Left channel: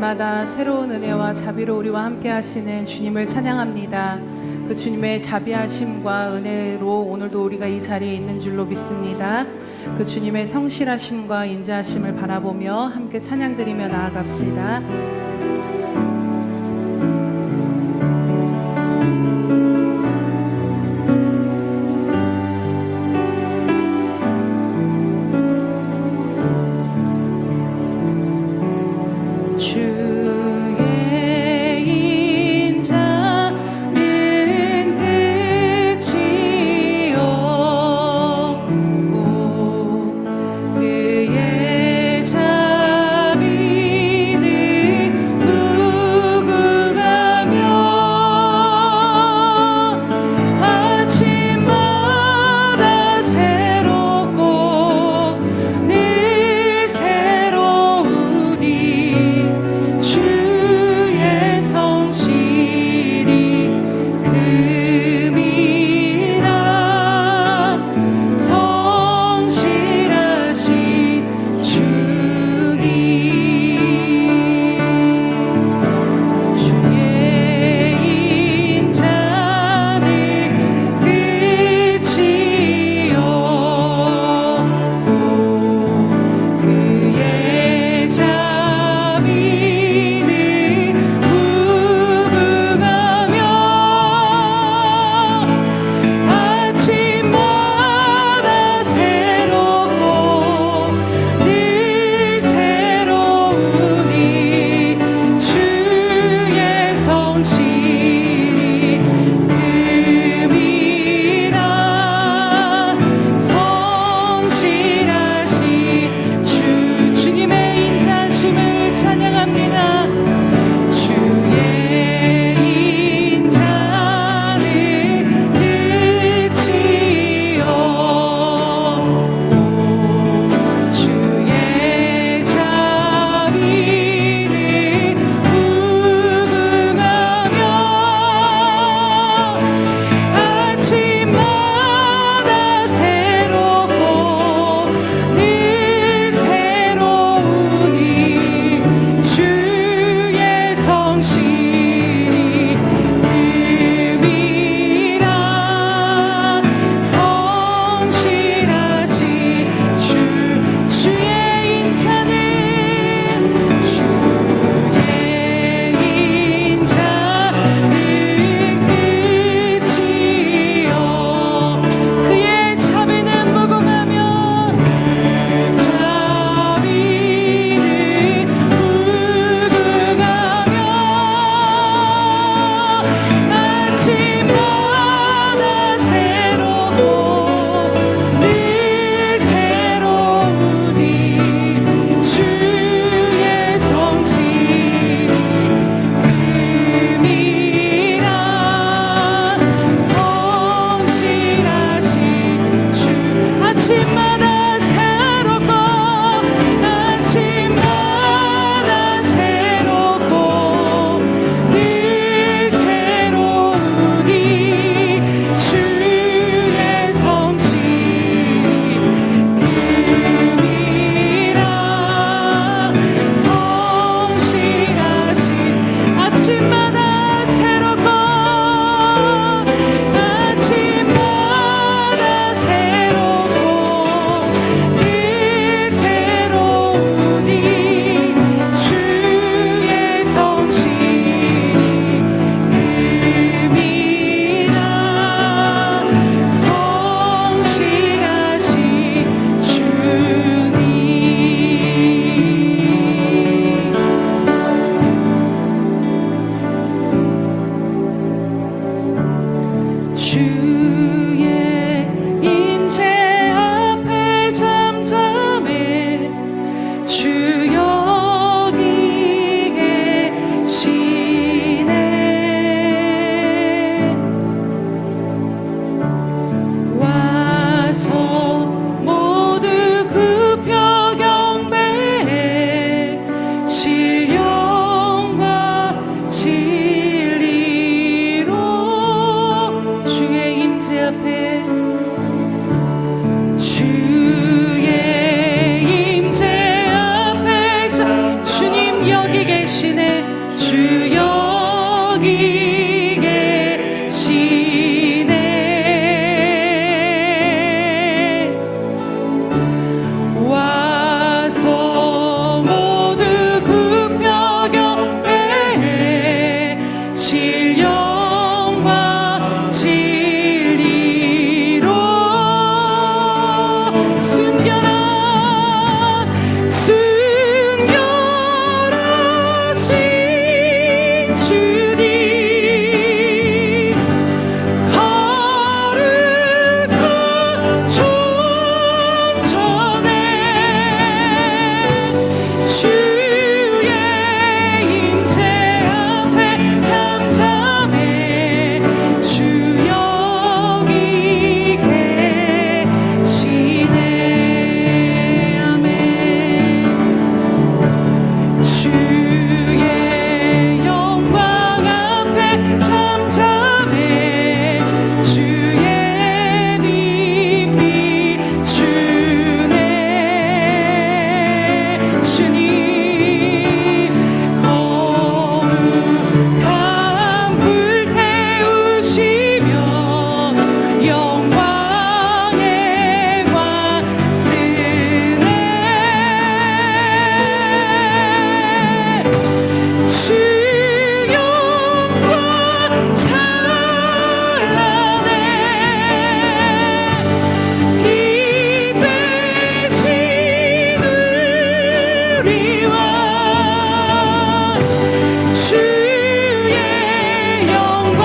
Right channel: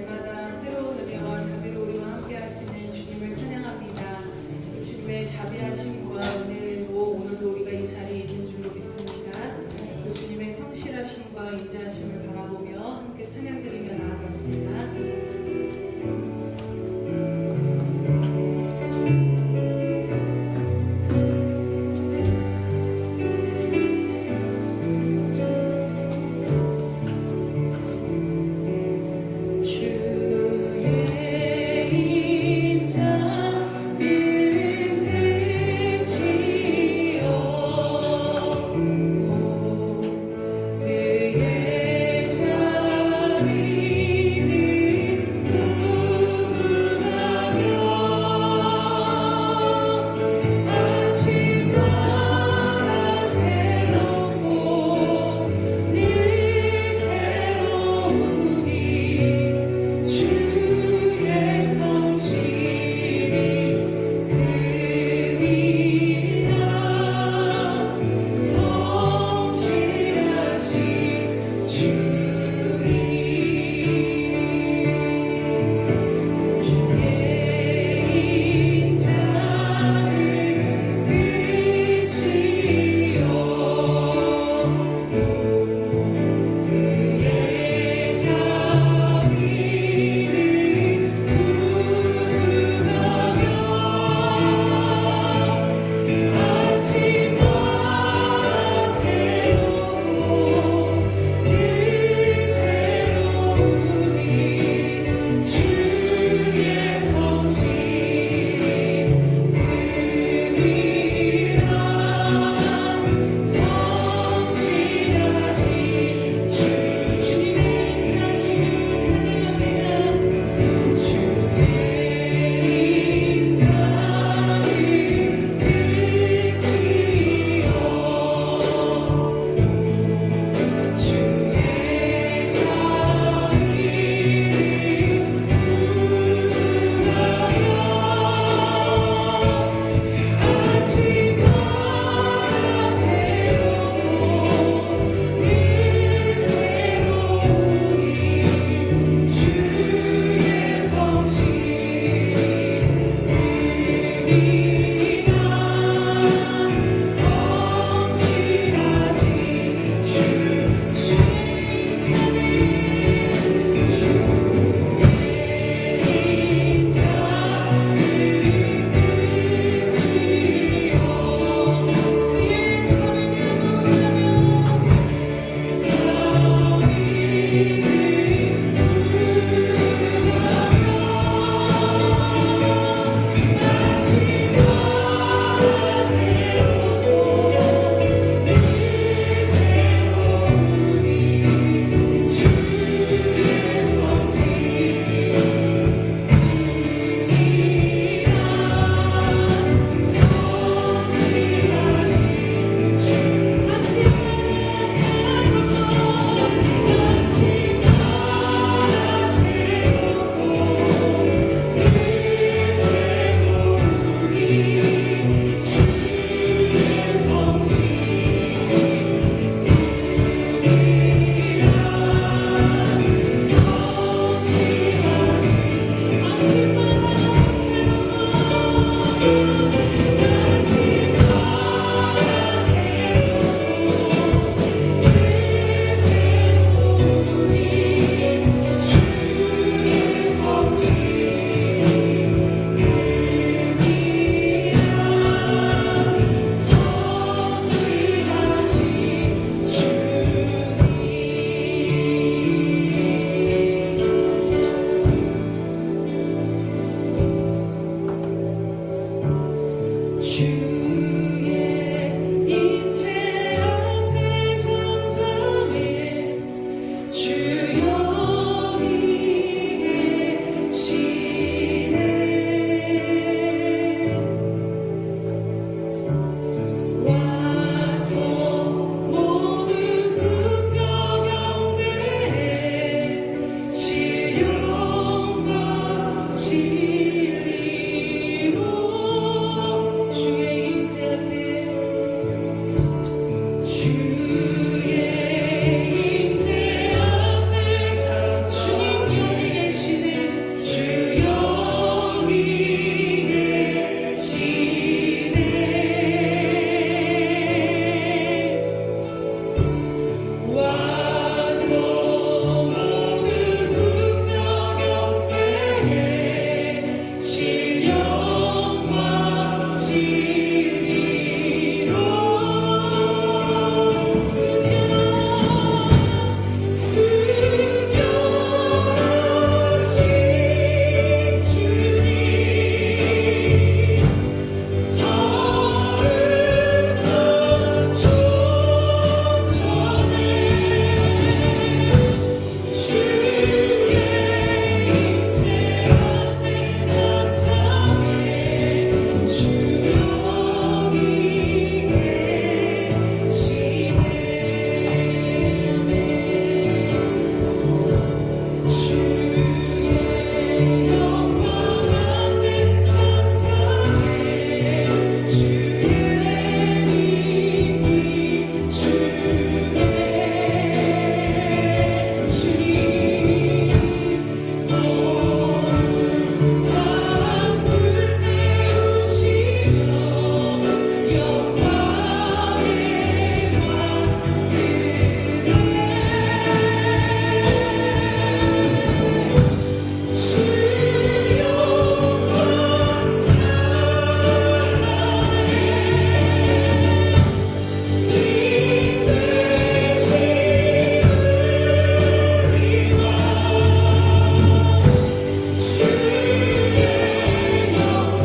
날마다 새로운 은혜와 자비로 우리와 함께 하시는 주님을 찬양합니다. 그 주님의 자비하심과 은혜로 오늘도 우리가 이 자리에 있는 줄로 믿습니다. 그 주님의 성실하심과 인자하심을 바라보며 함께 찬양드리며 나아갑시다. 그의 자비는 주의 영광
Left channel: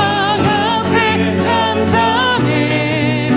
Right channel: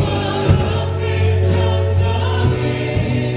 앞에 잠잠해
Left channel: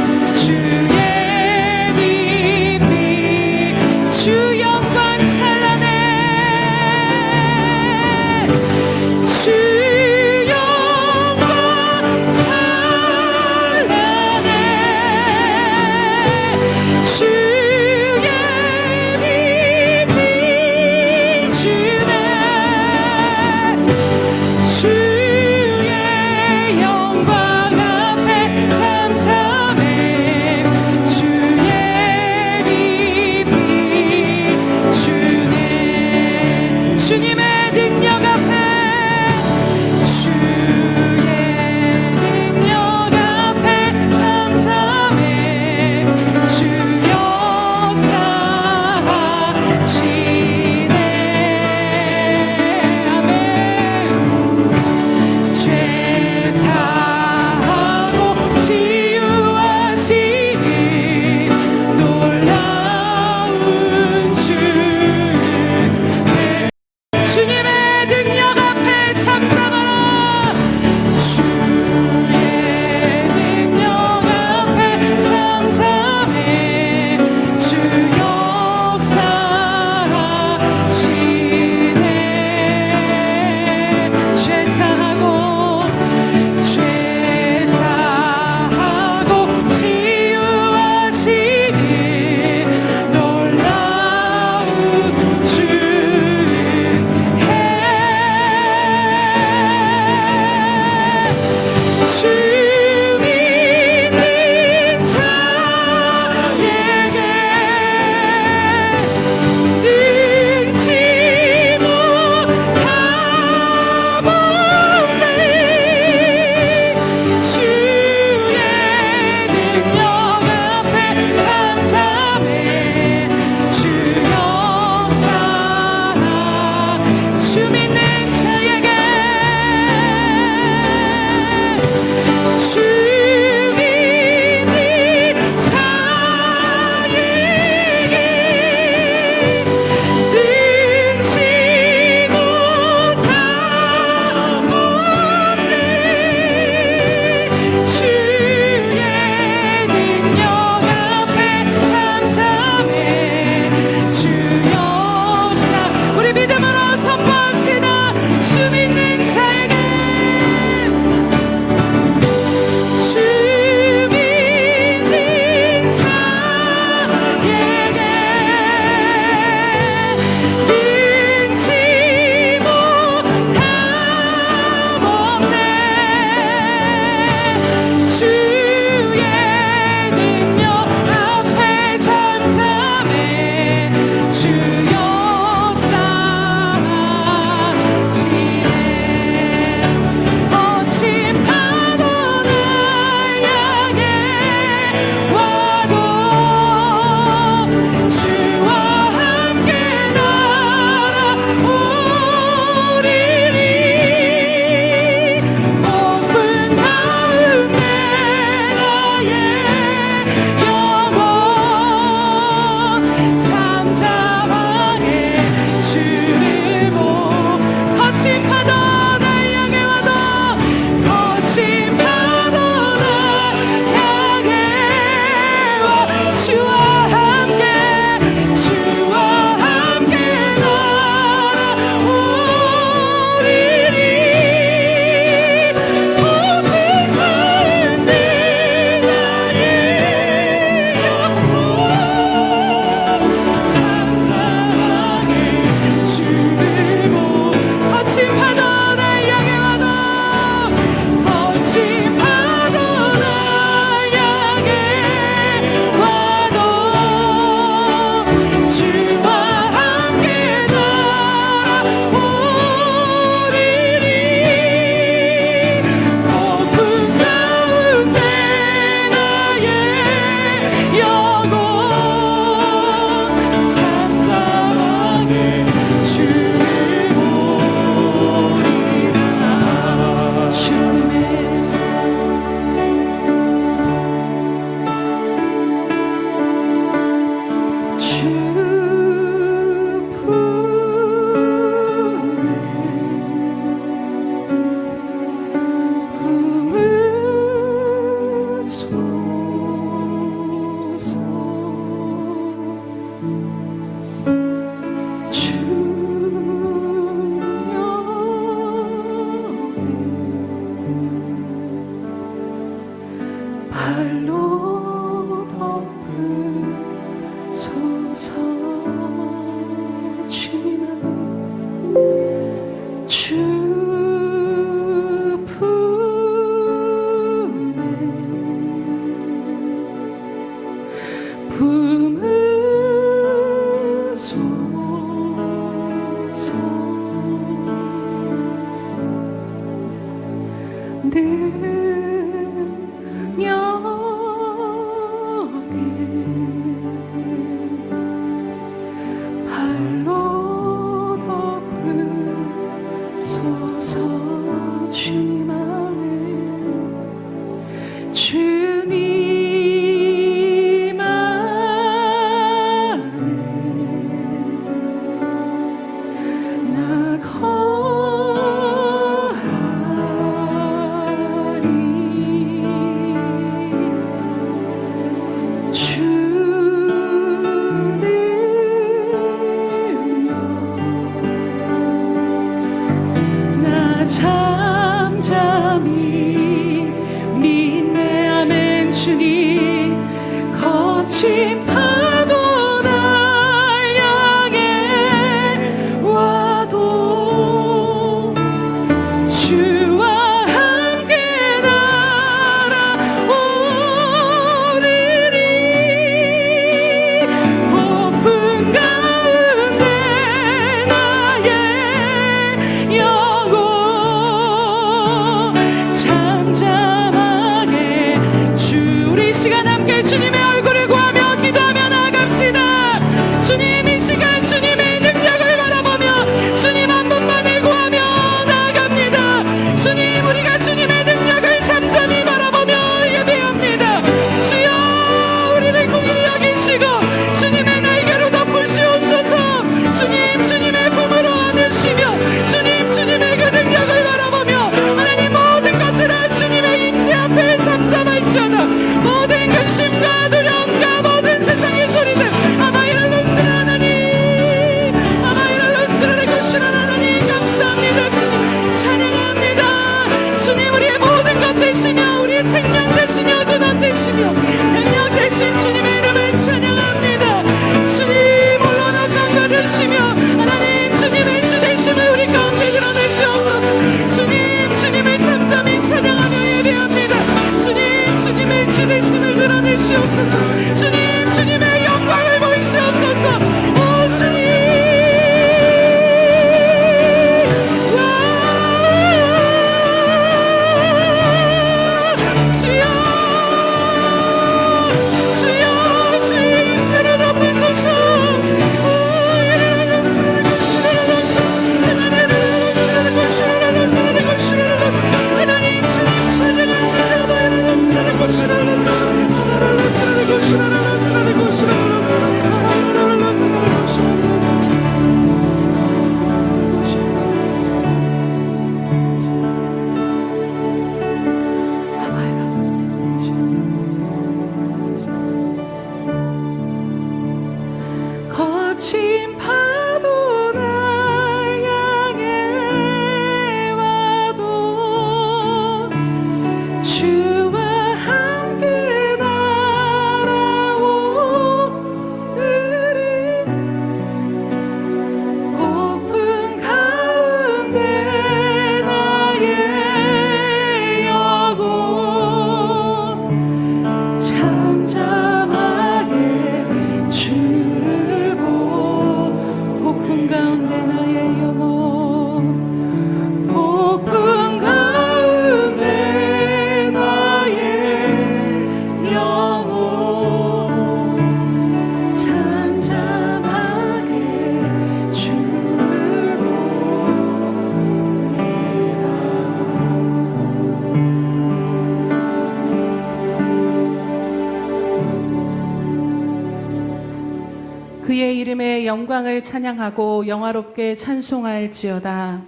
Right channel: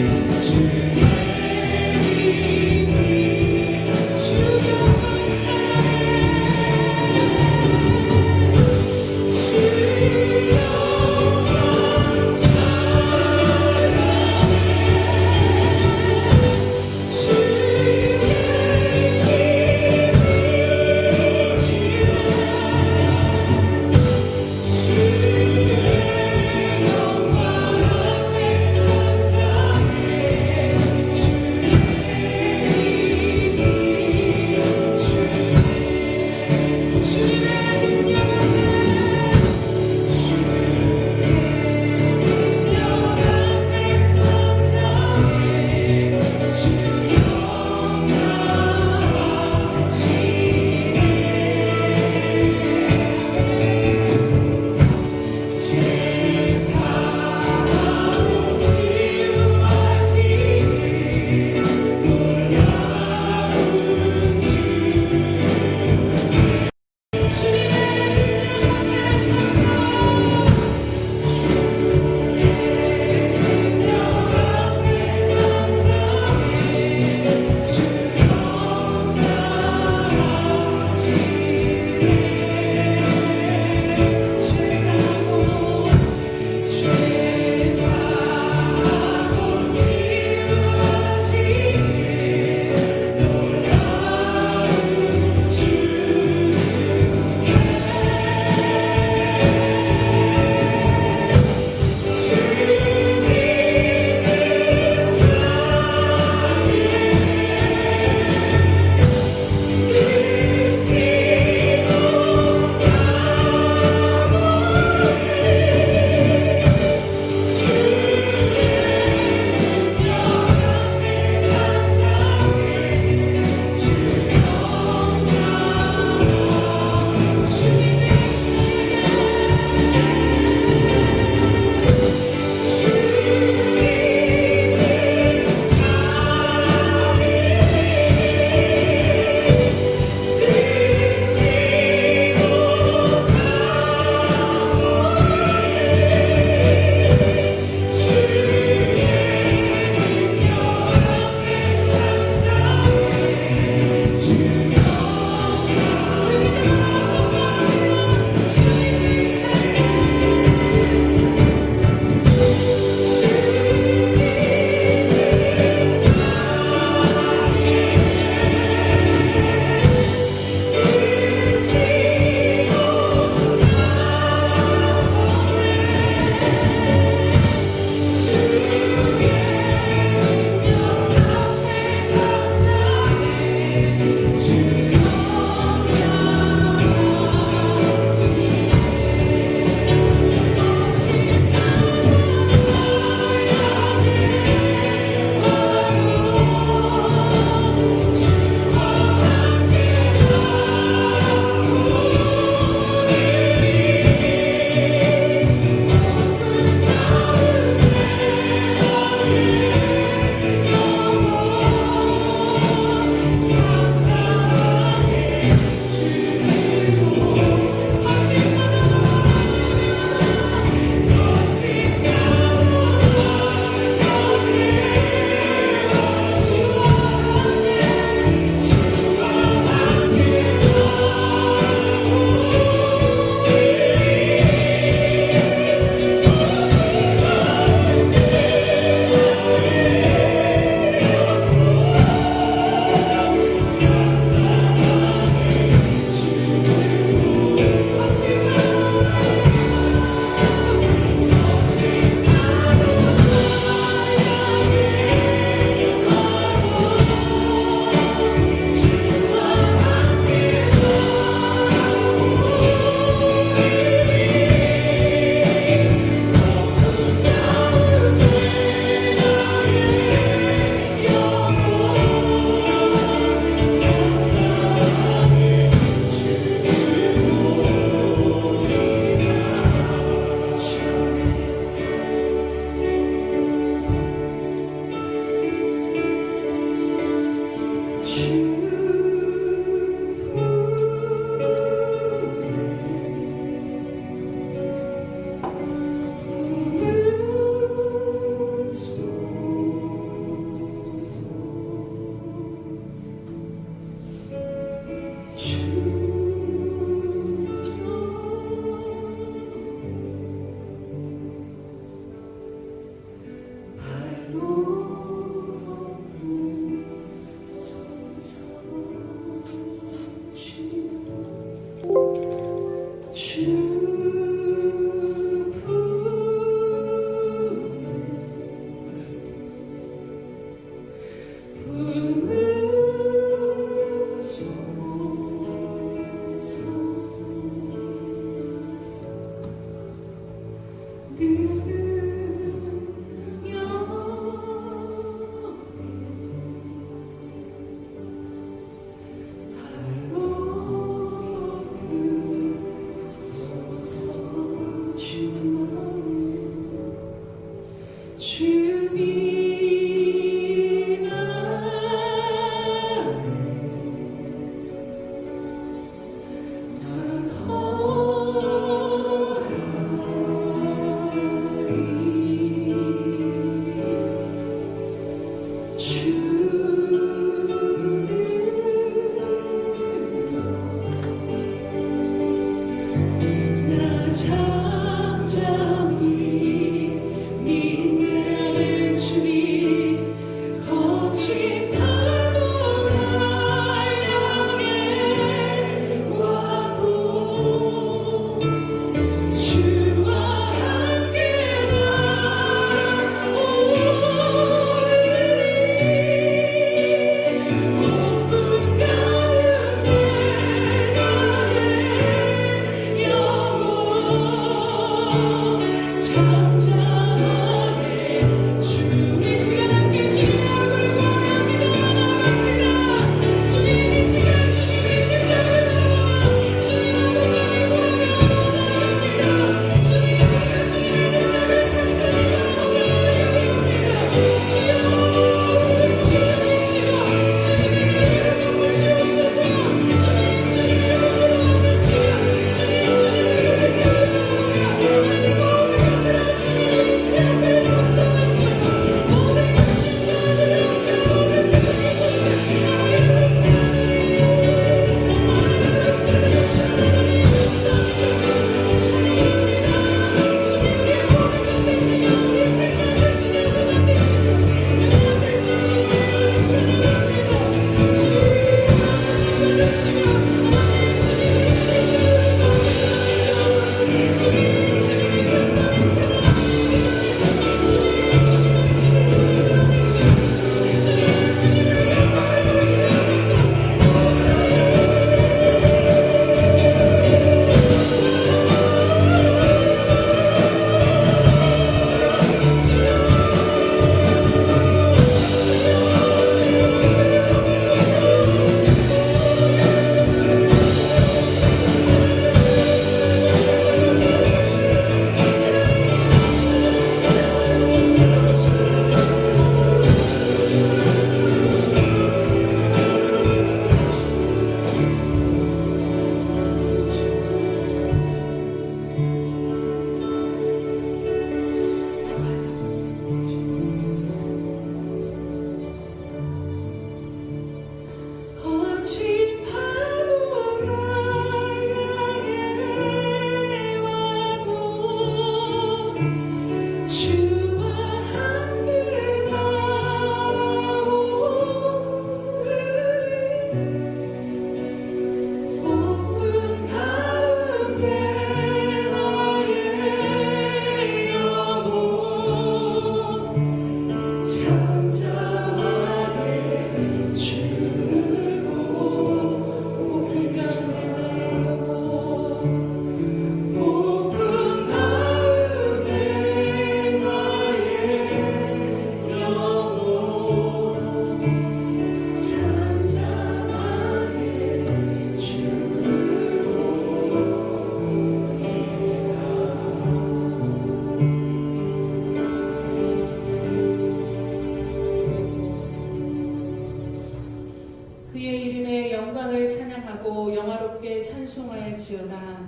그의 이름의 영광을 찬양하고 영화롭게 찬송할지어다.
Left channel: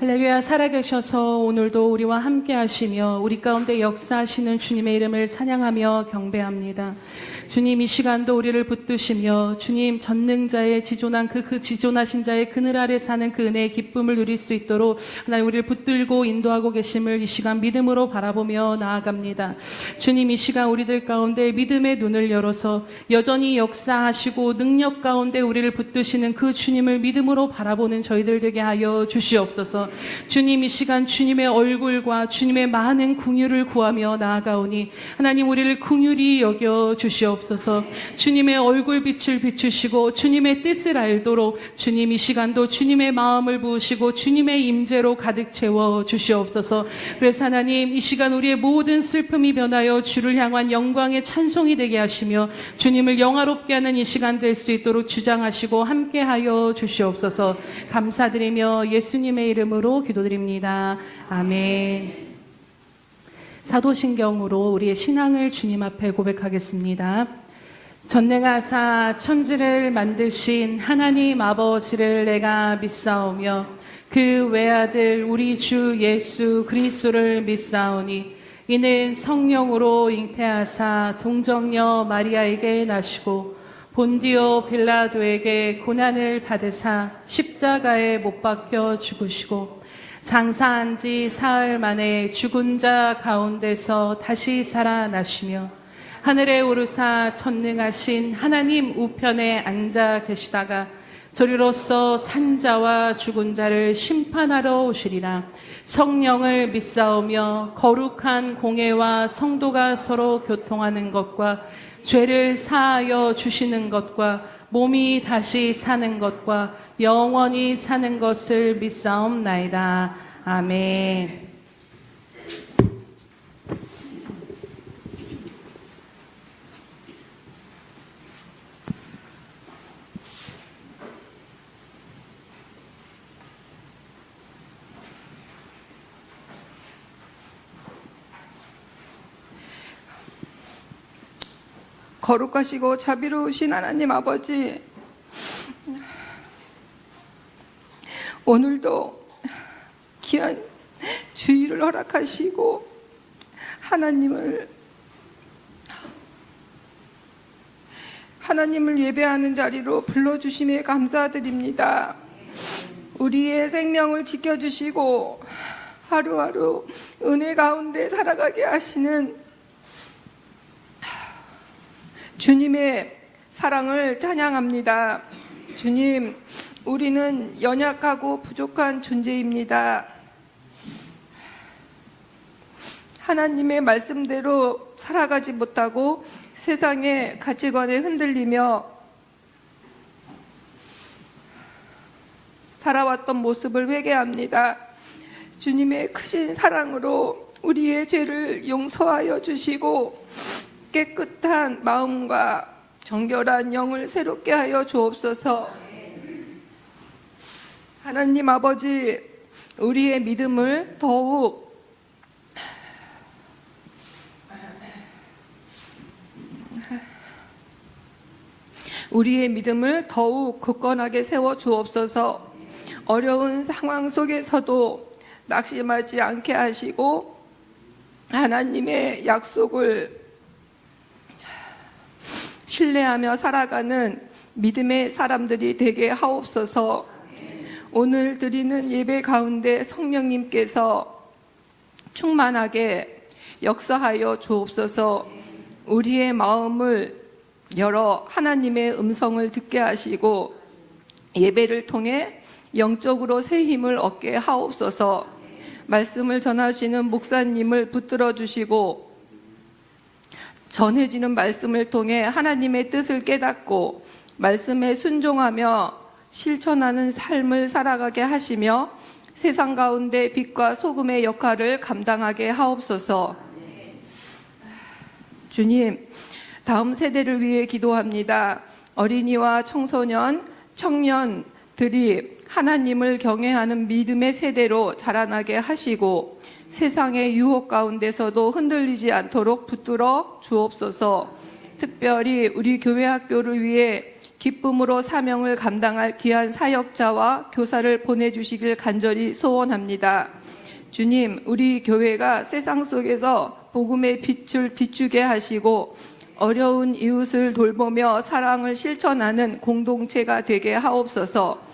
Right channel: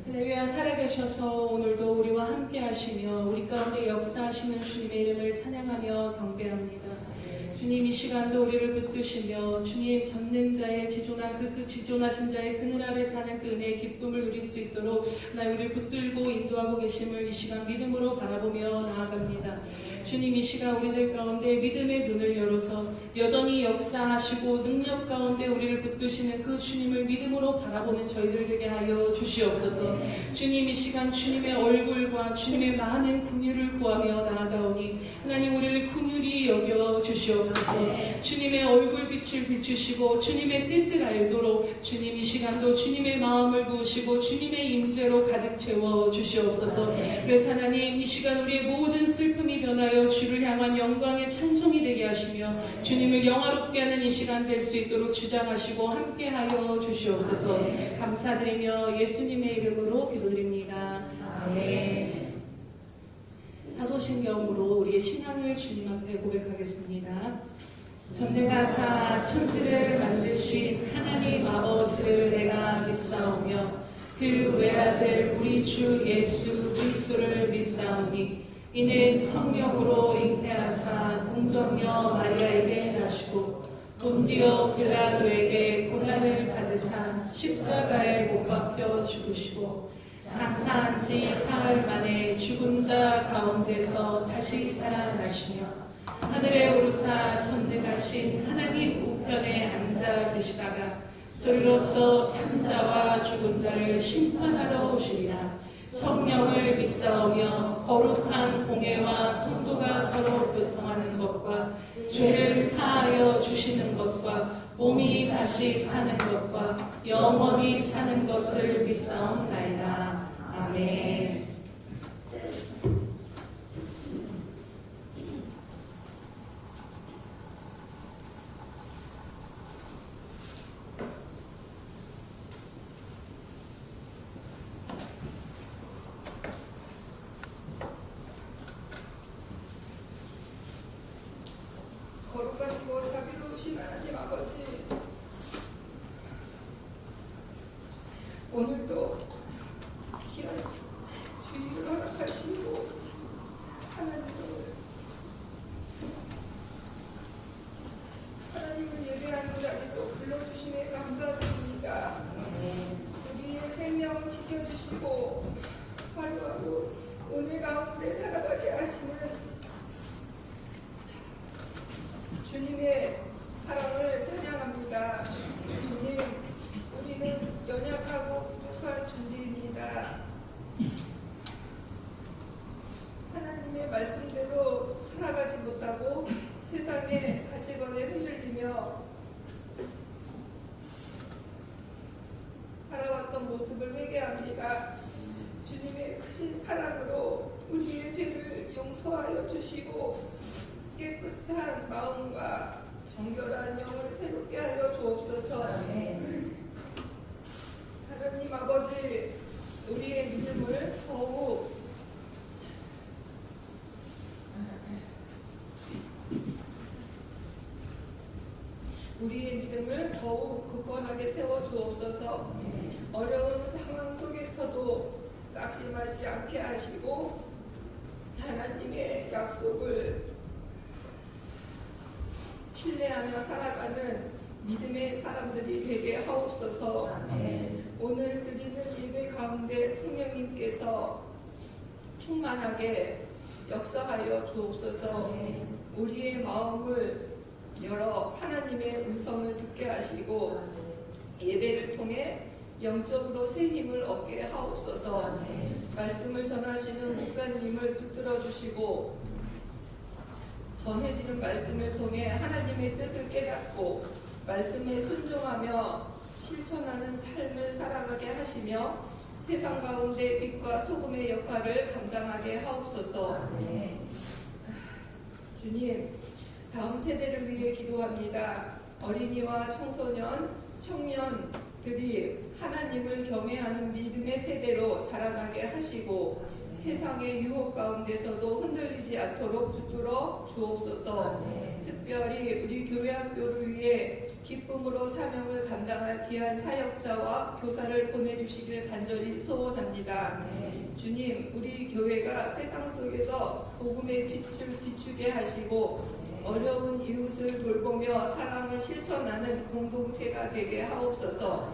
할렐루야. 살아계셔서 오늘도 우리와 함께 하시며 우리 가운데 역사하시는 주님의 이름을 찬양하며 경배합니다. 주님, 이 시간도 우리를 붙드시며 주님, 전능자의 지존한 그 지존하신 자의 그늘 아래 사는 그 은혜의 기쁨을 누릴 수 있도록 하나님 우리를 붙들고 인도하고 계심을 이 시간 믿음으로 바라보며 나아갑니다. 주님, 이 시간 우리들 가운데 믿음의 눈을 열어서 여전히 역사하시고 능력 가운데 우리를 붙드시는 그 주님을 믿음으로 바라보는 저희들 되게 하여 주시옵소서. 주님, 이 시간 주님의 얼굴과 주님의 많은 긍휼을 구하며 나아가오니 하나님 우리를 긍휼히 여겨 주시옵소서. 주시옵소서. 주님의 얼굴빛을 비추시고 주님의 뜻을 알도록 주님 이 시간도 주님의 마음을 부으시고 주님의 임재로 가득 채워 주시옵소서. 그래서 하나님 이 시간 우리의 모든 슬픔이 변하여 주를 향한 영광의 찬송이 되게 하시며 주님을 영화롭게 하는 이 시간 될 수 있도록 주장하시고 함께하여 주시옵소서. 감사드리며 예수님의 이름으로 기도드립니다. 아멘. 사도신경으로 우리의 신앙을 주님 앞에 고백하겠습니다. 전능하사 천지를 만드신 하나님 아버지를 내가 믿사오며 그 외아들 우리 주 예수 그리스도를 믿사오니 이는 성령으로 잉태하사 동정녀 마리아에게 나시고 본디오 빌라도에게 고난을 받으사 십자가에 못 박혀 죽으시고 장사한 지 사흘 만에 죽은 자 가운데서 다시 살아나시며 하늘에 오르사 전능하신 하나님 우편에 앉아 계시다가 저리로서 산자와 죽은 자를 심판하러 오시리라. 성령을 믿사오며 거룩한 공회와 성도가 서로 교통하는 것과 죄를 사하여 주시는 것과 몸이 다시 사는 것과 영원히 사는 것을 믿사옵나이다. 아멘. 거룩하시고 자비로우신 하나님 아버지, 오늘도 귀한 주일을 허락하시고 하나님을 예배하는 자리로 불러주심에 감사드립니다. 우리의 생명을 지켜주시고 하루하루 은혜 가운데 살아가게 하시는 주님의 사랑을 찬양합니다. 주님, 우리는 연약하고 부족한 존재입니다. 하나님의 말씀대로 살아가지 못하고 세상의 가치관에 흔들리며 살아왔던 모습을 회개합니다. 주님의 크신 사랑으로 우리의 죄를 용서하여 주시고 깨끗한 마음과 정결한 영을 새롭게 하여 주옵소서. 하나님 아버지, 우리의 믿음을 더욱 굳건하게 세워 주옵소서. 어려운 상황 속에서도 낙심하지 않게 하시고 하나님의 약속을 신뢰하며 살아가는 믿음의 사람들이 되게 하옵소서. 오늘 드리는 예배 가운데 성령님께서 충만하게 역사하여 주옵소서. 우리의 마음을 열어 하나님의 음성을 듣게 하시고 예배를 통해 영적으로 새 힘을 얻게 하옵소서. 말씀을 전하시는 목사님을 붙들어 주시고 전해지는 말씀을 통해 하나님의 뜻을 깨닫고 말씀에 순종하며 실천하는 삶을 살아가게 하시며 세상 가운데 빛과 소금의 역할을 감당하게 하옵소서. 주님, 다음 세대를 위해 기도합니다. 어린이와 청소년, 청년들이 하나님을 경외하는 믿음의 세대로 자라나게 하시고 세상의 유혹 가운데서도 흔들리지 않도록 붙들어 주옵소서. 특별히 우리 교회 학교를 위해 기쁨으로 사명을 감당할 귀한 사역자와 교사를 보내주시길 간절히 소원합니다. 주님, 우리 교회가 세상 속에서 복음의 빛을 비추게 하시고 어려운 이웃을 돌보며 사랑을 실천하는 공동체가 되게 하옵소서.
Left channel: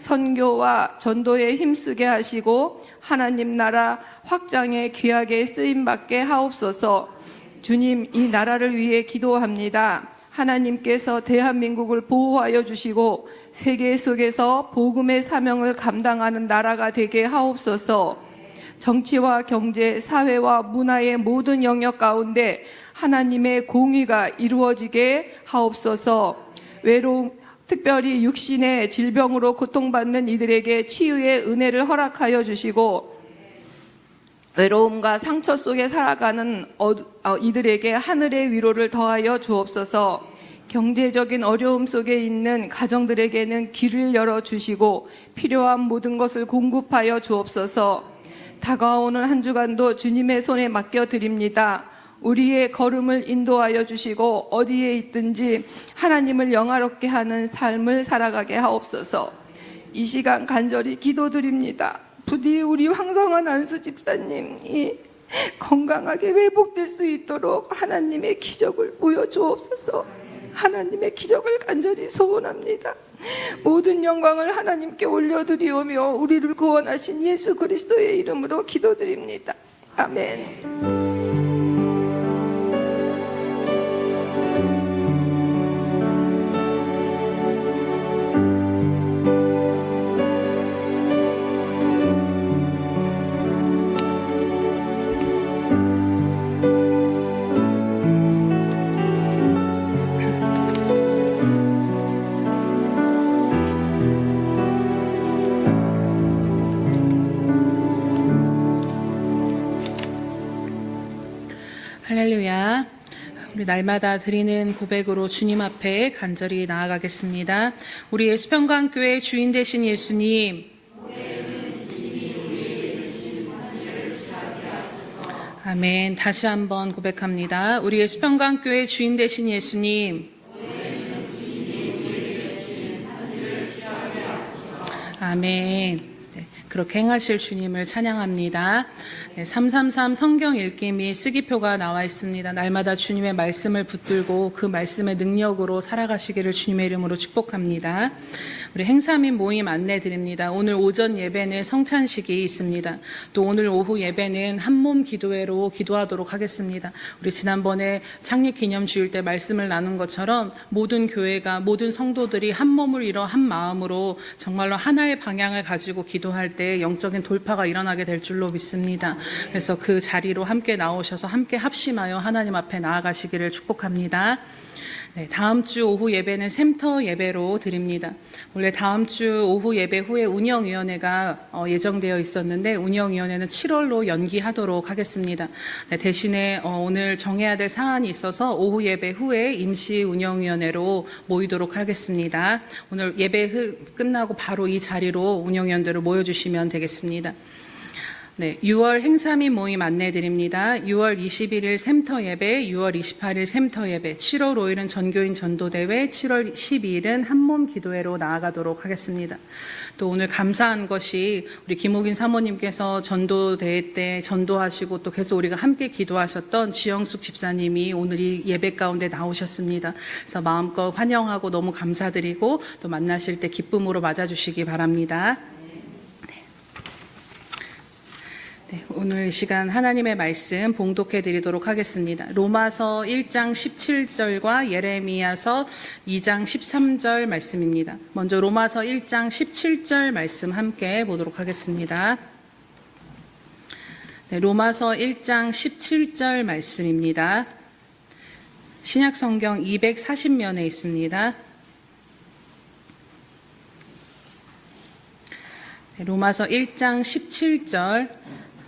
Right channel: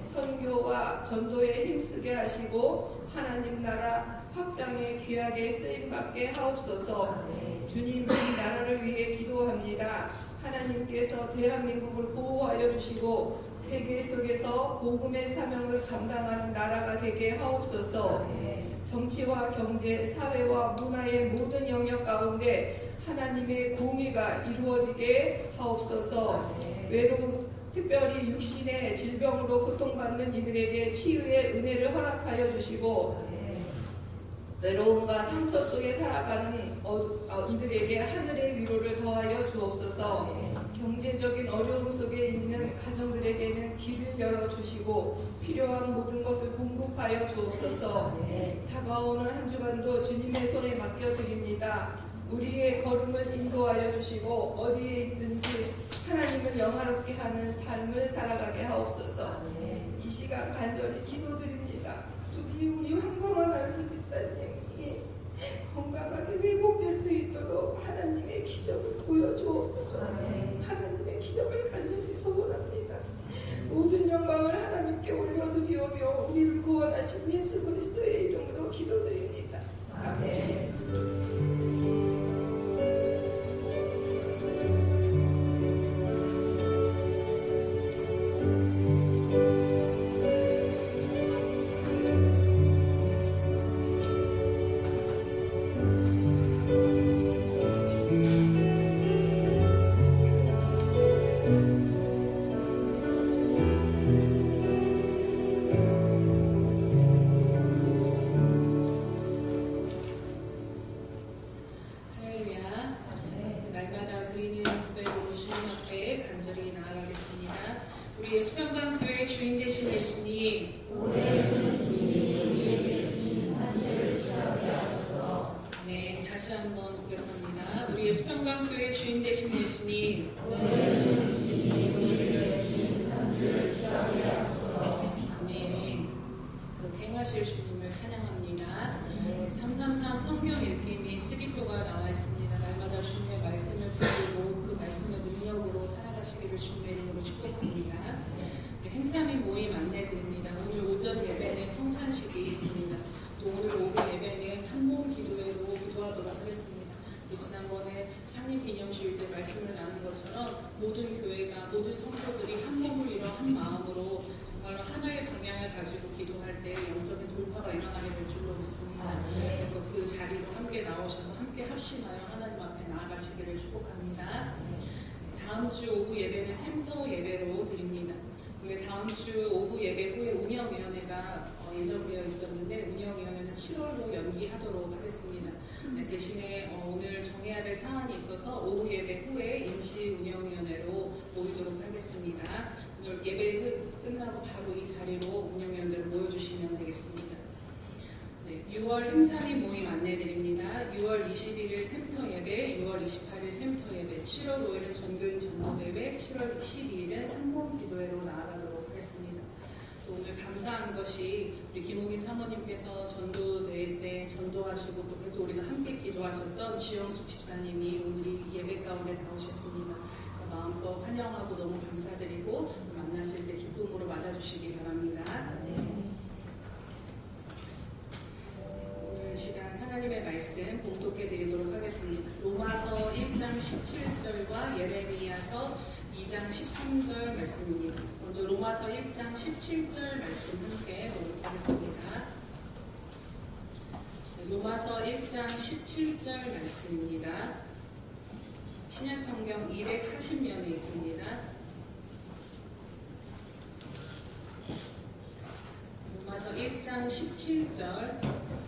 선교와 전도에 힘쓰게 하시고 하나님 나라 확장에 귀하게 쓰임받게 하옵소서. 주님, 이 나라를 위해 기도합니다. 하나님께서 대한민국을 보호하여 주시고 세계 속에서 복음의 사명을 감당하는 나라가 되게 하옵소서. 정치와 경제, 사회와 문화의 모든 영역 가운데 하나님의 공의가 이루어지게 하옵소서. 외로움, 특별히 육신의 질병으로 고통받는 이들에게 치유의 은혜를 허락하여 주시고, 외로움과 상처 속에 살아가는 이들에게 하늘의 위로를 더하여 주옵소서. 경제적인 어려움 속에 있는 가정들에게는 길을 열어주시고 필요한 모든 것을 공급하여 주옵소서. 다가오는 한 주간도 주님의 손에 맡겨드립니다. 우리의 걸음을 인도하여 주시고 어디에 있든지 하나님을 영화롭게 하는 삶을 살아가게 하옵소서. 이 시간 간절히 기도드립니다. 부디 우리 황성환 안수 집사님이 건강하게 회복될 수 있도록 하나님의 기적을 보여주옵소서. 하나님의 기적을 간절히 소원합니다. 모든 영광을 하나님께 올려드리오며 우리를 구원하신 예수 그리스도의 이름으로 기도드립니다. 아멘. 할렐루야. 우리 날마다 드리는 고백으로 주님 앞에 간절히 나아가겠습니다. 우리의 수평강교회 주인 되신 예수님, 아멘. 다시 한번 고백합니다. 우리의 수평강교회 주인 되신 예수님, 아멘. 네, 그렇게 행하실 주님을 찬양합니다. 333 성경 읽기 및 쓰기표가 나와 있습니다. 날마다 주님의 말씀을 붙들고 그 말씀의 능력으로 살아가시기를 주님의 이름으로 축복합니다. 우리 행사 및 모임 안내드립니다. 오늘 오전 예배는 성찬식이 있습니다. 또 오늘 오후 예배는 한몸 기도회로 기도하도록 하겠습니다. 우리 지난번에 창립 기념 주일 때 말씀을 나눈 것처럼 모든 교회가, 모든 성도들이 한 몸을 이뤄 한 마음으로 정말로 하나의 방향을 가지고 기도할 때 영적인 돌파가 일어나게 될 줄로 믿습니다. 그래서 그 자리로 함께 나오셔서 함께 합심하여 하나님 앞에 나아가시기를 축복합니다. 네, 다음 주 오후 예배는 샘터 예배로 드립니다. 원래 다음 주 오후 예배 후에 운영위원회가 예정되어 있었는데 운영위원회는 7월로 연기하도록 하겠습니다. 네, 대신에 오늘 정해야 될 사안이 있어서 오후 예배 후에 임시 운영위원회로 모이도록 하겠습니다. 오늘 예배 끝나고 바로 이 자리로 운영위원들을 모여주시면 되겠습니다. 네, 6월 행사 및 모임 안내드립니다. 6월 21일 샘터 예배, 6월 28일 샘터 예배, 7월 5일은 전교인 전도대회, 7월 12일은 한몸 기도회로 나아가도록 하겠습니다. 또 오늘 감사한 것이 우리 김옥인 사모님께서 전도대회 때 전도하시고 또 계속 우리가 함께 기도하셨던 지영숙 집사님이 오늘 이 예배 가운데 나오셨습니다. 그래서 마음껏 환영하고 너무 감사드리고 또 만나실 때 기쁨으로 맞아주시기 바랍니다. 네, 오늘 이 시간 하나님의 말씀 봉독해 드리도록 하겠습니다. 로마서 1장 17절과 예레미야서 2장 13절 말씀입니다. 먼저 로마서 1장 17절 말씀 함께 보도록 하겠습니다. 네, 로마서 1장 17절 말씀입니다. 신약성경 240면에 있습니다. 네, 로마서 1장 17절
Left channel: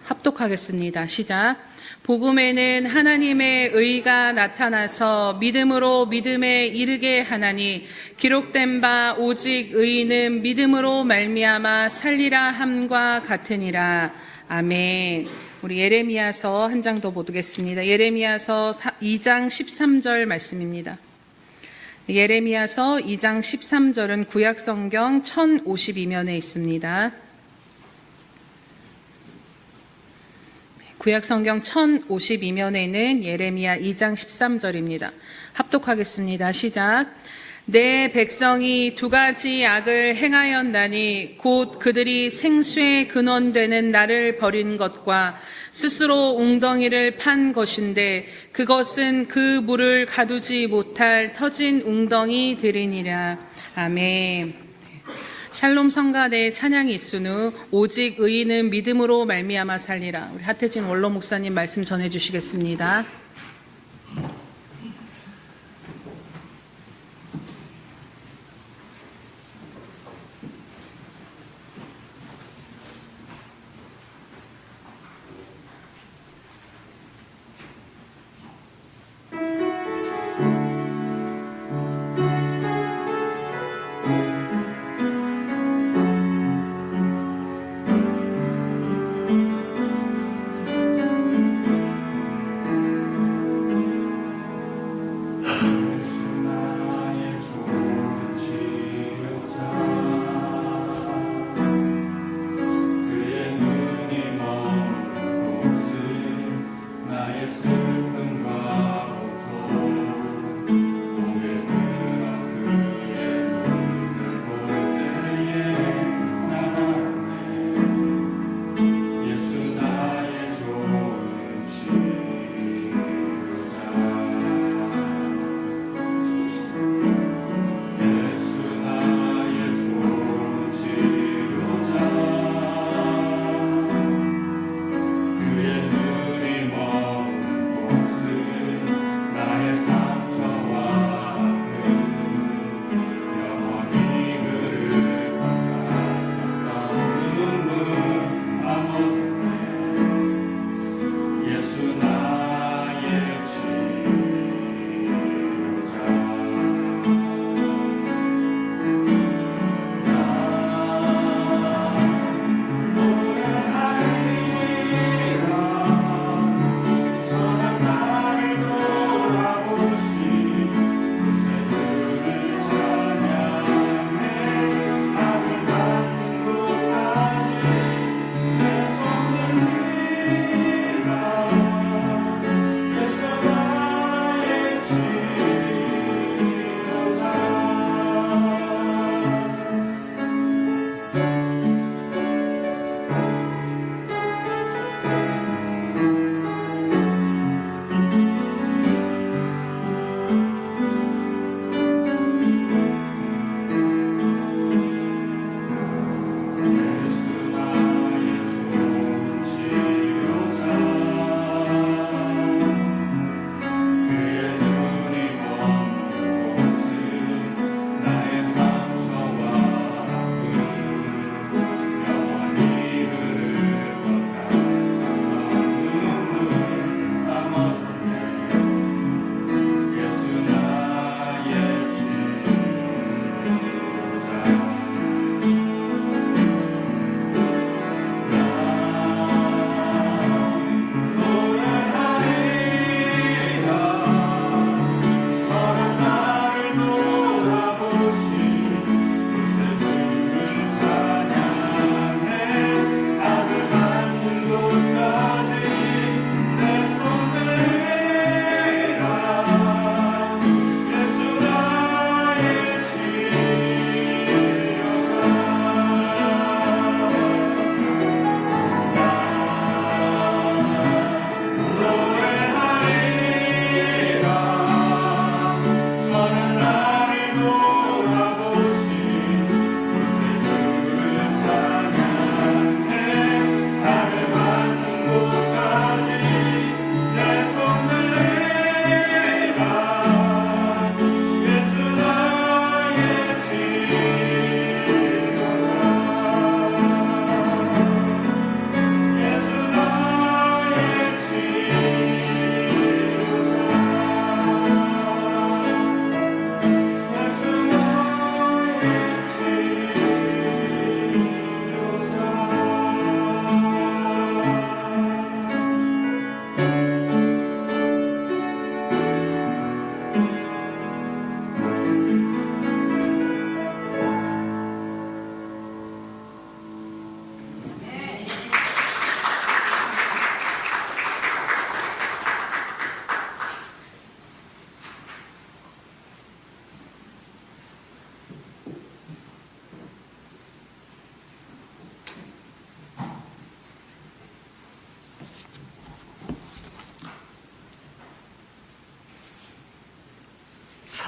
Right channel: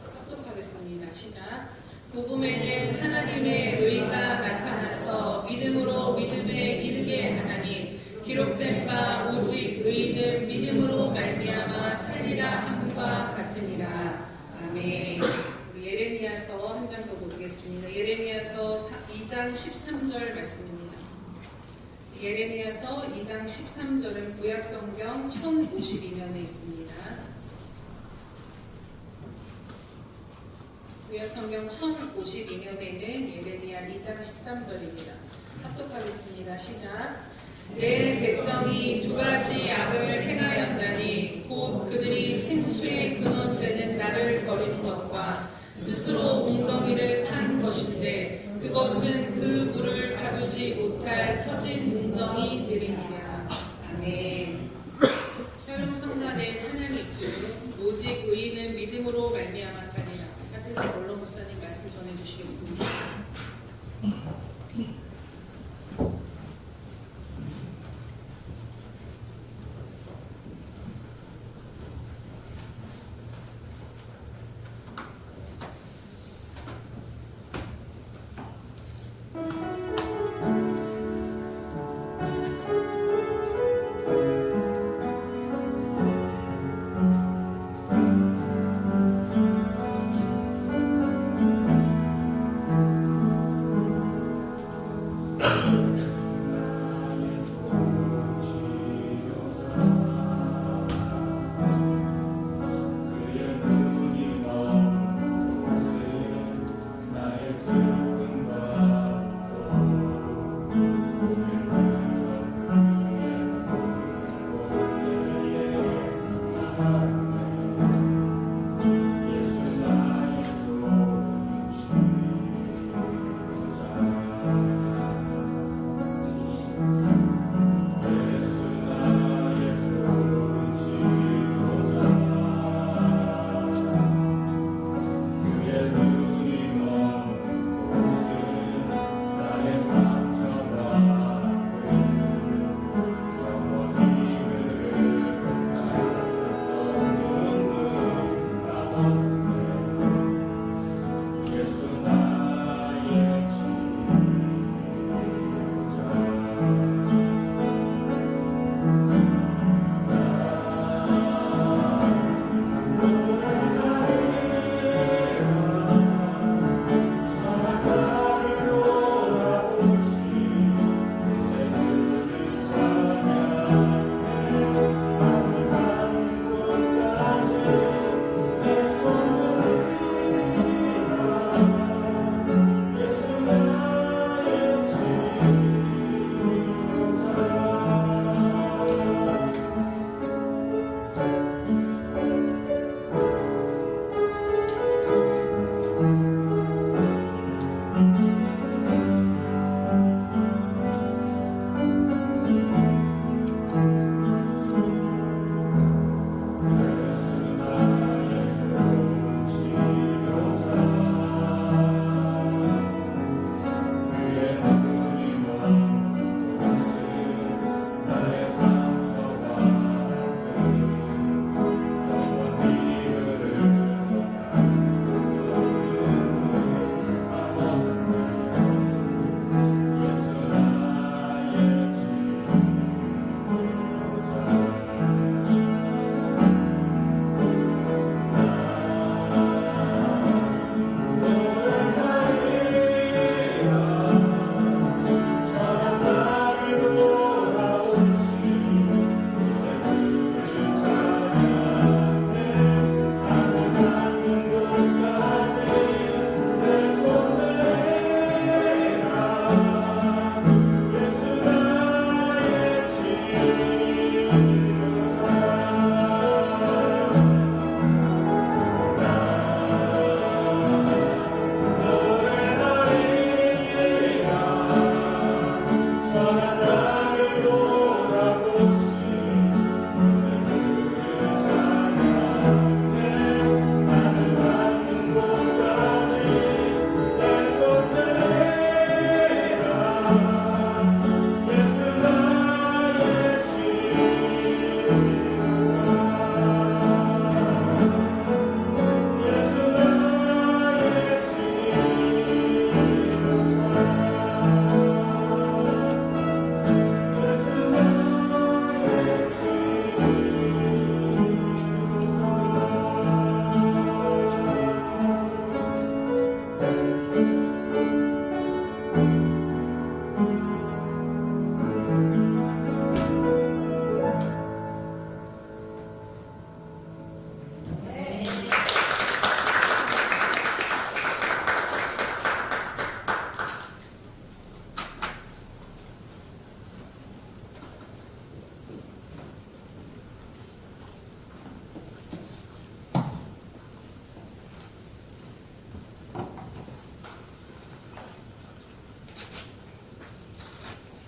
합독하겠습니다. 시작. 복음에는 하나님의 의가 나타나서 믿음으로 믿음에 이르게 하나니 기록된 바 오직 의인은 믿음으로 말미암아 살리라 함과 같으니라. 아멘. 우리 예레미야서 한 장 더 보겠습니다. 예레미야서 2장 13절 말씀입니다. 예레미야서 2장 13절은 구약성경 1052면에 있습니다. 구약성경 1052면에는 예레미야 2장 13절입니다. 합독하겠습니다. 시작. 내 백성이 두 가지 악을 행하였다니 곧 그들이 생수의 근원되는 나를 버린 것과 스스로 웅덩이를 판 것인데 그것은 그 물을 가두지 못할 터진 웅덩이들이니라. 아멘. 샬롬 성가대의 찬양이 있으누 오직 의인은 믿음으로 말미암아 살리라. 우리 하태진 원로 목사님 말씀 전해 주시겠습니다.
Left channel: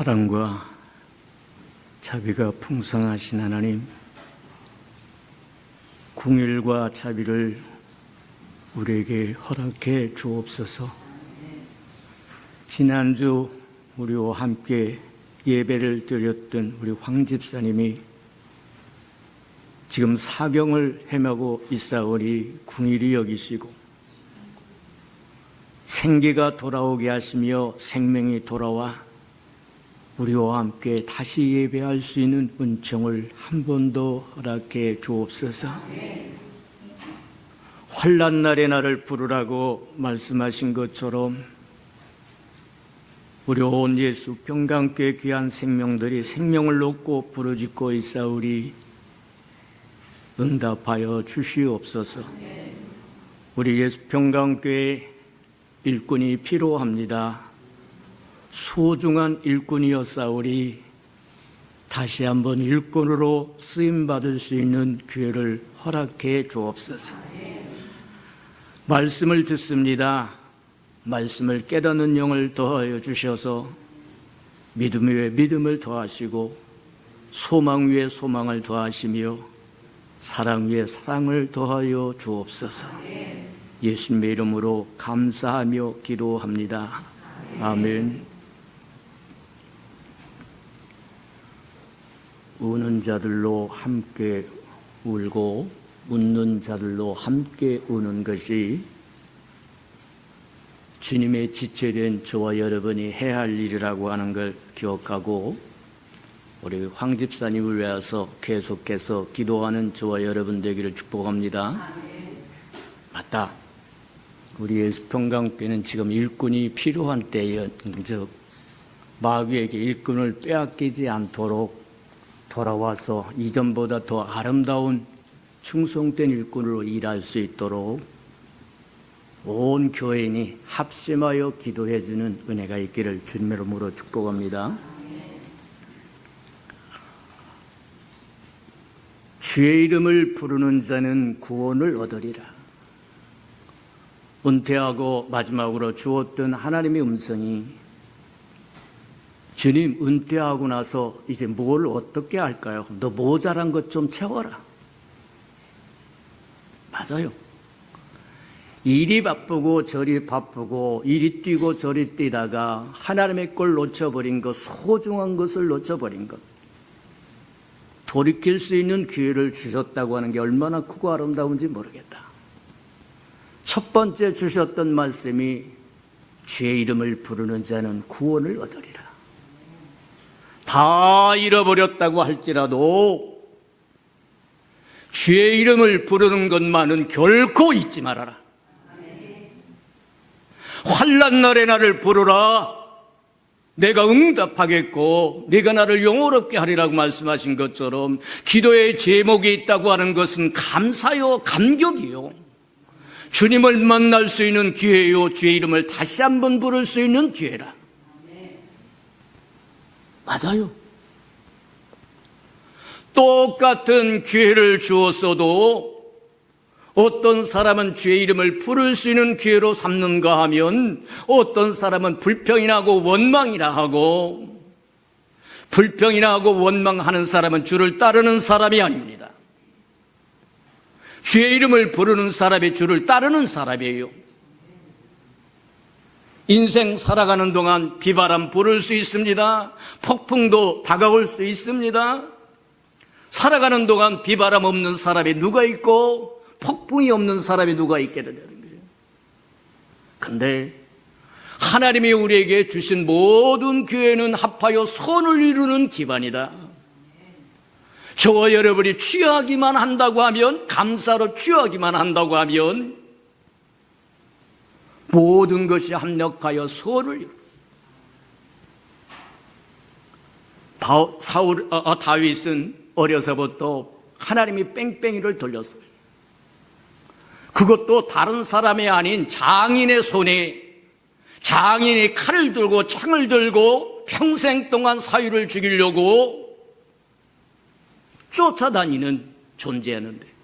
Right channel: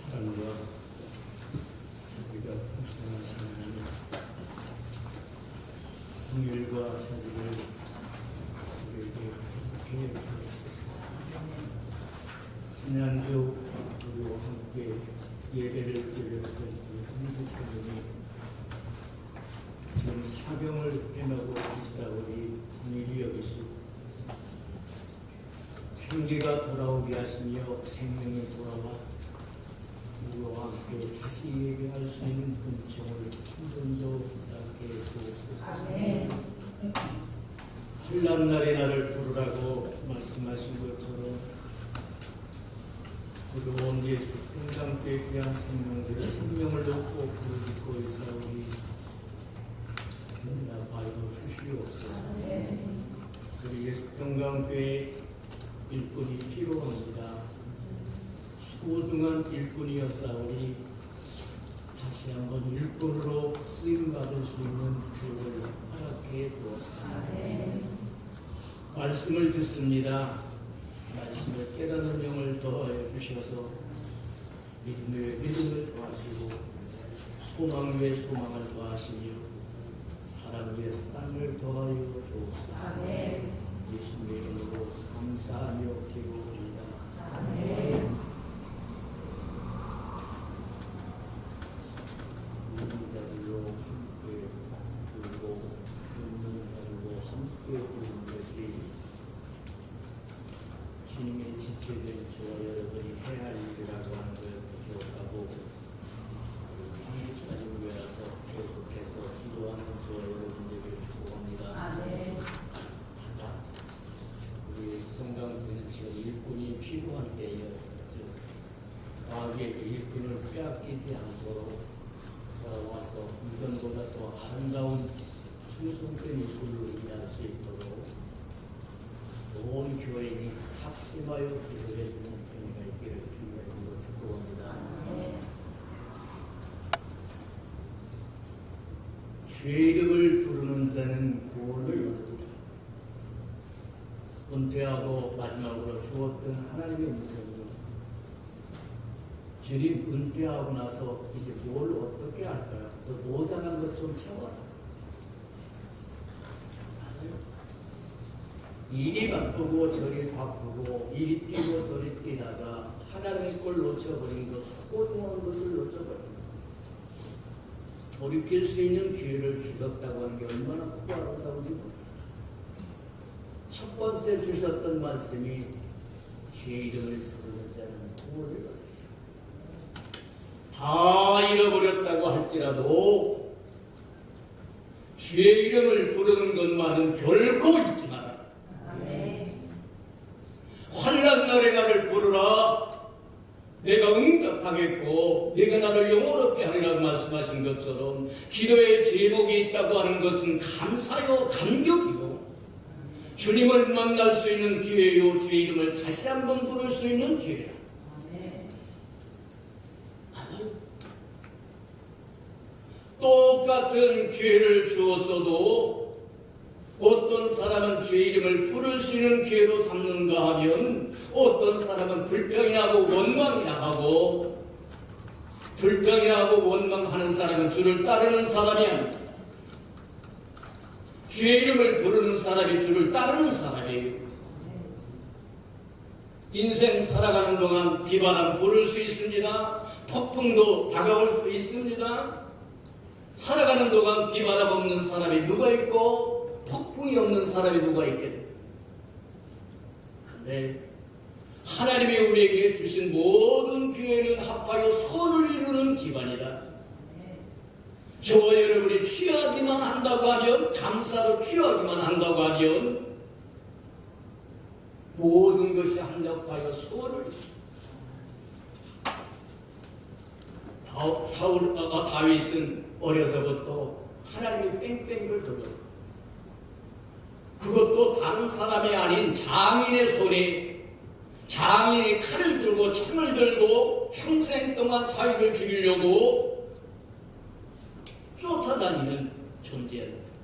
사랑과 자비가 풍성하신 하나님, 긍휼과 자비를 우리에게 허락해 주옵소서. 지난주 우리와 함께 예배를 드렸던 우리 황 집사님이 지금 사경을 헤매고 있사오니 긍휼히 여기시고 생기가 돌아오게 하시며 생명이 돌아와 우리와 함께 다시 예배할 수 있는 은총을 한 번 더 허락해 주옵소서. 환난 날에 나를 부르라고 말씀하신 것처럼 우리 온 예수 평강교회 귀한 생명들이 생명을 놓고 부르짖고 있사오리 응답하여 주시옵소서. 우리 예수 평강교회 일꾼이 필요합니다. 소중한 일꾼이었사오리 다시 한번 일꾼으로 쓰임받을 수 있는 기회를 허락해 주옵소서. 말씀을 듣습니다. 말씀을 깨닫는 영을 더하여 주셔서 믿음 위에 믿음을 더하시고 소망 위에 소망을 더하시며 사랑 위에 사랑을 더하여 주옵소서. 예수님의 이름으로 감사하며 기도합니다. 아멘. 우는 자들로 함께 울고 웃는 자들로 함께 우는 것이 주님의 지체된 저와 여러분이 해야 할 일이라고 하는 걸 기억하고 우리 황 집사님을 위해서 계속해서 기도하는 저와 여러분 되기를 축복합니다. 맞다. 우리 예수평강교회는 지금 일꾼이 필요한 때에 마귀에게 일꾼을 빼앗기지 않도록 돌아와서 이전보다 더 아름다운 충성된 일꾼으로 일할 수 있도록 온 교인이 합심하여 기도해 주는 은혜가 있기를 주님의 이름으로 축복합니다. 주의 이름을 부르는 자는 구원을 얻으리라. 은퇴하고 마지막으로 주었던 하나님의 음성이 주님 은퇴하고 나서 이제 뭘 어떻게 할까요? 너 모자란 것 좀 채워라. 맞아요. 일이 바쁘고 저리 바쁘고 이리 뛰고 저리 뛰다가 하나님의 걸 놓쳐버린 것, 소중한 것을 놓쳐버린 것, 돌이킬 수 있는 기회를 주셨다고 하는 게 얼마나 크고 아름다운지 모르겠다. 첫 번째 주셨던 말씀이 주의 이름을 부르는 자는 구원을 얻으리라. 다 잃어버렸다고 할지라도 주의 이름을 부르는 것만은 결코 잊지 말아라. 환난 날에 나를 부르라. 내가 응답하겠고 네가 나를 영원롭게 하리라고 말씀하신 것처럼 기도의 제목이 있다고 하는 것은 감사요 감격이요 주님을 만날 수 있는 기회요 주의 이름을 다시 한번 부를 수 있는 기회라. 맞아요. 똑같은 기회를 주었어도 어떤 사람은 주의 이름을 부를 수 있는 기회로 삼는가 하면 어떤 사람은 불평이나 하고 원망이라 하고, 불평이나 하고 원망하는 사람은 주를 따르는 사람이 아닙니다. 주의 이름을 부르는 사람이 주를 따르는 사람이에요. 인생 살아가는 동안 비바람 불을 수 있습니다. 폭풍도 다가올 수 있습니다. 살아가는 동안 비바람 없는 사람이 누가 있고 폭풍이 없는 사람이 누가 있겠느냐는 거예요. 근데 하나님이 우리에게 주신 모든 기회는 합하여 선을 이루는 기반이다. 저와 여러분이 취하기만 한다고 하면, 감사로 취하기만 한다고 하면 모든 것이 합력하여 선을 다윗은 어려서부터 하나님이 뺑뺑이를 돌렸어요. 그것도 다른 사람이 아닌 장인의 손에, 장인이 칼을 들고 창을 들고 평생 동안 사유를 죽이려고 쫓아다니는 존재였는데,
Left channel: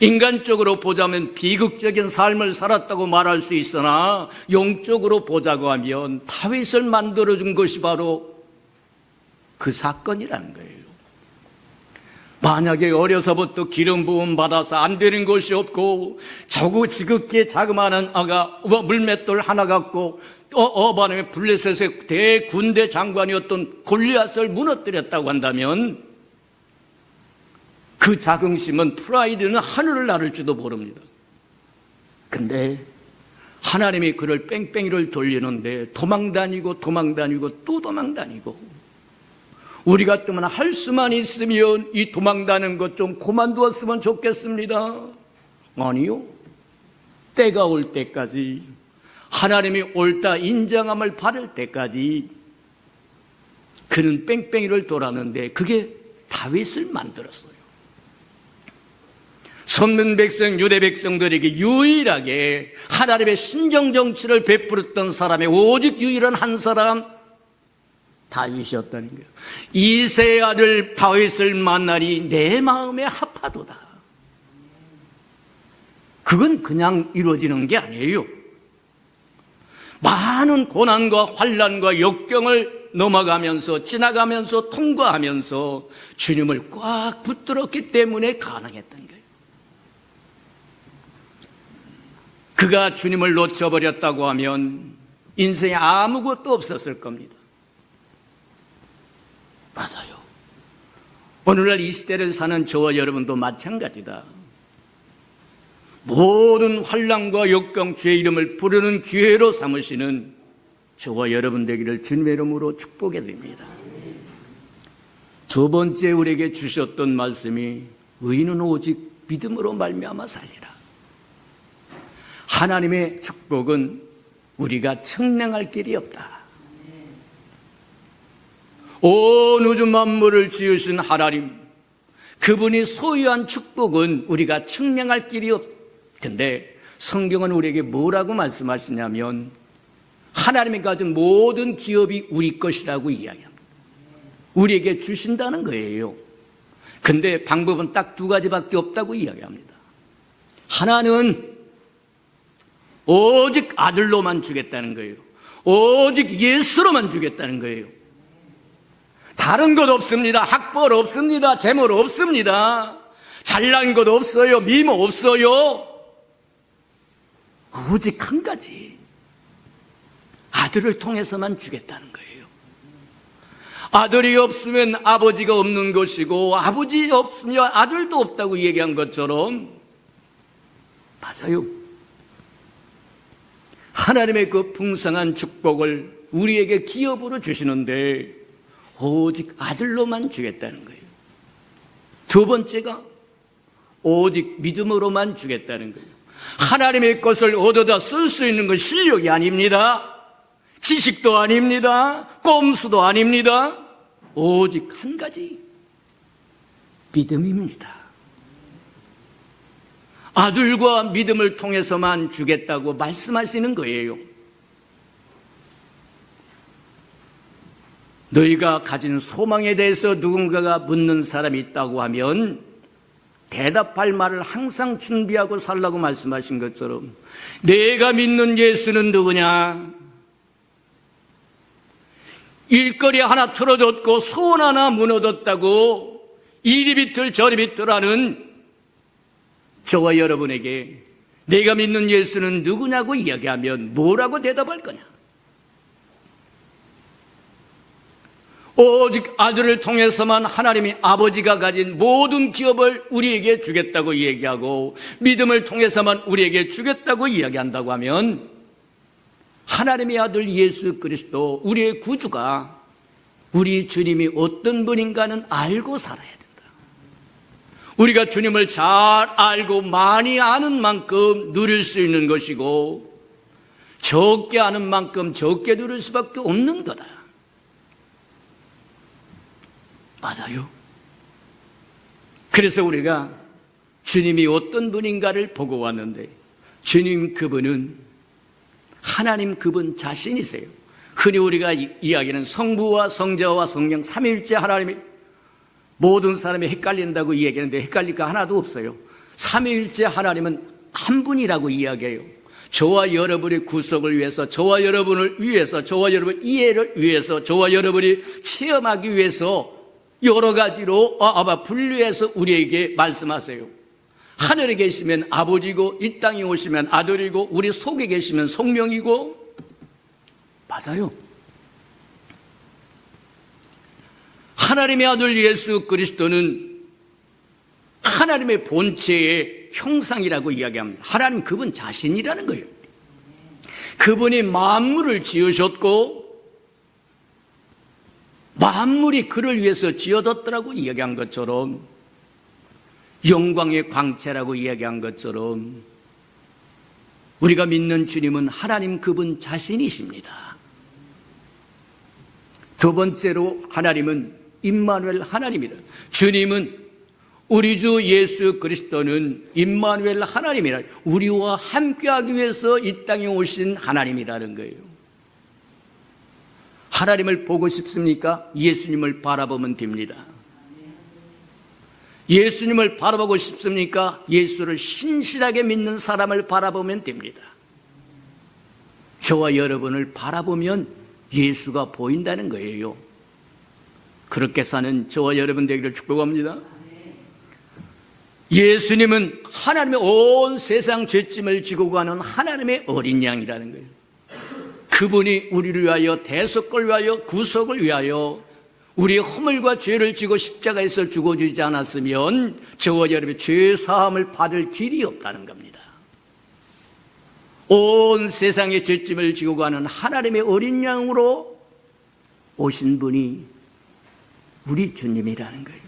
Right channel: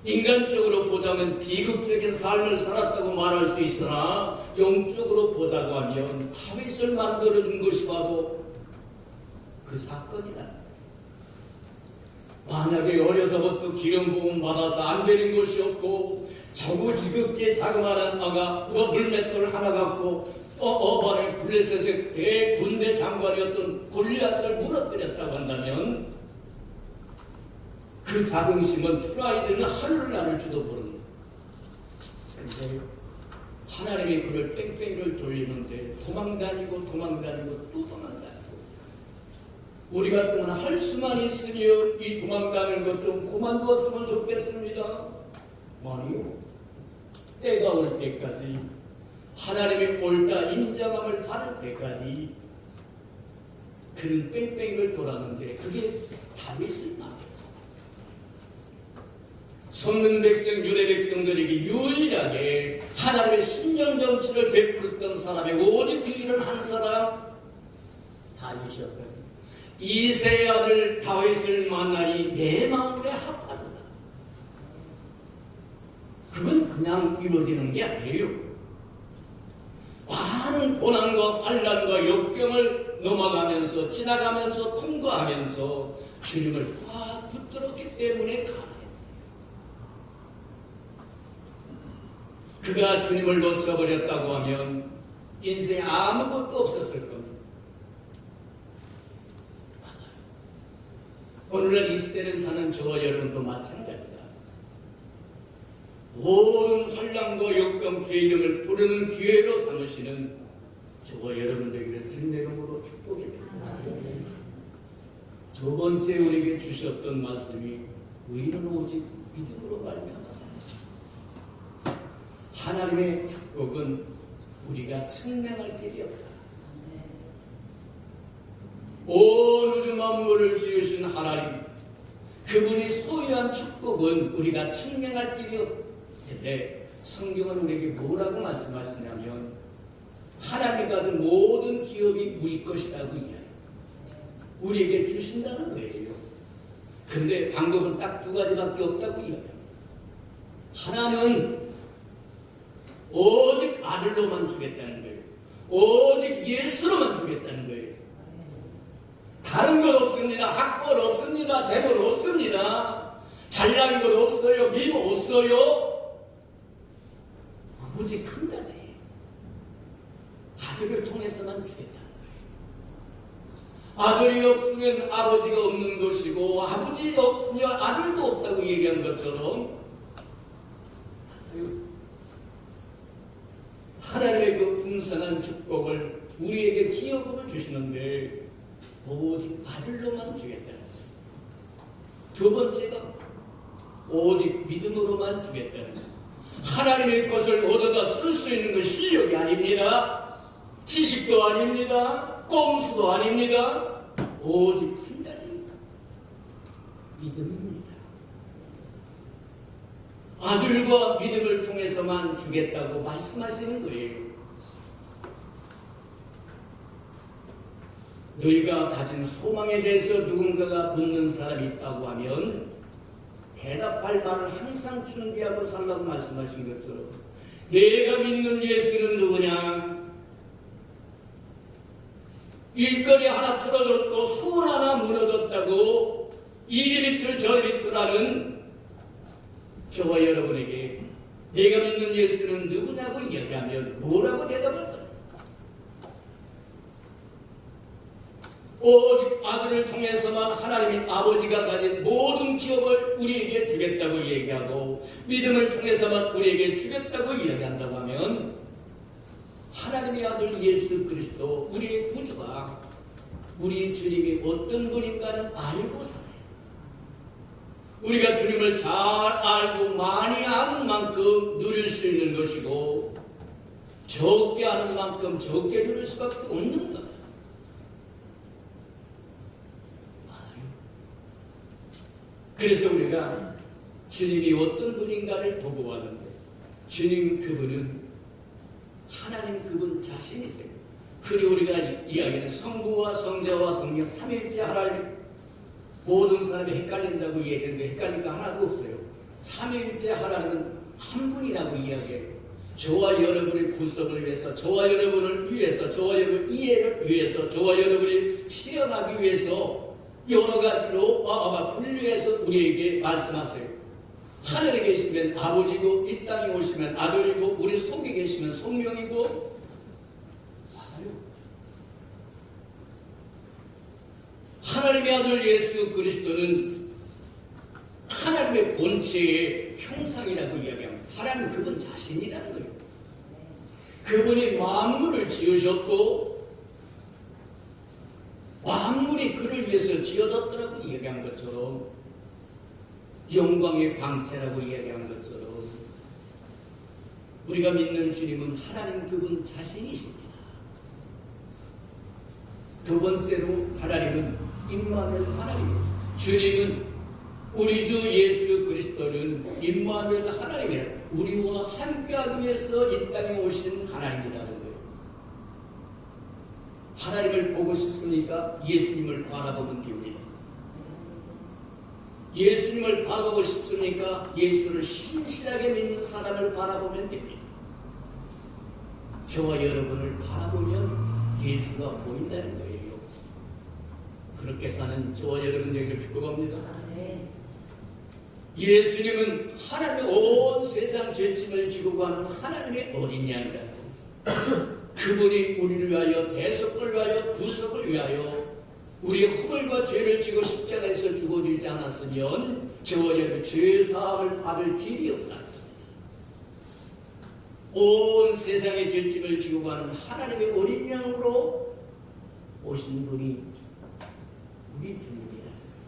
인간적으로 보자면 비극적인 삶을 살았다고 말할 수 있으나 영적으로 보자고 하면 다윗을 만들어준 것이 바로 그 사건이라는 거예요. 만약에 어려서부터 기름 부음 받아서 안 되는 것이 없고 지극게 자그마한 아가 물맷돌 하나 갖고 어반의 블레셋의 대군대 장관이었던 골리앗을 무너뜨렸다고 한다면 그 자긍심은 프라이드는 하늘을 나를지도 모릅니다. 근데 하나님이 그를 뺑뺑이를 돌리는데 도망다니고 또 도망다니고 우리 같으면 할 수만 있으면 이 도망다니는 것 좀 그만두었으면 좋겠습니다. 아니요. 때가 올 때까지 하나님이 옳다 인정함을 받을 때까지 그는 뺑뺑이를 돌았는데 그게 다윗을 만들었어요. 선민 백성 유대 백성들에게 유일하게 하나님의 신정 정치를 베풀었던 사람이 오직 유일한 한 사람 다윗이었다는 거예요. 이세 아들 다윗을 만나니 내 마음에 합하도다. 그건 그냥 이루어지는 게 아니에요. 많은 고난과 환난과 역경을 넘어가면서 지나가면서 통과하면서 주님을 꽉 붙들었기 때문에 가능했던 거예요. 그가 주님을 놓쳐버렸다고 하면 인생에 아무것도 없었을 겁니다. 맞아요. 오늘날 이 시대를 사는 저와 여러분도 마찬가지다. 모든 환난과 역경 주의 이름을 부르는 기회로 삼으시는 저와 여러분 되기를 주님의 이름으로 축복해 드립니다. 두 번째 우리에게 주셨던 말씀이 의인은 오직 믿음으로 말미암아 살리라. 하나님의 축복은 우리가 측량할 길이 없다. 온 우주 만물을 지으신 하나님, 그분이 소유한 축복은 우리가 측량할 길이 없는데 성경은 우리에게 뭐라고 말씀하시냐면 하나님이 가진 모든 기업이 우리 것이라고 이야기합니다. 우리에게 주신다는 거예요. 근데 방법은 딱 두 가지밖에 없다고 이야기합니다. 하나는 오직 아들로만 주겠다는 거예요. 오직 예수로만 주겠다는 거예요. 다른 것 없습니다. 학벌 없습니다. 재물 없습니다. 잘난 것 없어요. 미모 없어요. 오직 한 가지, 아들을 통해서만 주겠다는 거예요. 아들이 없으면 아버지가 없는 것이고 아버지 없으면 아들도 없다고 얘기한 것처럼 맞아요. 하나님의 그 풍성한 축복을 우리에게 기업으로 주시는데 오직 아들로만 주겠다는 거예요. 두 번째가 오직 믿음으로만 주겠다는 거예요. 하나님의 것을 얻어다 쓸 수 있는 건 실력이 아닙니다. 지식도 아닙니다. 꼼수도 아닙니다. 오직 한 가지, 믿음입니다. 아들과 믿음을 통해서만 주겠다고 말씀하시는 거예요. 너희가 가진 소망에 대해서 누군가가 묻는 사람이 있다고 하면 대답할 말을 항상 준비하고 살라고 말씀하신 것처럼 내가 믿는 예수는 누구냐? 일거리 하나 틀어졌고 소원 하나 무너졌다고 이리 비틀 저리 비틀하는 저와 여러분에게 내가 믿는 예수는 누구냐고 이야기하면 뭐라고 대답할 거냐? 오직 아들을 통해서만 하나님이 아버지가 가진 모든 기업을 우리에게 주겠다고 얘기하고 믿음을 통해서만 우리에게 주겠다고 이야기한다고 하면 하나님의 아들 예수 그리스도 우리의 구주가 우리 주님이 어떤 분인가는 알고 살아야 된다. 우리가 주님을 잘 알고 많이 아는 만큼 누릴 수 있는 것이고 적게 아는 만큼 적게 누릴 수밖에 없는 거다. 맞아요. 그래서 우리가 주님이 어떤 분인가를 보고 왔는데 주님 그분은 하나님 그분 자신이세요. 흔히 우리가 이야기하는 성부와 성자와 성령 삼위일체 하나님이 모든 사람이 헷갈린다고 이야기하는데 헷갈릴 거 하나도 없어요. 삼위일체 하나님은 한 분이라고 이야기해요. 저와 여러분의 구속을 위해서, 저와 여러분을 위해서, 저와 여러분 이해를 위해서, 저와 여러분이 체험하기 위해서 여러 가지로 분류해서 우리에게 말씀하세요. 하늘에 계시면 아버지고 이 땅에 오시면 아들이고 우리 속에 계시면 성령이고. 맞아요. 하나님의 아들 예수 그리스도는 하나님의 본체의 형상이라고 이야기합니다. 하나님 그분 자신이라는 거예요. 그분이 만물을 지으셨고 만물이 그를 위해서 지어졌더라고 이야기한 것처럼, 영광의 광채라고 이야기한 것처럼, 우리가 믿는 주님은 하나님 그분 자신이십니다. 두 번째로 하나님은 임마누엘 하나님이다. 주님은, 우리 주 예수 그리스도는 임마누엘 하나님이라, 우리와 함께하기 위해서 이 땅에 오신 하나님이라는 거예요. 하나님을 보고 싶습니까? 예수님을 바라보면 됩니다. 예수님을 바라보고 싶습니까? 예수를 신실하게 믿는 사람을 바라보면 됩니다. 저와 여러분을 바라보면 예수가 보인다는 거예요. 그렇게 사는 저와 여러분 되기를 축복합니다. 예수님은 하나님의 온 세상 죄짐을 지고 가는 하나님의 어린 양이라는 거예요. 그분이 우리를 위하여, 대속을 위하여, 구속을 위하여 우리의 허물과 죄를 지고 십자가에서 죽어주지 않았으면 저와 여러분의 죄 사함을 받을 길이 없다는 겁니다. 온 세상의 죄짐을 지고 가는 하나님의 어린 양으로 오신 분이 우리 주님이라는 거예요.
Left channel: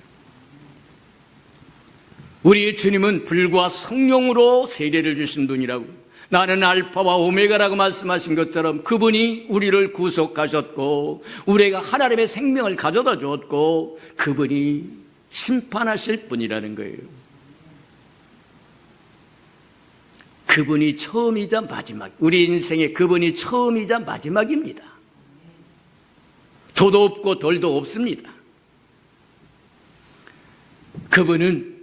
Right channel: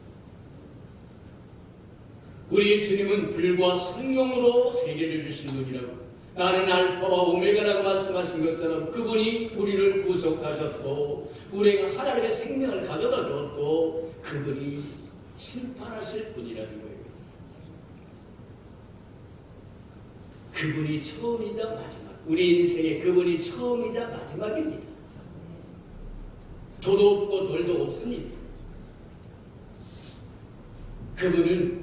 우리 주님은 불과 성령으로 세례를 주신 분이라고, 나는 알파와 오메가라고 말씀하신 것처럼 그분이 우리를 구속하셨고 우리가 하나님의 생명을 가져다 주었고 그분이 심판하실 분이라는 거예요. 그분이 처음이자 마지막, 우리 인생의 그분이 처음이자 마지막입니다. 도도 없고 덜도 없습니다. 그분은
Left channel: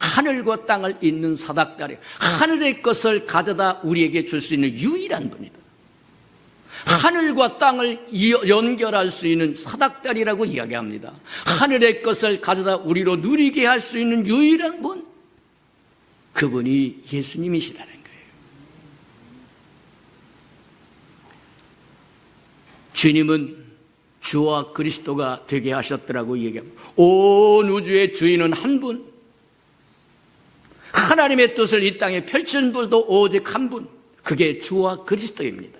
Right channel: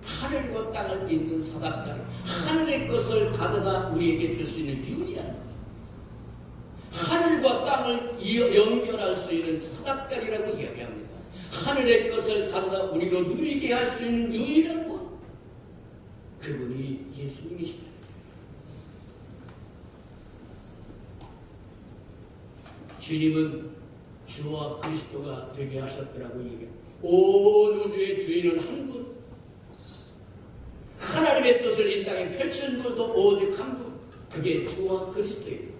하늘과 땅을 잇는 사닥다리, 하늘의 것을 가져다 우리에게 줄 수 있는 유일한 분이다. 하늘과 땅을 연결할 수 있는 사닥다리라고 이야기합니다. 하늘의 것을 가져다 우리로 누리게 할 수 있는 유일한 분, 그분이 예수님이시라는 거예요. 주님은 주와 그리스도가 되게 하셨더라고 얘기합니다. 온 우주의 주인은 한 분, 하나님의 뜻을 이 땅에 펼친 분도 오직 한 분, 그게 주와 그리스도입니다.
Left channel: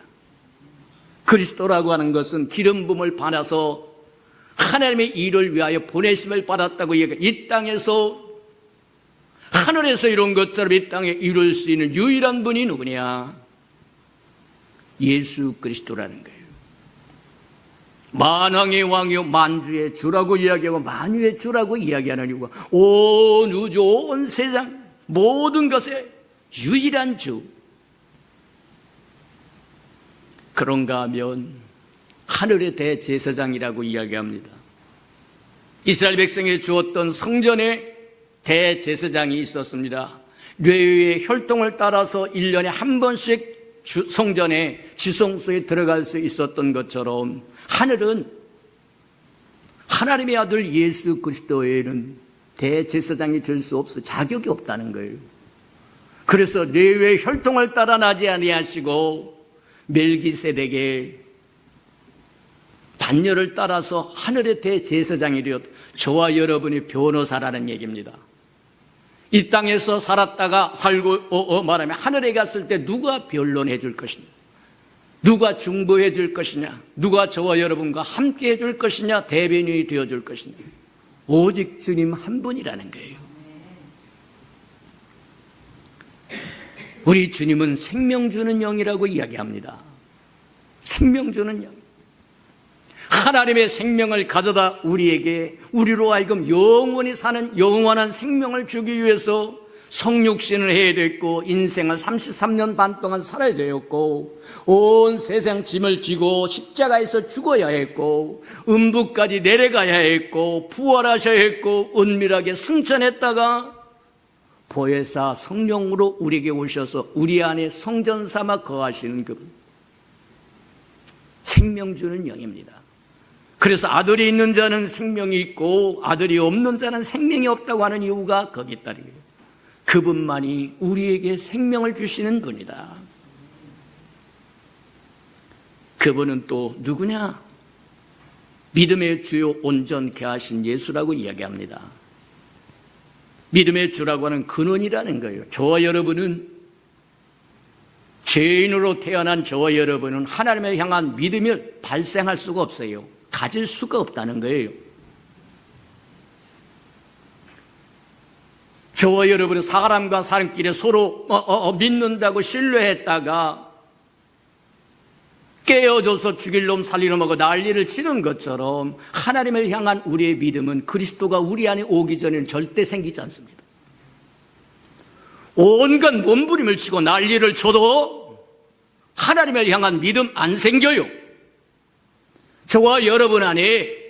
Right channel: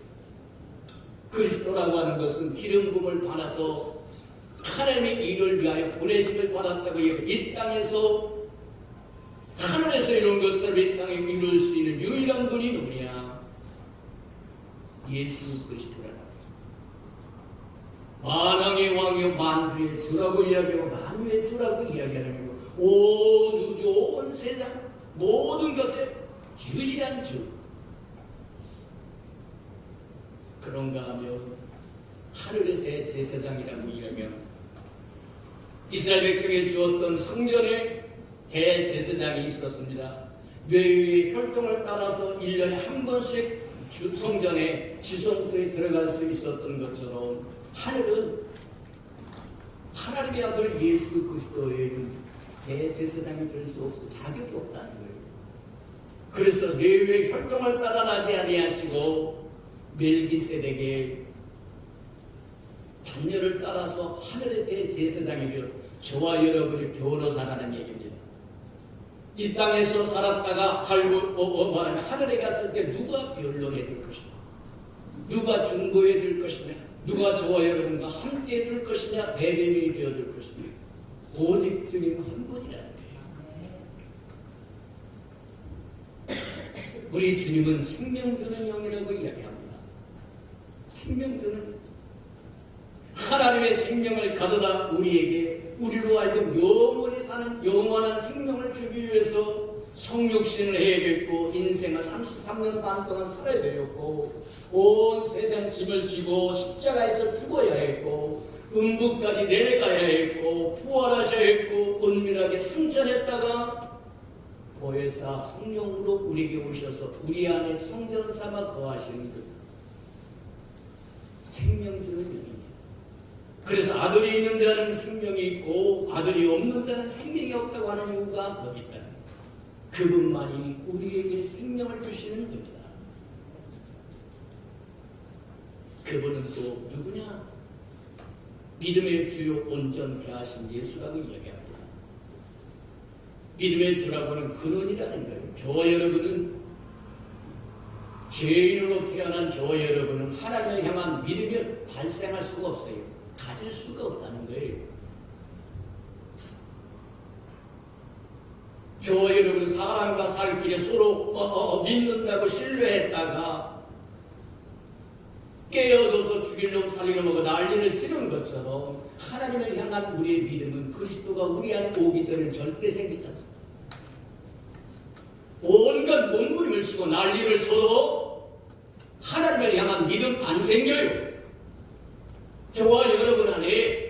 그리스도라고 하는 것은 기름 부음을 받아서 하나님의 일을 위하여 보내심을 받았다고 얘기해요. 이 땅에서, 하늘에서 이룬 것처럼 이 땅에 이룰 수 있는 유일한 분이 누구냐? 예수 그리스도라는 거예요. 만왕의 왕이요 만주의 주라고 이야기하고 만유의 주라고 이야기하는 이유가 온 우주 온 세상 모든 것의 유일한 주. 그런가 하면 하늘의 대제사장이라고 이야기합니다. 이스라엘 백성에 주었던 성전에 대제사장이 있었습니다. 레위의 혈통을 따라서 1년에 한 번씩 성전에 지성소에 들어갈 수 있었던 것처럼 하늘은 하나님의 아들 예수 그리스도 외에는 대제사장이 될 수 없어, 자격이 없다는 거예요. 그래서 레위의 혈통을 따라 나지 아니하시고 멜기세덱의 단열을 따라서 하늘의 대제사장이 되었다. 저와 여러분이 변호사라는 얘기입니다. 이 땅에서 살았다가 살고 말하면 하늘에 갔을 때 누가 변론해 줄 것이냐, 누가 중보해 줄 것이냐, 누가 저와 여러분과 함께 해 줄 것이냐, 대변인이 되어 줄 것이냐, 오직 주님 한 분이라는 거예요. 우리 주님은 생명 주는 영이라고 이야기합니다. 생명 주는 영. 하나님의 생명을 가져다 우리에게, 우리로 하여금 영원히 사는 영원한 생명을 주기 위해서 성육신을 해야 됐고, 인생을 33년 반 동안 살아야 되었고, 온 세상 짐을 지고 십자가에서 죽어야 했고, 음부까지 내려가야 했고, 부활하셔야 했고, 은밀하게 승천했다가 보혜사 성령으로 우리에게 오셔서 우리 안에 성전 삼아 거하시는 그 생명 주는 영입니다. 그래서 아들이 있는 자는 생명이 있고 아들이 없는 자는 생명이 없다고 하는 이유가 거기 있다. 그분만이 우리에게 생명을 주시는 분이다. 그분은 또 누구냐? 믿음의 주요 온전케 하신 예수라고 이야기합니다. 믿음의 주라고 하는 근원이라는 거예요. 저와 여러분은, 죄인으로 태어난 저와 여러분은 하나님을 향한 믿음을 발생할 수가 없어요. 가질 수가 없다는 거예요. 저와 여러분은 사람과 사람끼리 서로 믿는다고 신뢰했다가 깨어져서 죽일 놈 살릴 놈하고 난리를 치는 것처럼 하나님을 향한 우리의 믿음은 그리스도가 우리 안에 오기 전에는 절대 생기지 않습니다. 온갖 몸부림을 치고 난리를 쳐도 하나님을 향한 믿음 안 생겨요. 저와 여러분 안에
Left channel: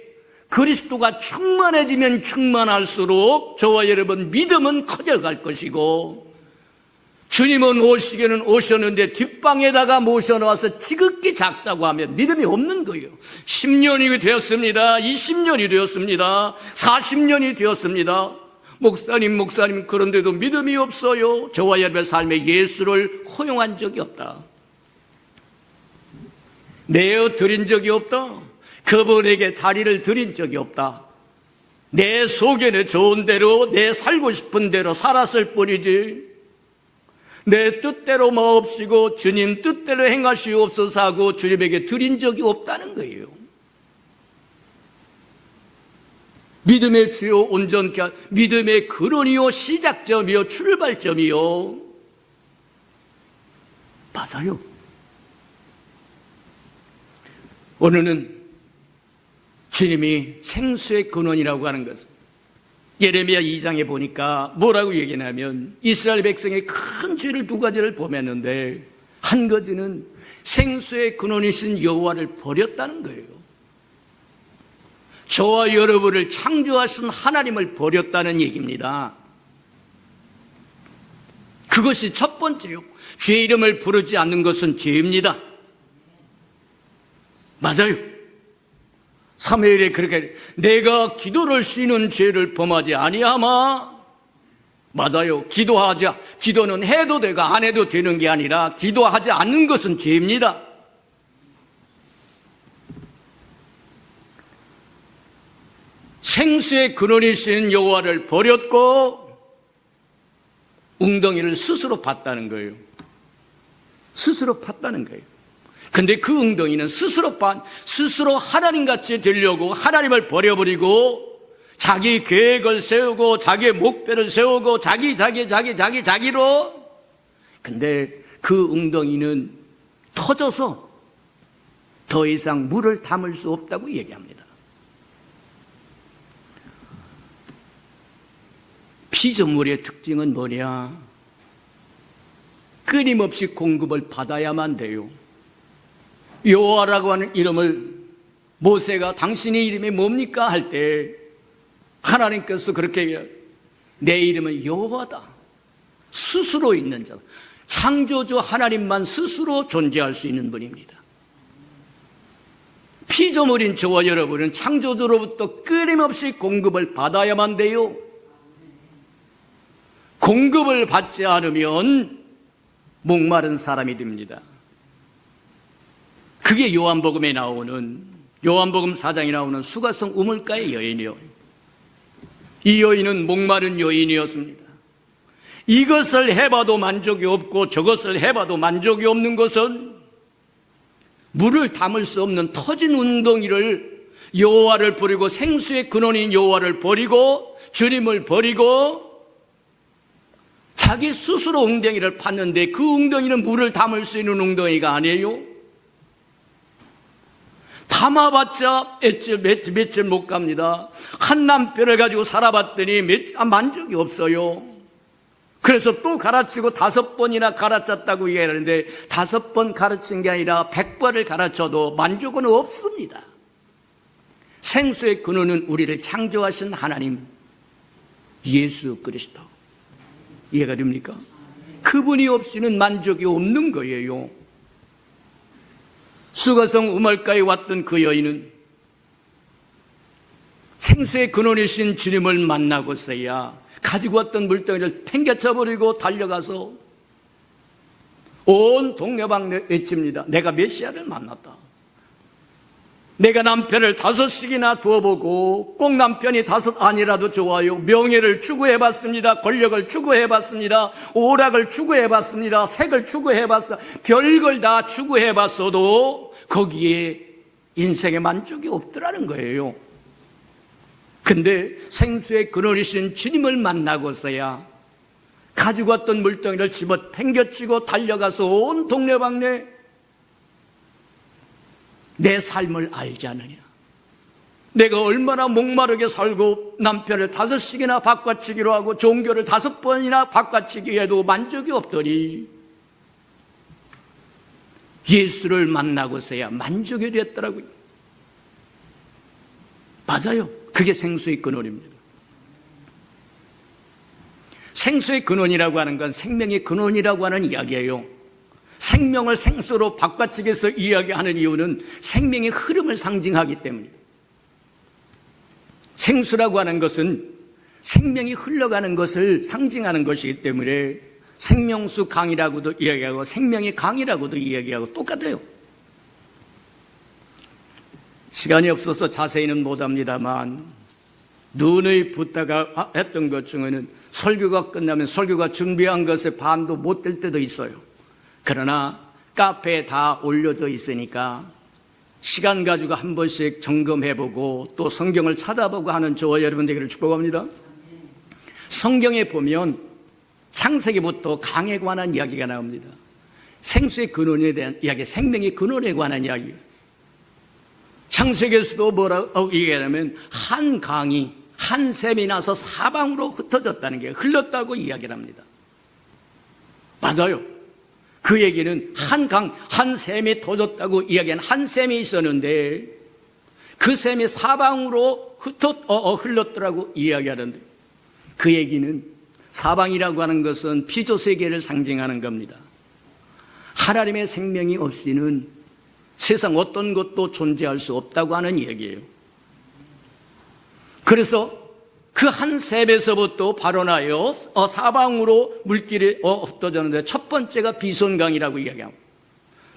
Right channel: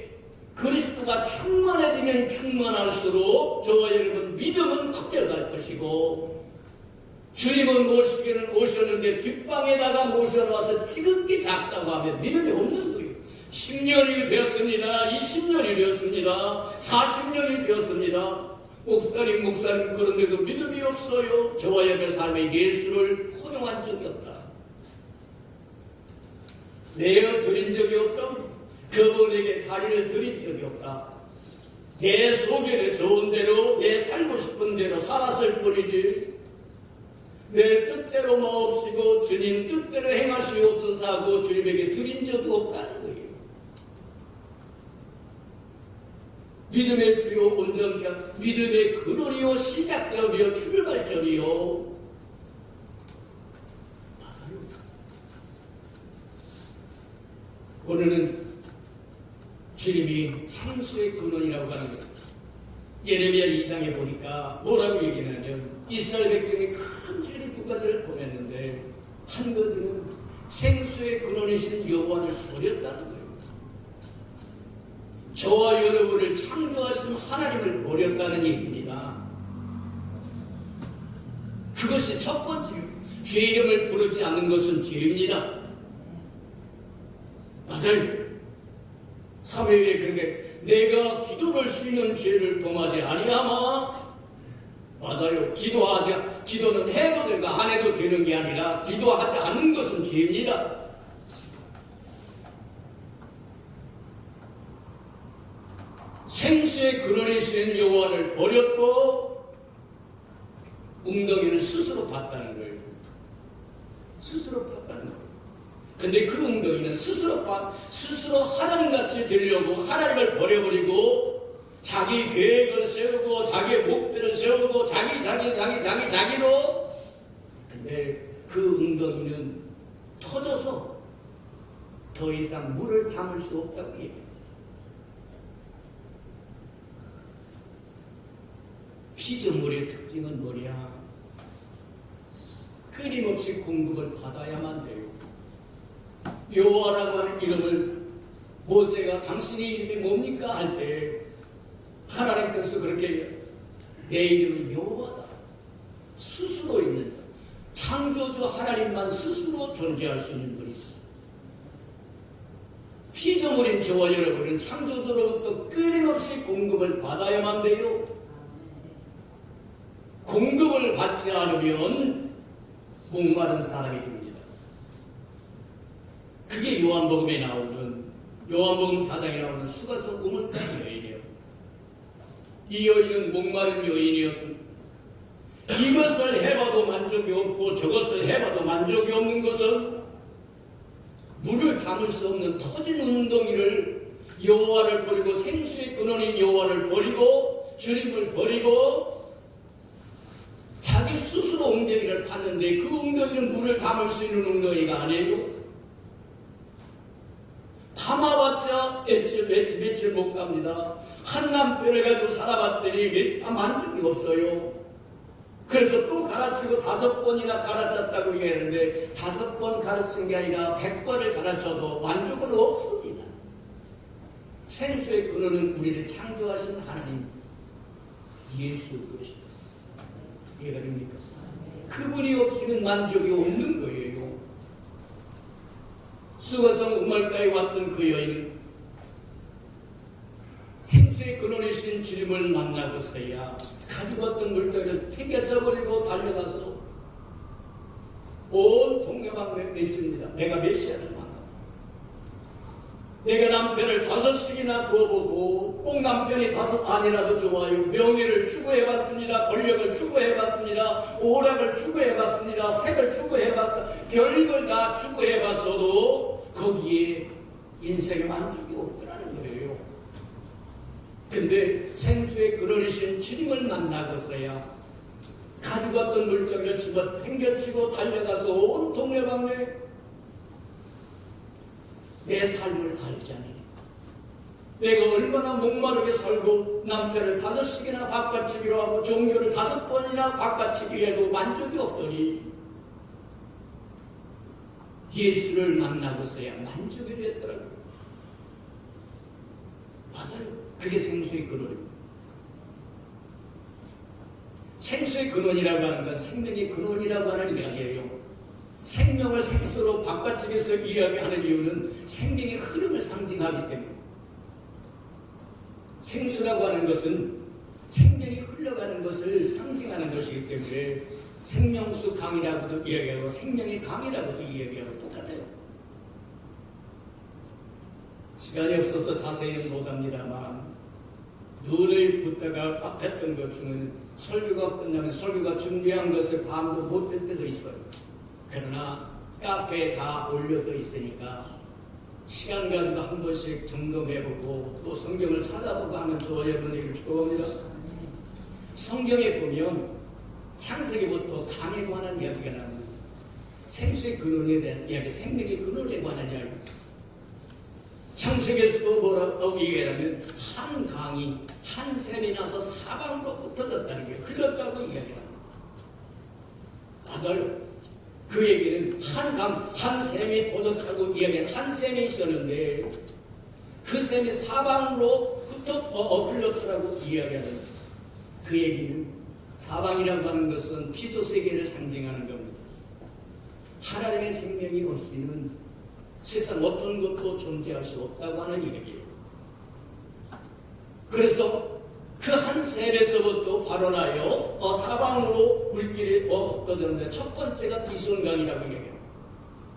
그리스도가 충만해지면 충만할수록 저와 여러분 믿음은 커져갈 것이고, 주님은 오시기는 오셨는데 뒷방에다가 모셔놓아서 지극히 작다고 하면 믿음이 없는 거예요. 10년이 되었습니다. 20년이 되었습니다. 40년이 되었습니다. 목사님 그런데도 믿음이 없어요. 저와 여러분의 삶에 예수를 허용한 적이 없다. 내어 드린 적이 없다. 그분에게 자리를 드린 적이 없다. 내 속에는 좋은 대로 내 살고 싶은 대로 살았을 뿐이지, 내 뜻대로 마옵시고 주님 뜻대로 행하시옵소서 하고 주님에게 드린 적이 없다는 거예요. 믿음의 주요 온전케 한 믿음의 근원이요 시작점이요 출발점이요. 맞아요. 오늘은 주님이 생수의 근원이라고 하는 것을 예레미야 2장에 보니까 뭐라고 얘기하냐면, 이스라엘 백성의 큰 죄를 두 가지를 범했는데 한 가지는 생수의 근원이신 여호와를 버렸다는 거예요. 저와 여러분을 창조하신 하나님을 버렸다는 얘기입니다. 그것이 첫 번째요. 죄 이름을 부르지 않는 것은 죄입니다. 맞아요. 사무엘이 그렇게 내가 기도를 쉬는 죄를 범하지 아니하마. 맞아요. 기도는 해도 되고 안 해도 되는 게 아니라 기도하지 않는 것은 죄입니다. 생수의 근원이신 여호와를 버렸고 웅덩이를 스스로 팠다는 거예요. 스스로 팠다는 거예요. 근데 그 웅덩이는 스스로 하나님같이 되려고 하나님을 버려버리고 자기 계획을 세우고 자기 목표를 세우고 자기로. 근데 그 웅덩이는 터져서 더 이상 물을 담을 수 없다고 얘기합니다. 피조물의 특징은 뭐냐? 끊임없이 공급을 받아야만 돼요. 여호와라고 하는 이름을 모세가 당신의 이름이 뭡니까? 할 때 하나님께서 그렇게 내 이름은 여호와다. 스스로 있는 자. 창조주 하나님만 스스로 존재할 수 있는 분입니다. 피조물인 저와 여러분은 창조주로부터 끊임없이 공급을 받아야만 돼요. 공급을 받지 않으면 목마른 사람이 됩니다. 그게 요한복음 4장에 나오는 수가성 우물가의 여인이요. 이 여인은 목마른 여인이었습니다. 이것을 해봐도 만족이 없고 저것을 해봐도 만족이 없는 것은 물을 담을 수 없는 터진 웅덩이를 여호와를 버리고 생수의 근원인 여호와를 버리고 주님을 버리고 자기 스스로 웅덩이를 팠는데 그 웅덩이는 물을 담을 수 있는 웅덩이가 아니에요. 담아봤자 며칠 못 갑니다. 한 남편을 가지고 살아봤더니 만족이 없어요. 그래서 또 가르치고 5번이나 가르쳤다고 얘기하는데 5번 가르친 게 아니라 100번을 가르쳐도 만족은 없습니다. 생수의 근원은 우리를 창조하신 하나님 예수 그리스도. 이해가 됩니까? 그분이 없이는 만족이 없는 거예요. 수가성 우물가에 왔던 그 여인은 생수의 근원이신 주님을 만나고서야 가지고 왔던 물덩이를 팽개쳐버리고 달려가서 온 동네방네 외칩니다. 내가 메시아를 만났다. 내가 남편을 5씩이나 두어보고 꼭 남편이 5 아니라도 좋아요. 명예를 추구해봤습니다. 권력을 추구해봤습니다. 오락을 추구해봤습니다. 색을 추구해봤습니다. 별걸 다 추구해봤어도 거기에 인생의 만족이 없더라는 거예요. 근데 생수의 근원이신 주님을 만나고서야 가지고 왔던 물덩이를 집어 팽겨치고 달려가서 온 동네방네 내 삶을 알지 않느냐. 내가 얼마나 목마르게 살고 남편을 5씩이나 바꿔치기로 하고 종교를 5번이나 바꿔치기 해도 만족이 없더니 예수를 만나고서야 만족이 됐더라고요. 맞아요. 그게 생수의 근원입니다. 생수의 근원이라고 하는 건 생명의 근원이라고 하는 이야기예요. 생명을 생수로 바꿔치기해서 이야기하는 이유는 생명의 흐름을 상징하기 때문에. 생수라고 하는 것은 생명이 흘러가는 것을 상징하는 것이기 때문에 생명수 강이라고도 이야기하고 생명의 강이라고도 이야기하고 똑같아요. 시간이 없어서 자세히는 못합니다만 눈의 붓다가 했던 것 중에는 설교가 끝나면 설교가 준비한 것에 반도 못 될 때도 있어요. 그러나 카페에 다 올려져 있으니까 시간 가지고 한 번씩 점검해보고 또 성경을 찾아보고 하는 저와 여러분들에게 축복합니다. 성경에 보면 창세기부터 강에 관한 이야기가 나옵니다. 생수의 근원에 대한 이야기, 생명의 근원에 관한 이야기. 창세기에서도 뭐라고 얘기하냐면 한 강이 한 샘이 나서 사방으로 흩어졌다는 게 흘렀다고 이야기를 합니다. 맞아요. 그 얘기는 한 강, 한 샘이 터졌다고 이야기하는 한 샘이 있었는데 그 샘이 사방으로 흘렀더라고 이야기하는데 그 얘기는 사방이라고 하는 것은 피조세계를 상징하는 겁니다. 하나님의 생명이 없이는 세상 어떤 것도 존재할 수 없다고 하는 얘기예요. 그래서 그 한 샘에서부터 발원하여 사방으로 물길이 흩어졌는데 첫 번째가 비손강이라고 이야기합니다.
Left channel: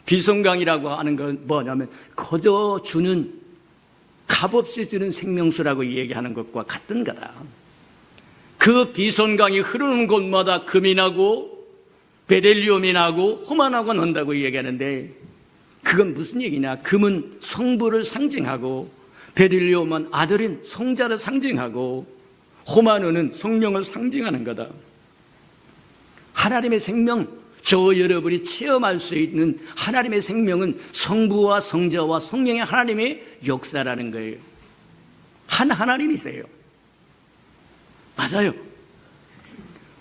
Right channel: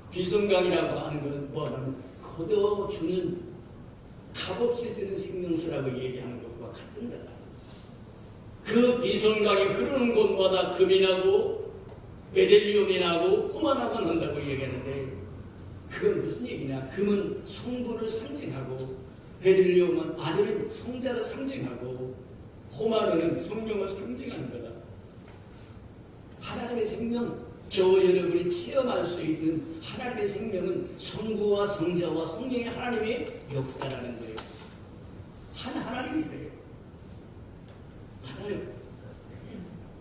비손강이라고 하는 건 뭐냐면 거저 주는 값없이 주는 생명수라고 얘기하는 것과 같은 거다. 그 비손강이 흐르는 곳마다 금이 나고 베델리움이 나고 호마나고 난다고 얘기하는데 그건 무슨 얘기냐. 금은 성부를 상징하고 베델리움은 아들인 성자를 상징하고 호마노는 성령을 상징하는 거다. 하나님의 생명, 저 여러분이 체험할 수 있는 하나님의 생명은 성부와 성자와 성령의 하나님의 역사라는 거예요. 한 하나님이세요. 맞아요.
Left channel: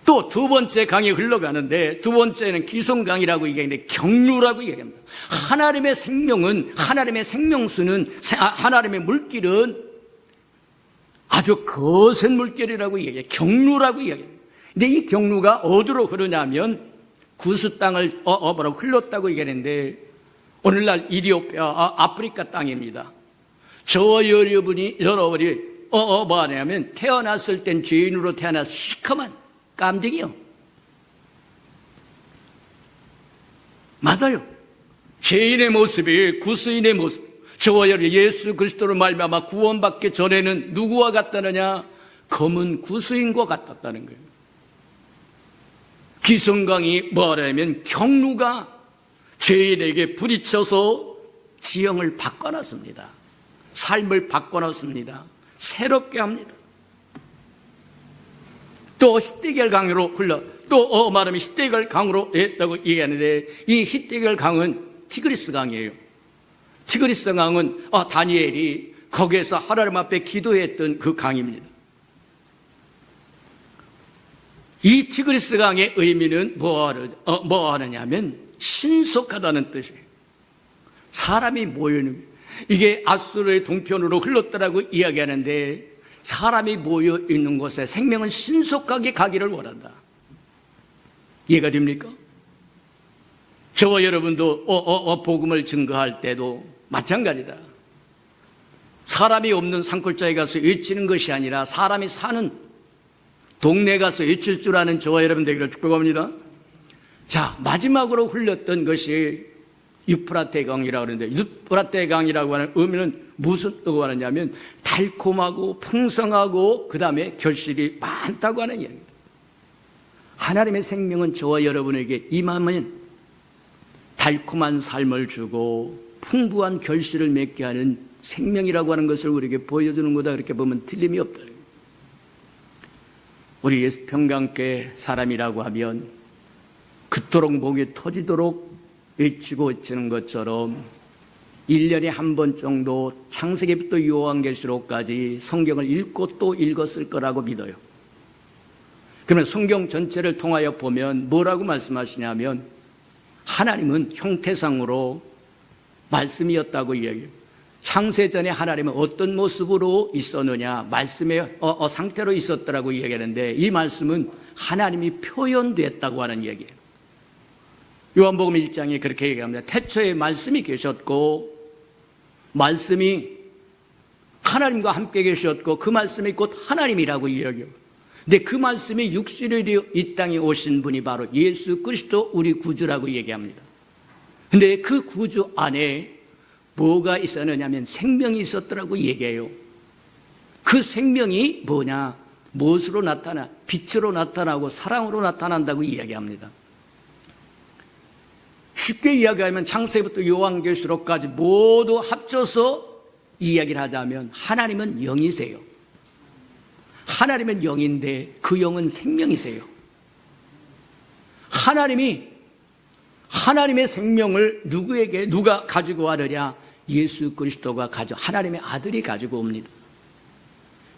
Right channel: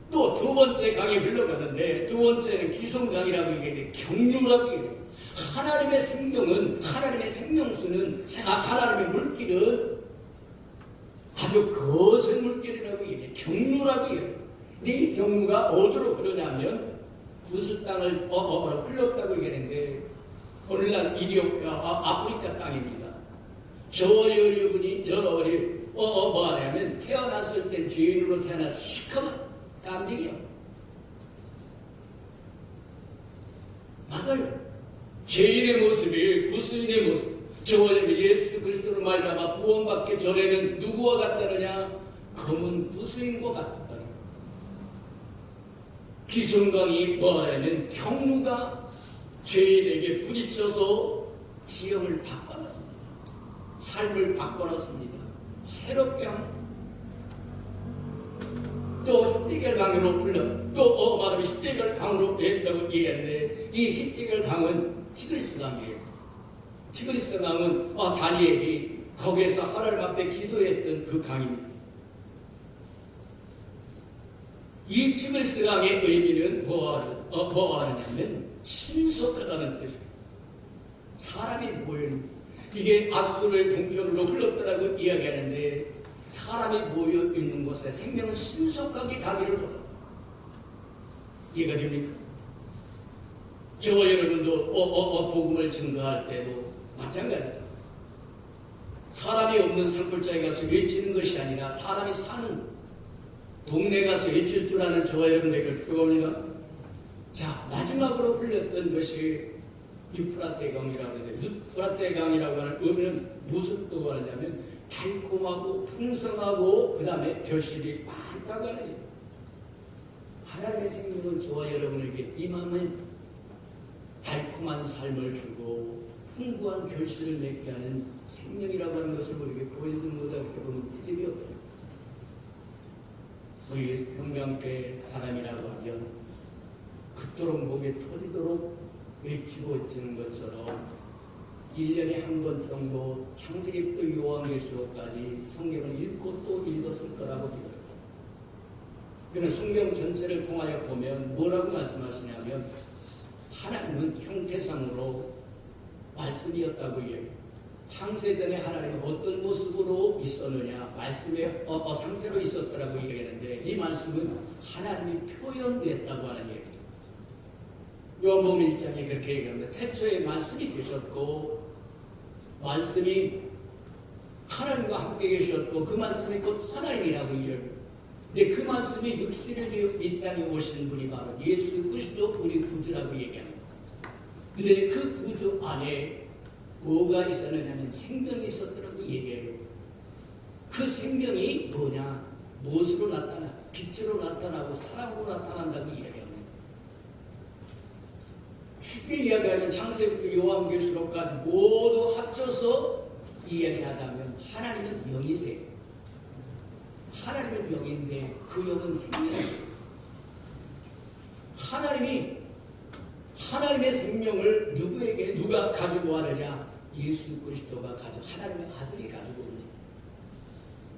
또 두 번째 강이 흘러가는데 두 번째는 기송강이라고 얘기하는데 경루라고 얘기합니다. 하나님의 생명은, 하나님의 생명수는, 하나님의 물길은 아주 거센 물결이라고 얘기해요. 경루라고 얘기해요. 근데 이 경루가 어디로 흐르냐면 구스 땅을 흘렀다고 얘기하는데 오늘날 이디오피아, 아프리카 땅입니다. 저와 여러분이 뭐 하냐면 태어났을 땐 죄인으로 태어나서 시커먼 깜찍이요. 맞아요. 죄인의 모습이 구스인의 모습. 저와 여러분 예수 그리스도로 말미암아 구원받기 전에는 누구와 같다느냐? 검은 구스인과 같았다는 거예요. 기성강이 뭐라면 경루가 죄인에게 부딪혀서 지형을 바꿔놨습니다. 삶을 바꿔놨습니다. 새롭게 합니다. 또 히데겔 강으로 또 말하면 히데겔 강으로 했다고 얘기하는데 이 히데겔 강은 티그리스 강이에요. 티그리스 강은 다니엘이 거기에서 하나님 앞에 기도했던 그 강입니다. 이 티그리스 강의 의미는 뭐 하느냐면 신속하다는 뜻이에요. 사람이 모여있는, 이게 아수르의 동편으로 흘렀더라고 이야기하는데 사람이 모여있는 곳에 생명은 신속하게 가기를 원한다. 이해가 됩니까? 저와 여러분도 복음을 증거할 때도 마찬가지다. 사람이 없는 산골짜기 가서 외치는 것이 아니라 사람이 사는 동네 가서 외칠 줄 아는 저와 여러분 되기를 축복합니다. 자, 마지막으로 흘렸던 것이 유프라테 강이라고 하는데, 유프라테 강이라고 하는 의미는 무슨 뜻을 하느냐면 달콤하고 풍성하고 그 다음에 결실이 많다고 하는 얘기입니다. 하나님의 생명은 저와 여러분에게 임하면 달콤한 삶을 주고 풍부한 결실을 맺게 하는 생명이라고 하는 것을 우리에게 보여주는 거다. 그렇게 보면 틀림이 없다. 우리 예수 평강교회 사람이라고 하면 그토록 목이 터지도록 외치고 치는 것처럼 1년에 한 번 정도 창세기부터 요한계시록까지 성경을 읽고 또 읽었을 거라고 믿어요. 그러면 성경 전체를 통하여 보면 뭐라고 말씀하시냐면 하나님은 형태상으로 말씀이었다고 이야기해요. 창세전에 하나님은 어떤 모습으로 있었느냐, 말씀의 상태로 있었더라고 이야기하는데, 이 말씀은 하나님이 표현됐다고 하는 얘기예요. 요한복음 1장에 그렇게 얘기합니다. 태초에 말씀이 계셨고 말씀이 하나님과 함께 계셨고 그 말씀이 곧 하나님이라고 이야기해요. 근데 그 말씀이 육신이 되어 이 땅에 오신 분이 바로 예수 그리스도 우리 구주라고 얘기합니다. 근데 그 구주 안에 뭐가 있었느냐 하면 생명이 있었더라고 얘기해요. 그 생명이 뭐냐? 무엇으로 나타나? 빛으로 나타나고 사랑으로 나타난다고 이야기합니다. 쉽게 이야기하면 창세기부터 요한계시록까지 모두 합쳐서 이야기를 하자면 하나님은 영이세요. 하나님은 영인데 그 영은 생명이세요. 하나님의 생명을 누가 가지고 가느냐? 예수 그리스도가 하나님의 아들이 가지고 옵니다.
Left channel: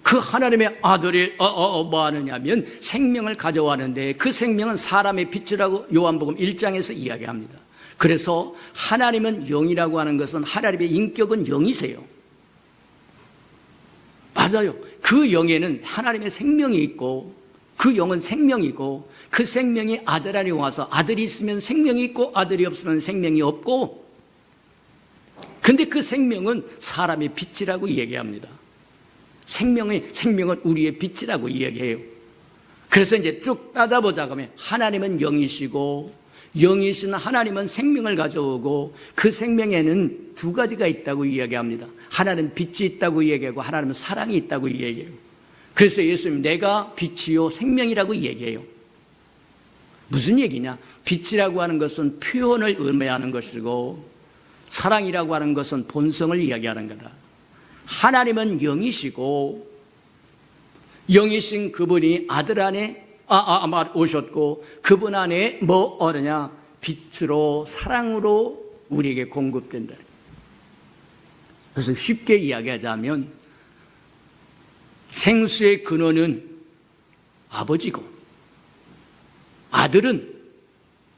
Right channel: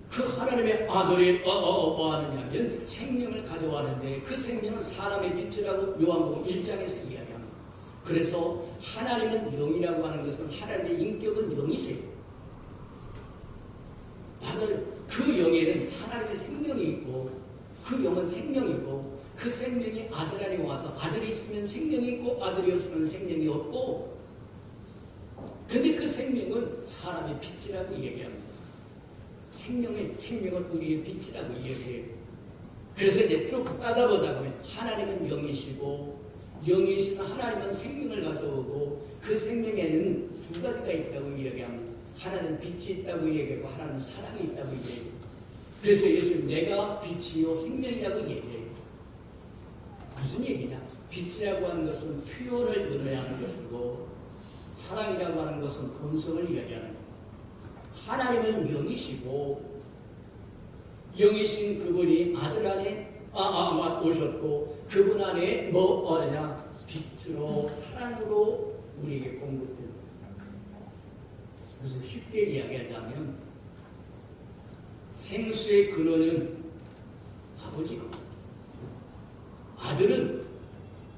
그 하나님의 아들이 뭐 하느냐면 생명을 가져왔는데 그 생명은 사람의 빛이라고 요한복음 1장에서 이야기합니다. 그래서 하나님은 영이라고 하는 것은 하나님의 인격은 영이세요. 맞아요. 그 영에는 하나님의 생명이 있고 그 영은 생명이고 그 생명이 아들 안에 와서 아들이 있으면 생명이 있고 아들이 없으면 생명이 없고, 근데 그 생명은 사람의 빛이라고 얘기합니다. 생명은 우리의 빛이라고 이야기해요. 그래서 이제 쭉 따져보자 그러면 하나님은 영이시고 영이신 하나님은 생명을 가져오고 그 생명에는 두 가지가 있다고 이야기합니다. 하나님은 빛이 있다고 이야기하고 하나님은 사랑이 있다고 이야기해요. 그래서 예수님 내가 빛이요 생명이라고 얘기해요. 무슨 얘기냐? 빛이라고 하는 것은 표현을 의미하는 것이고 사랑이라고 하는 것은 본성을 이야기하는 거다. 하나님은 영이시고 영이신 그분이 아들 안에 오셨고 그분 안에 빛으로 사랑으로 우리에게 공급된다. 그래서 쉽게 이야기하자면 생수의 근원은 아버지고 아들은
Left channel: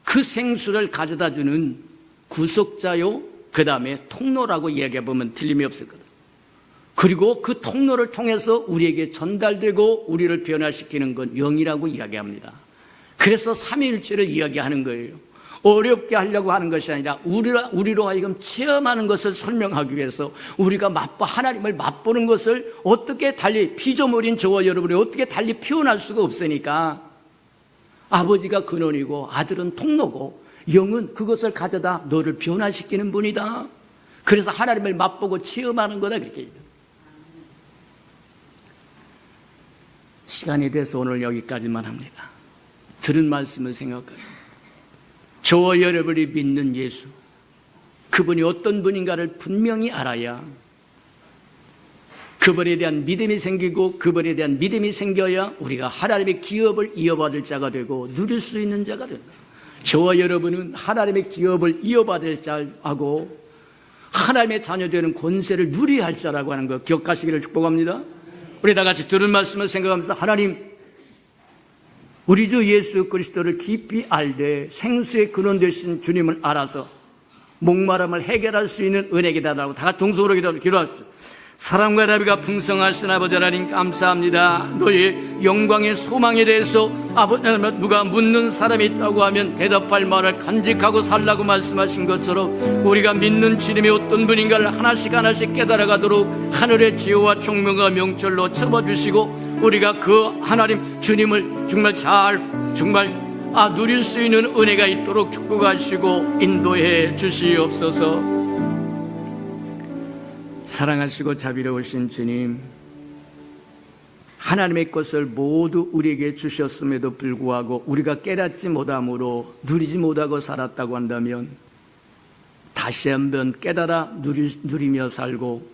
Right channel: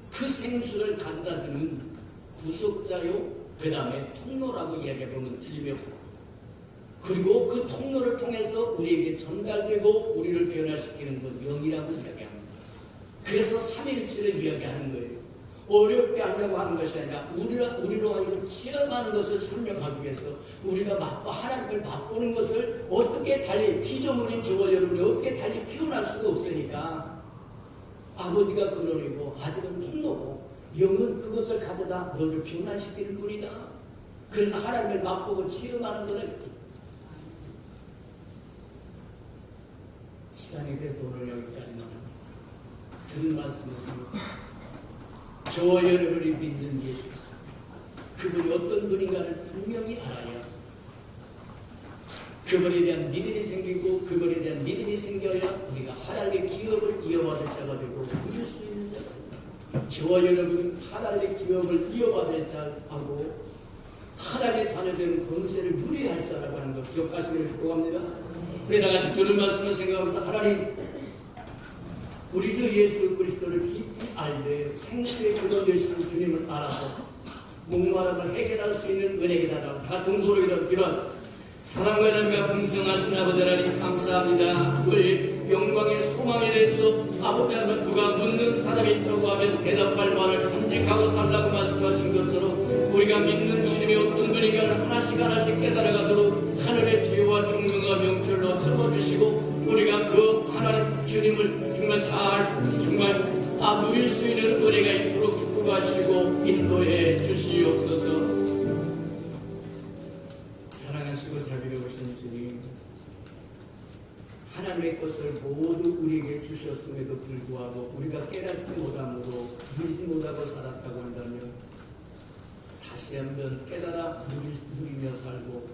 그 생수를 가져다 주는 구속자요 그 다음에 통로라고 이야기해보면 틀림이 없을 거다. 그리고 그 통로를 통해서 우리에게 전달되고 우리를 변화시키는 건 영이라고 이야기합니다. 그래서 삼위일체를 이야기하는 거예요. 어렵게 하려고 하는 것이 아니라 우리로 하여금 체험하는 것을 설명하기 위해서 우리가 하나님을 맛보는 것을 어떻게 달리 피조물인 저와 여러분이 어떻게 달리 표현할 수가 없으니까 아버지가 근원이고 아들은 통로고 영은 그것을 가져다 너를 변화시키는 분이다. 그래서 하나님을 맛보고 체험하는 거다. 그게. 시간이 돼서 오늘 여기까지만 합니다. 들은 말씀을 생각하고 저와 여러분이 믿는 예수, 그분이 어떤 분인가를 분명히 알아야 그분에 대한 믿음이 생기고 그분에 대한 믿음이 생겨야 우리가 하나님의 기업을 이어받을 자가 되고 누릴 수 있는 자가 됩니다. 저와 여러분은 하나님의 기업을 이어받을 자하고 하나님의 자녀되는 권세를 누려야 할 자라고 하는 거 기억하시기를 축복합니다. 우리 다 같이 들은 말씀을 생각하면서 하나님, 우리 주 예수 그리스도를 깊이 알되 생수의 근원 되신 주님을 알아서 목마름을 해결할 수 있는 은혜기다라고 다 같이 동서로 기도하십시오. 사랑과 나비가 풍성하신 아버지 하나님 감사합니다. 너의 영광의 소망에 대해서 아버지 하나님 누가 묻는 사람이 있다고 하면 대답할 말을 간직하고 살라고 말씀하신 것처럼 우리가 믿는 주님이 어떤 분인가를 하나씩 하나씩 깨달아가도록 하늘의 지혜와 총명과 명철로 채워주시고 우리가 그 하나님 주님을 정말 누릴 수 있는 은혜가 있도록 축복하시고 인도해 주시옵소서. 사랑하시고 자비로우신 주님, 하나님의 것을 모두 우리에게 주셨음에도 불구하고 우리가 깨닫지 못함으로 누리지 못하고 살았다고 한다면 다시 한번 깨달아 누리며 살고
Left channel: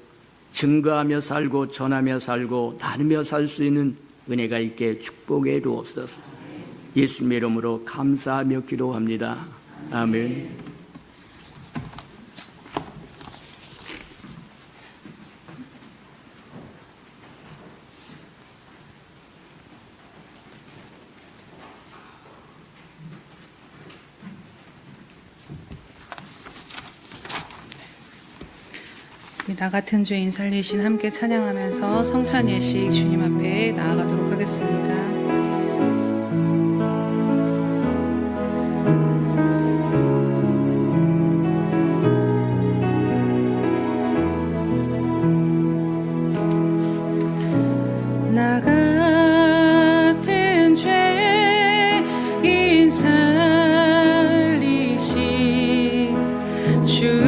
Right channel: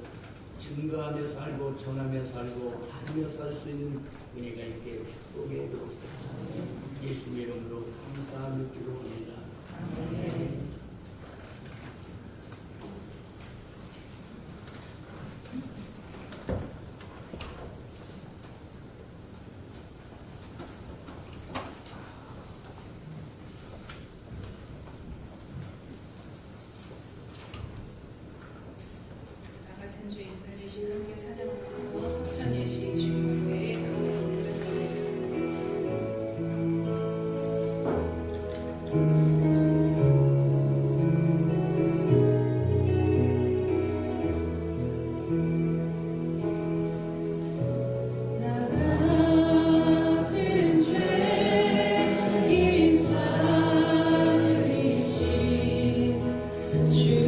증거하며 살고 전하며 살고 나누며 살 수 있는 은혜가 있게 축복해 주옵소서. 예수님의 이름으로 감사하며 기도합니다. 아멘. 나 같은 죄인 살리신 함께 찬양하면서 성찬 예식 주님 앞에 나아가도록 하겠습니다. 나 같은 죄인 살리신 주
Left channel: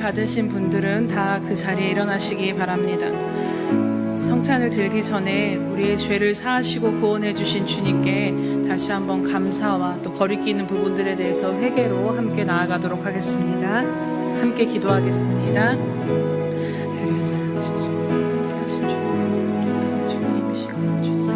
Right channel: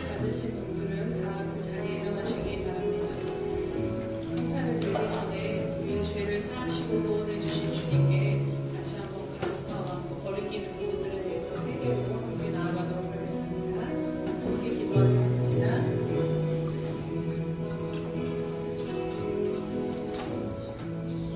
받으신 분들은 다 그 자리에 일어나시기 바랍니다. 성찬을 들기 전에 우리의 죄를 사하시고 구원해 주신 주님께 다시 한번 감사와 또 거리끼 있는 부분들에 대해서 회개로 함께 나아가도록 하겠습니다. 함께 기도하겠습니다. 할렐루야. 사랑하신 주님, 함께하신 주님 감사합니다. 주님 이 시간 주님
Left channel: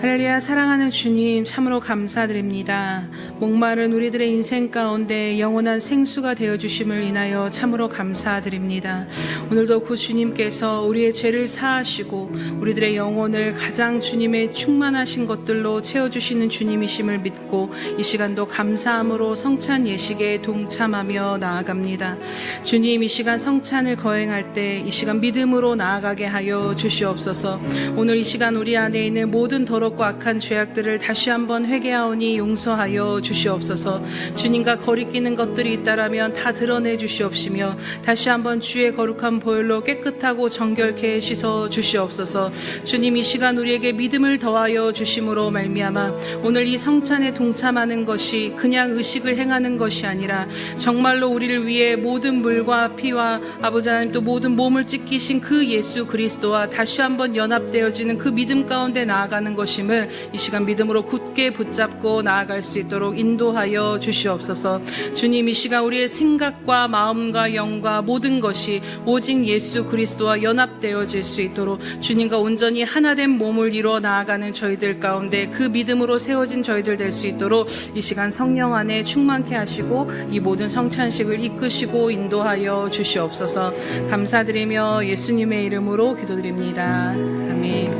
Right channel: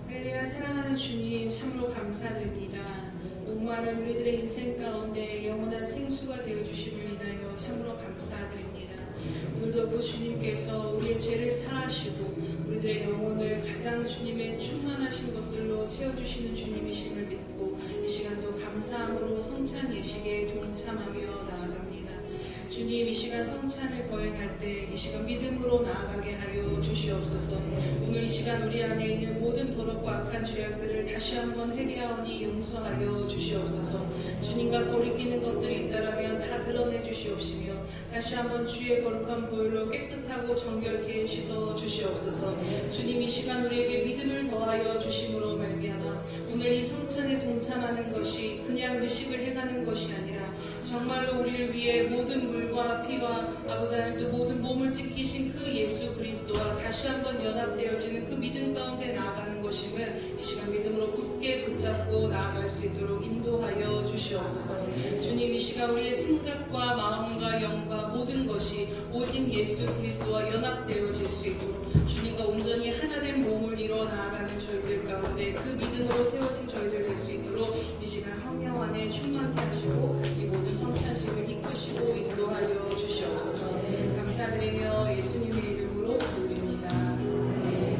할렐루야. 사랑하는 주님 참으로 감사드립니다. 목마른 우리들의 인생 가운데 영원한 생수가 되어주심을 인하여 참으로 감사드립니다. 오늘도 그 주님께서 우리의 죄를 사하시고 우리들의 영혼을 가장 주님의 충만하신 것들로 채워주시는 주님이심을 믿고 이 시간도 감사함으로 성찬 예식에 동참하며 나아갑니다. 주님, 이 시간 성찬을 거행할 때 이 시간 믿음으로 나아가게 하여 주시옵소서. 오늘 이 시간 우리 안에 있는 모든 더럽고 악한 죄악들을 다시 한번 회개하오니 용서하여 주시옵소서. 주님과 거리끼는 것들이 있다라면 다 드러내 주시옵시며 다시 한번 주의 거룩한 보혈로 깨끗하고 정결케 씻어 주시옵소서. 주님, 이 시간 우리에게 믿음을 더하여 주심으로 말미암아 오늘 이 성찬에 동참하는 것이 그냥 의식을 행하는 것이 아니라 정말로 우리를 위해 모든 물과 피와 아버지 하나님 또 모든 몸을 찢기신 그 예수 그리스도와 다시 한번 연합되어지는 그 믿음 가운데 나아가는 것임을 이 시간 믿음으로 굳게 붙잡고 나아갈 수 있도록 인도하여 주시옵소서. 주님, 이 시간 우리의 생각과 마음과 영과 모든 것이 오직 예수 그리스도와 연합되어질 수 있도록 주님과 온전히 하나된 몸을 이루어 나아가는 저희들 가운데 그 믿음으로 세워진 저희들 될 수 있도록 이 시간 성령 안에 충만케 하시고 이 모든 성찬식을 이끄시고 인도하여 주시옵소서. 감사드리며 예수님의 이름으로 기도드립니다. 아멘.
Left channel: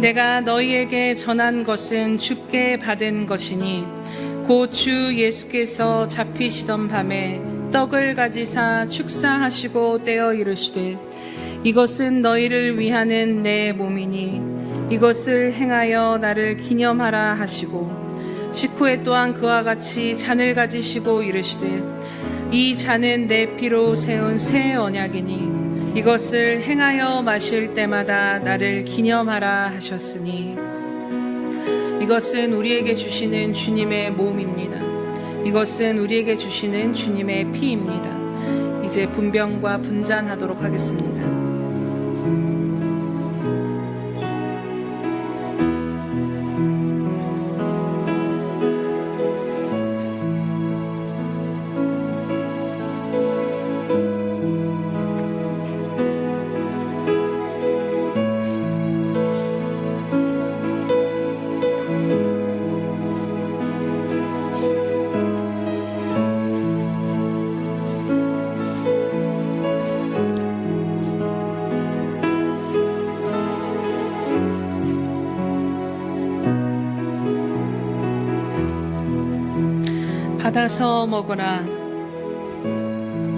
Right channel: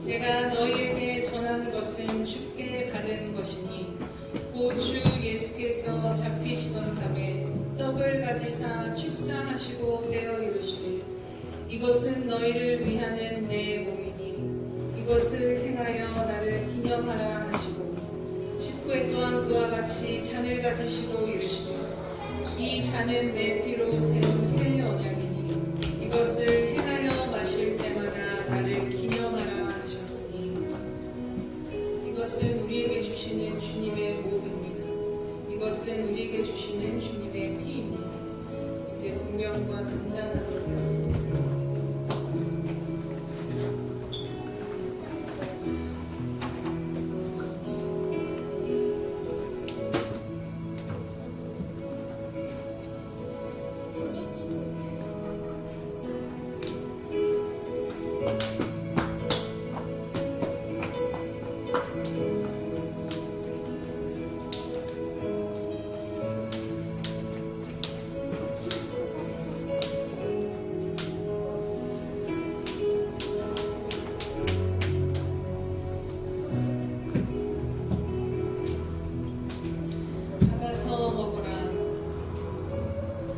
내가 너희에게 전한 것은 주께 받은 것이니 곧 주 예수께서 잡히시던 밤에 떡을 가지사 축사하시고 떼어 이르시되 이것은 너희를 위하는 내 몸이니 이것을 행하여 나를 기념하라 하시고 식후에 또한 그와 같이 잔을 가지시고 이르시되 이 잔은 내 피로 세운 새 언약이니 이것을 행하여 마실 때마다 나를 기념하라 하셨으니 이것은 우리에게 주시는 주님의 몸입니다. 이것은 우리에게 주시는 주님의 피입니다. 이제 분병과 분잔하도록 하겠습니다. 받아서 먹으라.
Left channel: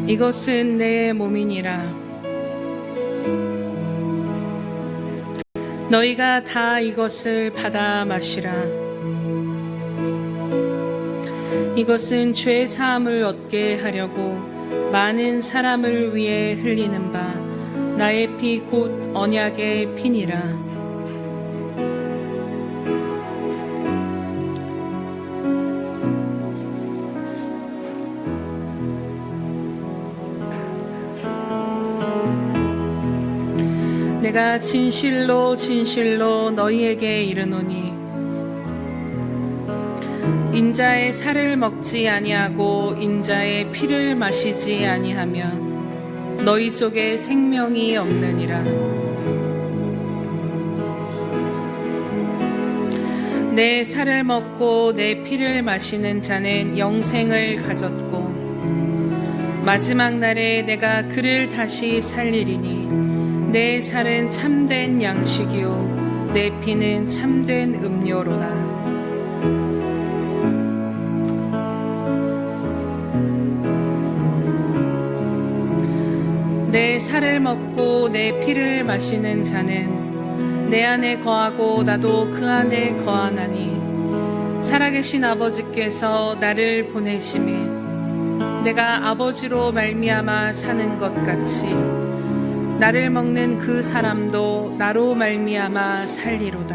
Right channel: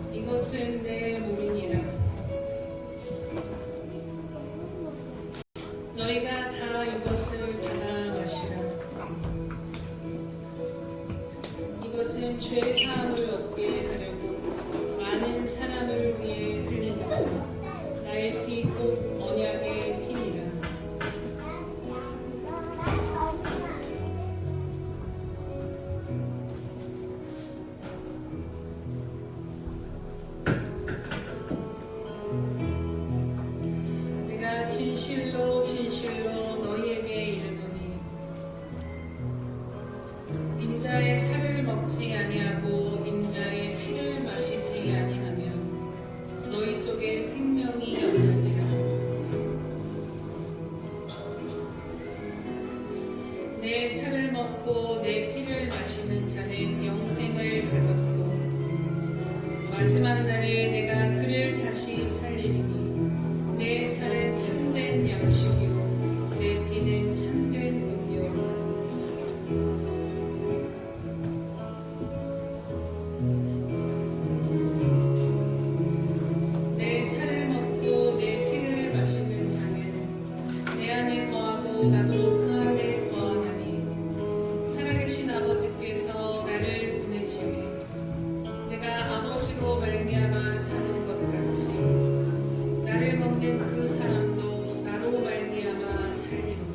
이것은 내 몸이니라. 너희가 다 이것을 받아 마시라. 이것은 죄 사함을 얻게 하려고 많은 사람을 위해 흘리는 바 나의 피 곧 언약의 피니라. 내가 진실로 진실로 너희에게 이르노니 인자의 살을 먹지 아니하고 인자의 피를 마시지 아니하면 너희 속에 생명이 없느니라. 내 살을 먹고 내 피를 마시는 자는 영생을 가졌고 마지막 날에 내가 그를 다시 살리리니 내 살은 참된 양식이요 내 피는 참된 음료로다. 내 살을 먹고 내 피를 마시는 자는 내 안에 거하고 나도 그 안에 거하나니 살아계신 아버지께서 나를 보내심에 내가 아버지로 말미암아 사는 것 같이 나를 먹는 그 사람도 나로 말미암아 살리로다.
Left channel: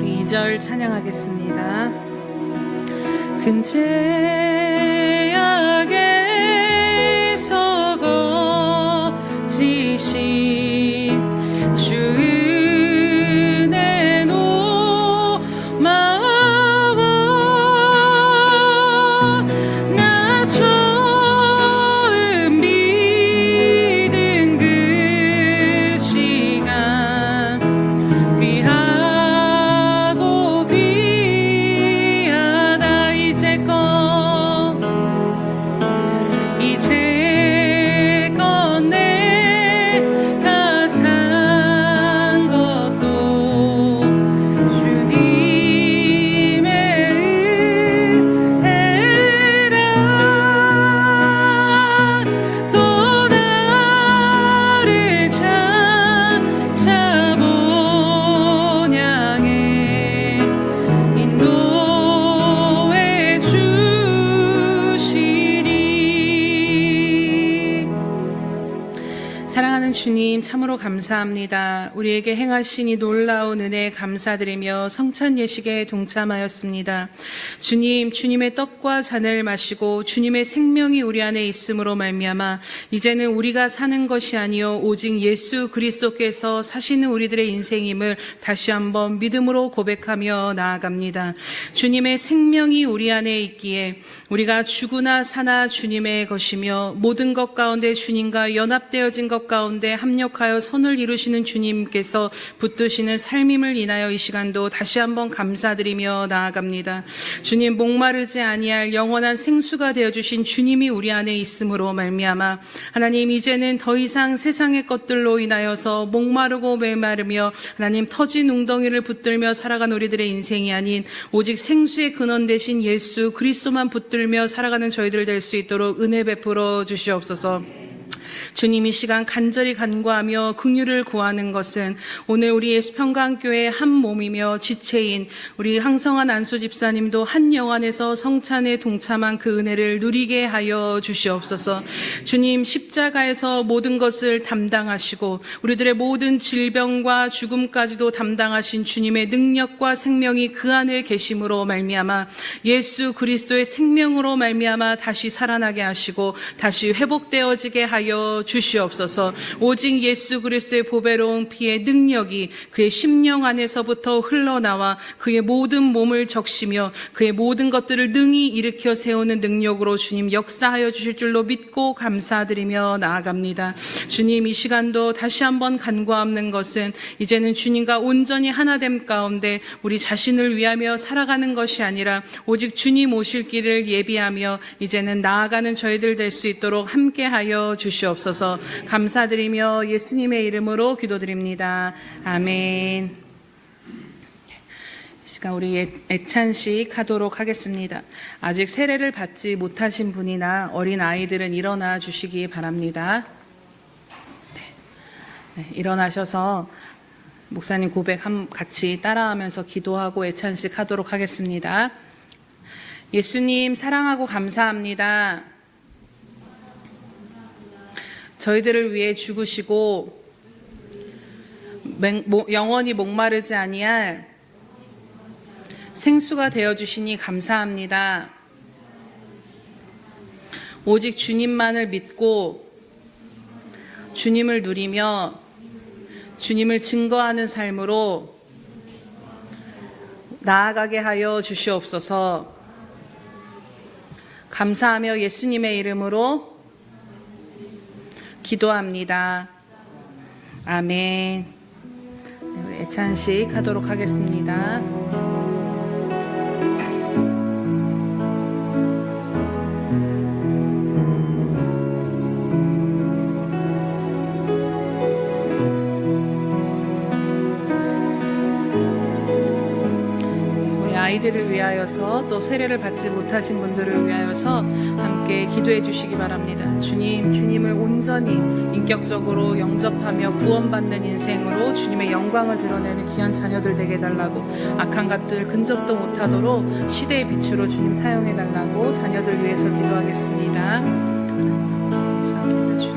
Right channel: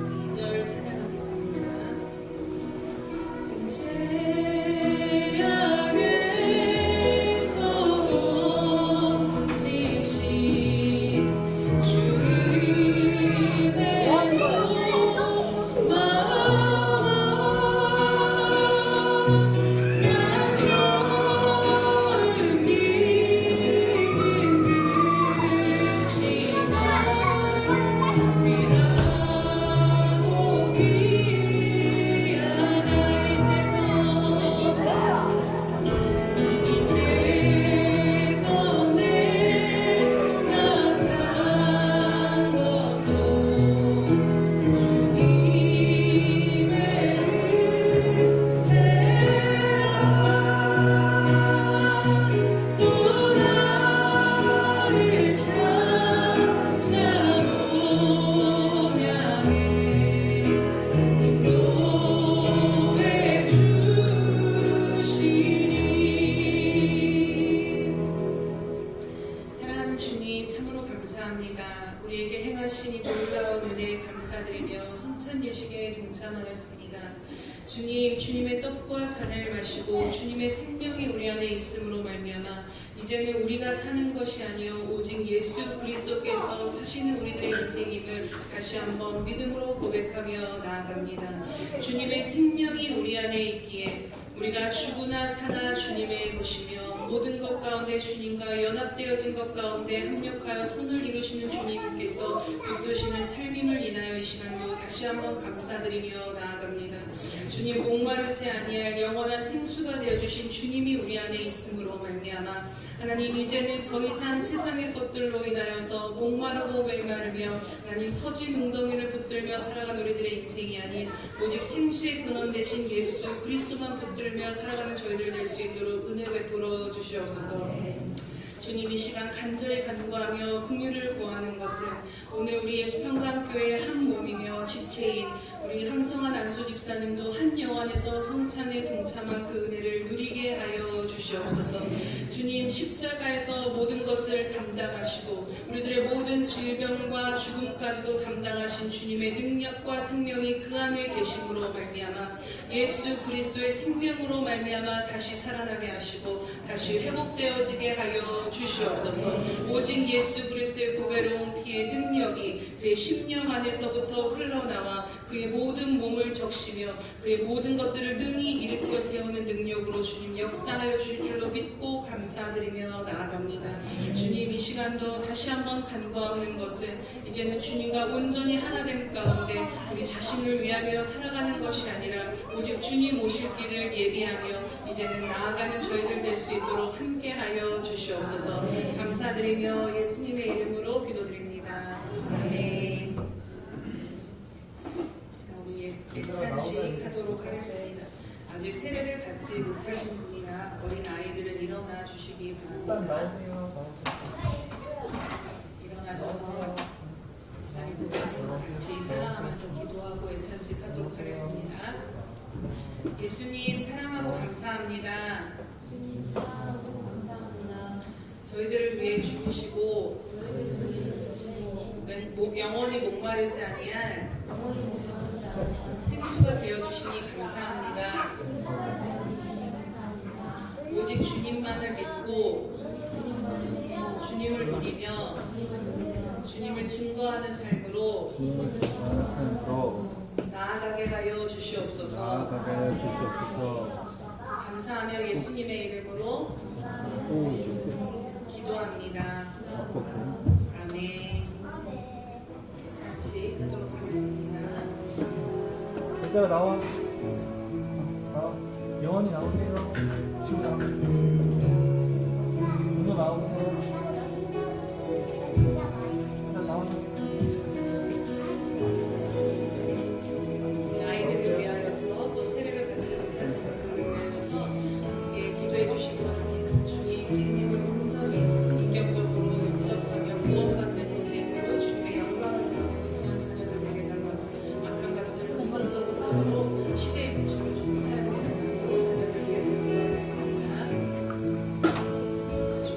우리 2절 찬양하겠습니다. 사랑하는 주님, 참으로 감사합니다. 우리에게 행하신 이 놀라운 은혜에 감사드리며 성찬 예식에 동참하였습니다. 주님, 주님의 떡과 잔을 마시고 주님의 생명이 우리 안에 있음으로 말미암아 이제는 우리가 사는 것이 아니요 오직 예수 그리스도께서 사시는 우리들의 인생임을 다시 한번 믿음으로 고백하며 나아갑니다. 주님의 생명이 우리 안에 있기에 우리가 죽으나 사나 주님의 것이며 모든 것 가운데 주님과 연합되어진 것 가운데 가운데 합력하여 선을 이루시는 주님께서 붙드시는 삶임을 인하여 이 시간도 다시 한번 감사드리며 나아갑니다. 주님, 목마르지 아니할 영원한 생수가 되어주신 주님이 우리 안에 있음으로 말미암아 하나님, 이제는 더 이상 세상의 것들로 인하여서 목마르고 메마르며 하나님 터진 웅덩이를 붙들며 살아간 우리들의 인생이 아닌 오직 생수의 근원 되신 예수 그리스도만 붙들며 살아가는 저희들 될 수 있도록 은혜 베풀어 주시옵소서. 주님, 이 시간 간절히 간구하며 긍휼을 구하는 것은 오늘 우리 예수평강교회 한 몸이며 지체인 우리 황성한 안수 집사님도 한 영 안에서 성찬에 동참한 그 은혜를 누리게 하여 주시옵소서. 주님, 십자가에서 모든 것을 담당하시고 우리들의 모든 질병과 죽음까지도 담당하신 주님의 능력과 생명이 그 안에 계심으로 말미암아 예수 그리스도의 생명으로 말미암아 다시 살아나게 하시고 다시 회복되어지게 하여 주시옵소서. 오직 예수 그리스도의 보배로운 피의 능력이 그의 심령 안에서부터 흘러나와 그의 모든 몸을 적시며 그의 모든 것들을 능히 일으켜 세우는 능력으로 주님 역사하여 주실 줄로 믿고 감사드리며 나아갑니다. 주님, 이 시간도 다시 한번 간구하는 것은 이제는 주님과 온전히 하나됨 가운데 우리 자신을 위하며 살아가는 것이 아니라 오직 주님 오실 길을 예비하며 이제는 나아가는 저희들 될 수 있도록 함께하여 주시옵소서. 감사드리며 예수님의 이름으로 기도드립니다. 아멘. 이 시간 우리 애찬식 하도록 하겠습니다. 아직 세례를 받지 못하신 분이나 어린 아이들은 일어나 주시기 바랍니다. 네, 일어나셔서 목사님 고백 같이 따라하면서 기도하고 애찬식 하도록 하겠습니다. 예수님 사랑하고 감사합니다. 저희들을 위해 죽으시고 영원히 목마르지 아니할 생수가 되어주시니 감사합니다. 오직 주님만을 믿고 주님을 누리며 주님을 증거하는 삶으로 나아가게 하여 주시옵소서. 감사하며 예수님의 이름으로 기도합니다. 아멘. 네, 우리 애찬식 하도록 하겠습니다. 아이들을 위하여서 또 세례를 받지 못하신 분들을 위하여서 함께 기도해 주시기 바랍니다. 주님, 주님을 온전히 인격적으로 영접하며 구원받는 인생으로 주님의 영광을 드러내는 귀한 자녀들 되게 해달라고, 악한 것들 근접도 못하도록 시대의 빛으로 주님 사용해 달라고 자녀들 위해서 기도하겠습니다. 감사합니다. 주님.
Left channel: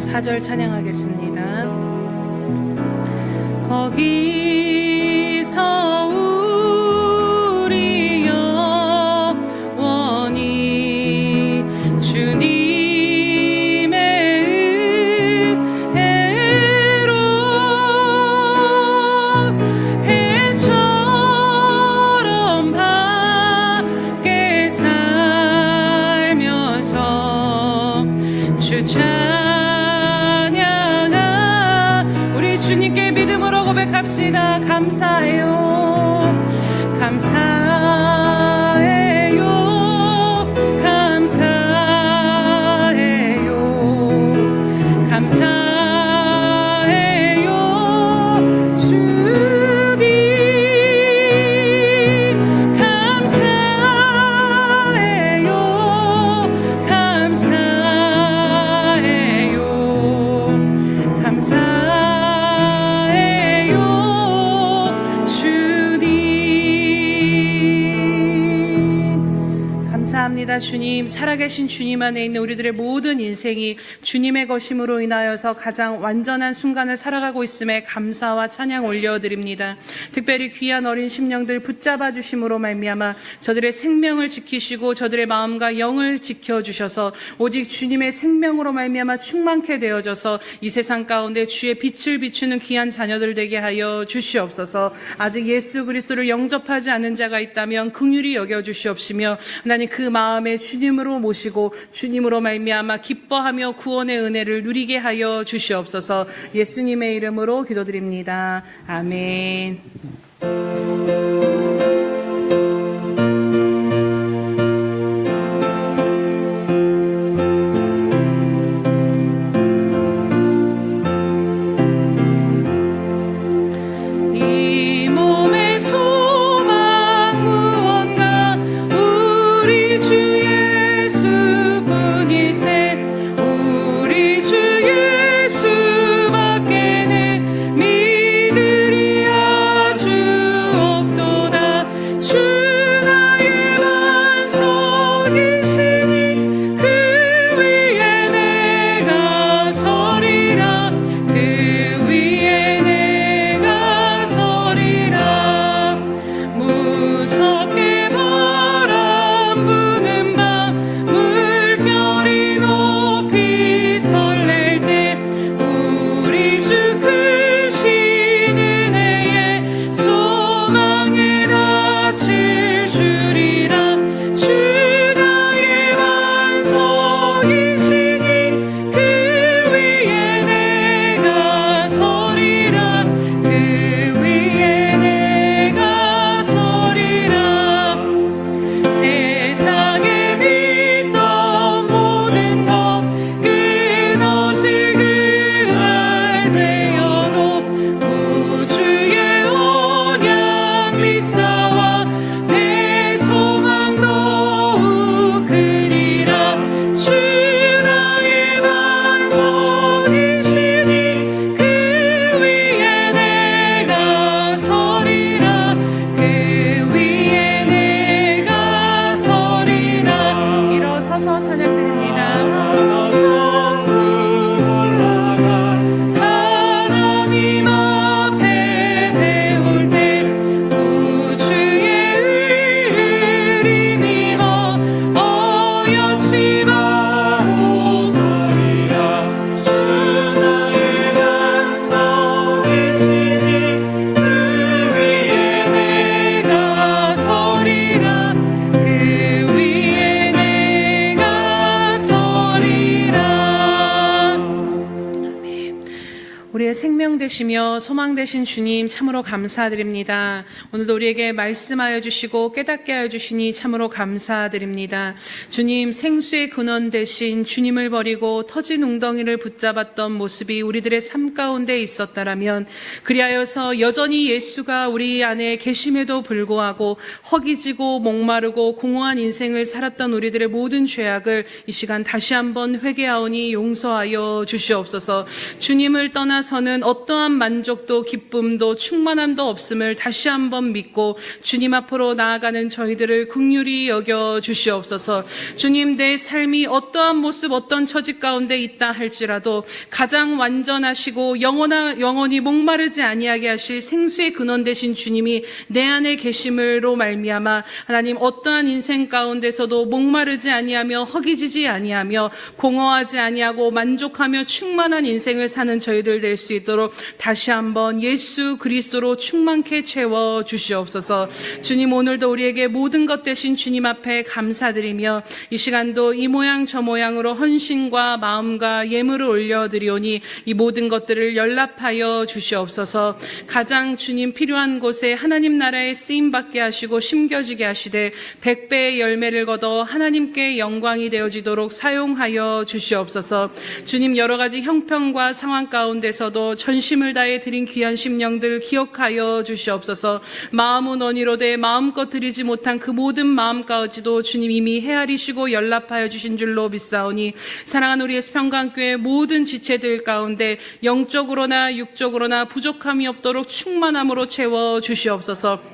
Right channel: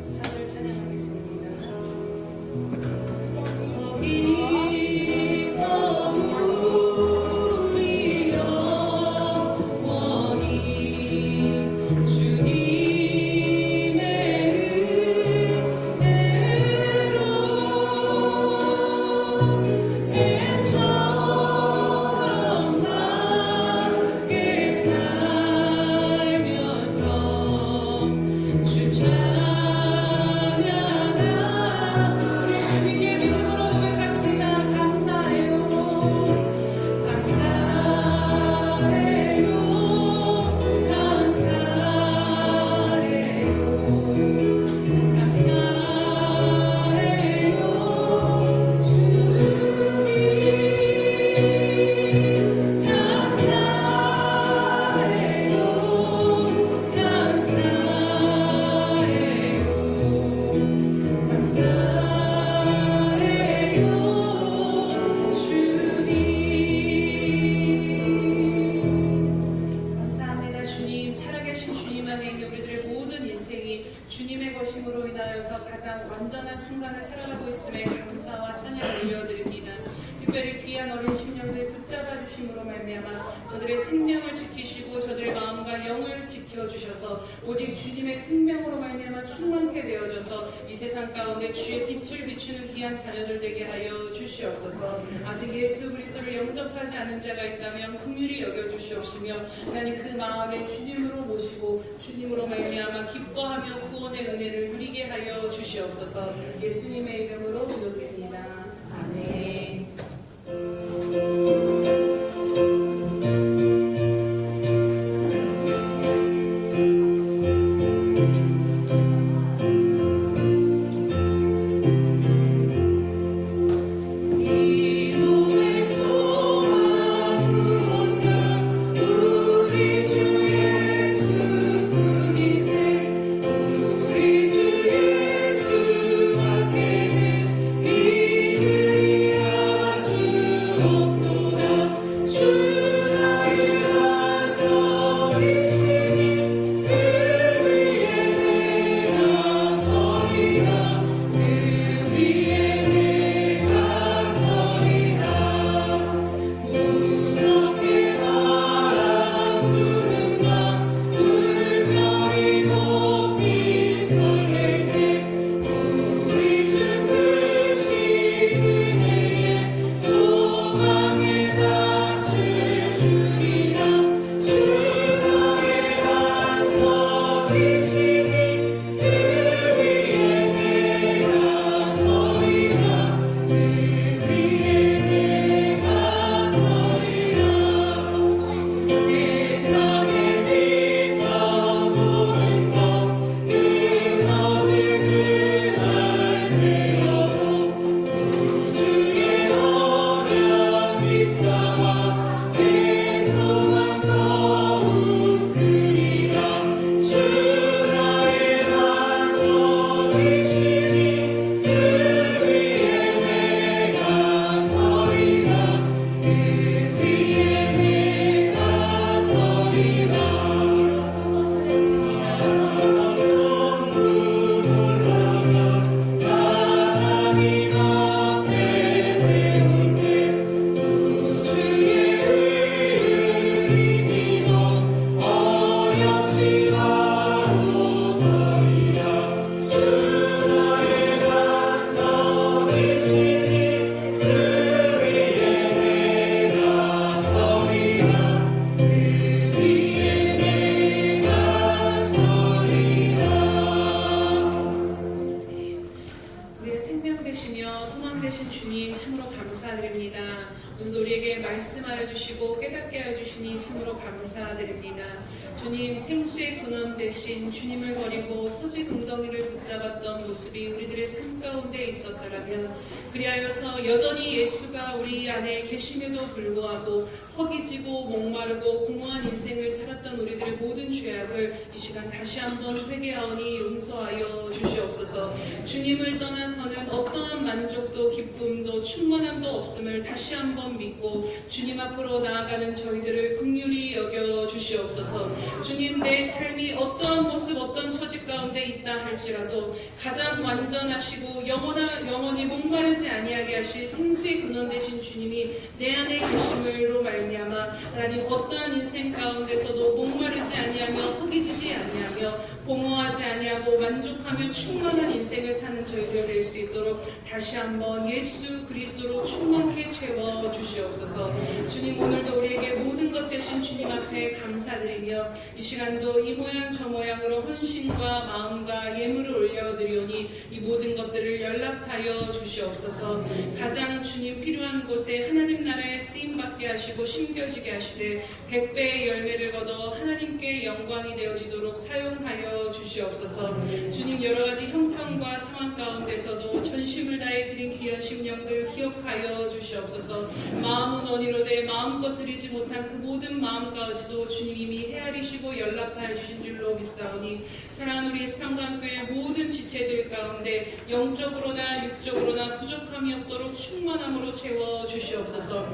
사절 찬양하겠습니다. 거기서 우리 영원히 주님의 은혜로 해처럼 밖에 살면서 주 주님께 믿음으로 고백합시다. 감사해요. 감사해요. 감사해요. 감사해요. 주님 감사해요. 감사해요. 감사해요. 감사합니다. 그러나 주님, 살아계신 주님 안에 있는 우리들의 모든 인생이 주님의 것임으로 인하여서 가장 완전한 순간을 살아가고 있음에 감사와 찬양 올려드립니다. 특별히 귀한 어린 심령들 붙잡아 주심으로 말미암아 저들의 생명을 지키시고 저들의 마음과 영을 지켜주셔서 오직 주님의 생명으로 말미암아 충만케 되어져서 이 세상 가운데 주의 빛을 비추는 귀한 자녀들 되게 하여 주시옵소서. 아직 예수 그리스도를 영접하지 않은 자가 있다면 긍휼히 여겨 주시옵시며 하나님 그 마음에 주님으로 모시고 주님으로 말미암아 기뻐하며 구원의 은혜를 누리게 하여 주시옵소서. 예수님의 이름으로 기도드립니다. 아멘. 이 몸의 소망 무언가 우리 주 예수뿐이세. 우리 주 예수밖에는 믿으리 아주 없도다. 주 나의 반석이시니 그 위에 내가 서리라. 그 위에 내가 서리라. 무섭게 바람 부는 밤 물결이 높이 설렐 때 우리 주 크신 은혜에 소망에 낯을 주리라. 주 나의 반석이시니 그 위에 내가 서리라. 그 위에 내가 서리라. 세상에 믿던 모든 것 끊어질 그날 되어도 구주의 언약 믿사와 내 소망 더욱 크리라. 주 나의 반석이시니 그 위에 내가 서리라. 그 위에 내가 서리라. 일어서서 찬양드립니다. 하나님 앞에 배울 때 우주의 의를 힘입어 어여치 마오 서리라. 주 나의 반석이시니 그 위에 내가 서리라. 그 위에 내가 서리라. 우리의 생명 되시며 소망 되신 주님 참으로 감사드립니다. 오늘도 우리에게 말씀하여 주시고 깨닫게 하여 주시니 참으로 감사드립니다. 주님, 생수의 근원 되신 주님을 버리고 터진 웅덩이를 붙잡았던 모습이 우리들의 삶 가운데 있었다라면, 그리하여서 여전히 예수가 우리 안에 계심에도 불구하고 허기지고 목마르고 공허한 인생을 살았던 우리들의 모든 죄악을 이 시간 다시 한번 회개하오니 용서하여 주시옵소서. 주님을 떠나서는 어떠한 만족도 기쁨도 충만함도 없음을 다시 한번 믿고 주님 앞으로 나아가는 저희들을 긍휼히 여겨 주시옵소서. 주님, 내 삶이 어떠한 모습 어떤 처지 가운데 있다 할지라도 가장 완전하시고 영원히 목마르지 아니하게 하실 생수의 근원 되신 주님이 내 안에 계심으로 말미암아 하나님, 어떠한 인생 가운데서도 목마르지 아니하며 허기지지 아니하며 공허하지 아니하고 만족하며 충만한 인생을 사는 저희들 될 수 있도록 다시 한번 예수 그리스도로 충만케 채워 주시옵소서. 주님, 오늘도 우리에게 모든 것 되신 주님 앞에 감사드리며 이 시간도 이 모양 저 모양으로 헌신과 마음과 예물을 올려드리오니 이 모든 것들을 연락하여 주시옵소서. 가장 주님 필요한 곳에 하나님 나라에 쓰임받게 하시고 심겨지게 하시되 100배의 열매를 거둬 하나님께 영광이 되어지도록 사용하여 주시옵소서. 주님, 여러 가지 형편과 상황 가운데서도 전심을 다해 드린 귀한 심령들 기억하여 주시옵소서. 마음은 원이로되 마음껏 드리지 못한 그 모든 마음까지도 주님 이미 헤아리시고 연락하여 주신 줄로 믿사오니, 사랑하는 우리 예수평강교회 모든 지체들 가운데 영적으로나 육적으로나 부족함이 없도록 충만함으로 채워 주시옵소서.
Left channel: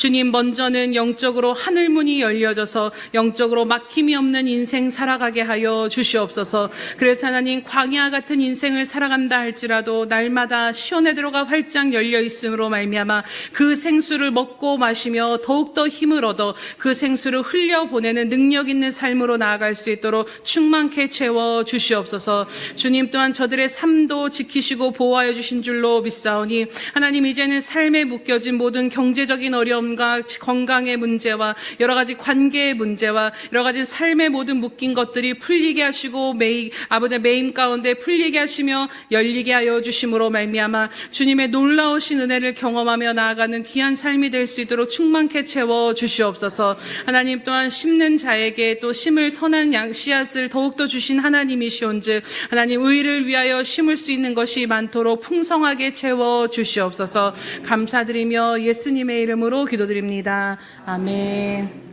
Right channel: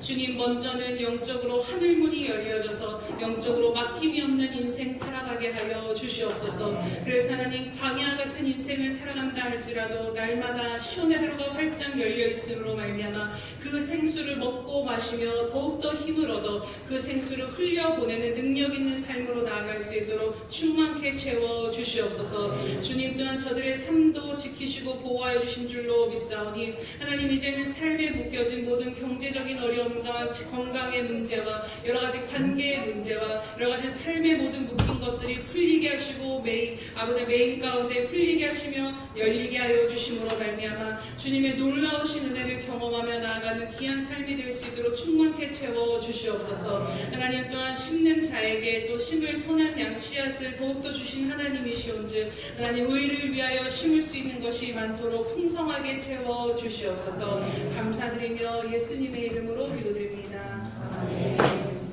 주님, 먼저는 영적으로 하늘문이 열려져서 영적으로 막힘이 없는 인생 살아가게 하여 주시옵소서. 그래서 하나님, 광야 같은 인생을 살아간다 할지라도 날마다 시온에 들어가 활짝 열려 있음으로 말미암아 그 생수를 먹고 마시며 더욱더 힘을 얻어 그 생수를 흘려보내는 능력 있는 삶으로 나아갈 수 있도록 충만케 채워 주시옵소서. 주님 또한 저들의 삶도 지키시고 보호하여 주신 줄로 믿사오니 하나님, 이제는 삶에 묶여진 모든 경제적인 어려움과 건강의 문제와 여러 가지 관계의 문제와 여러 가지 삶의 모든 묶인 것들이 풀리게 하시고 아버지의 매임 가운데 풀리게 하시며 열리게 하여 주심으로 말미암아 주님의 놀라우신 은혜를 경험하며 나아가는 귀한 삶이 될 수 있도록 충만케 채워 주시옵소서. 하나님 또한 심는 자에게 또 심을 선한 씨앗을 더욱더 주신 하나님이시온즉 하나님, 의를 위하여 심을 수 있는 것이 많도록 풍성하게 채워 주시옵소서. 감사드리며 예수님의 이름으로 기도드립니다. 아멘.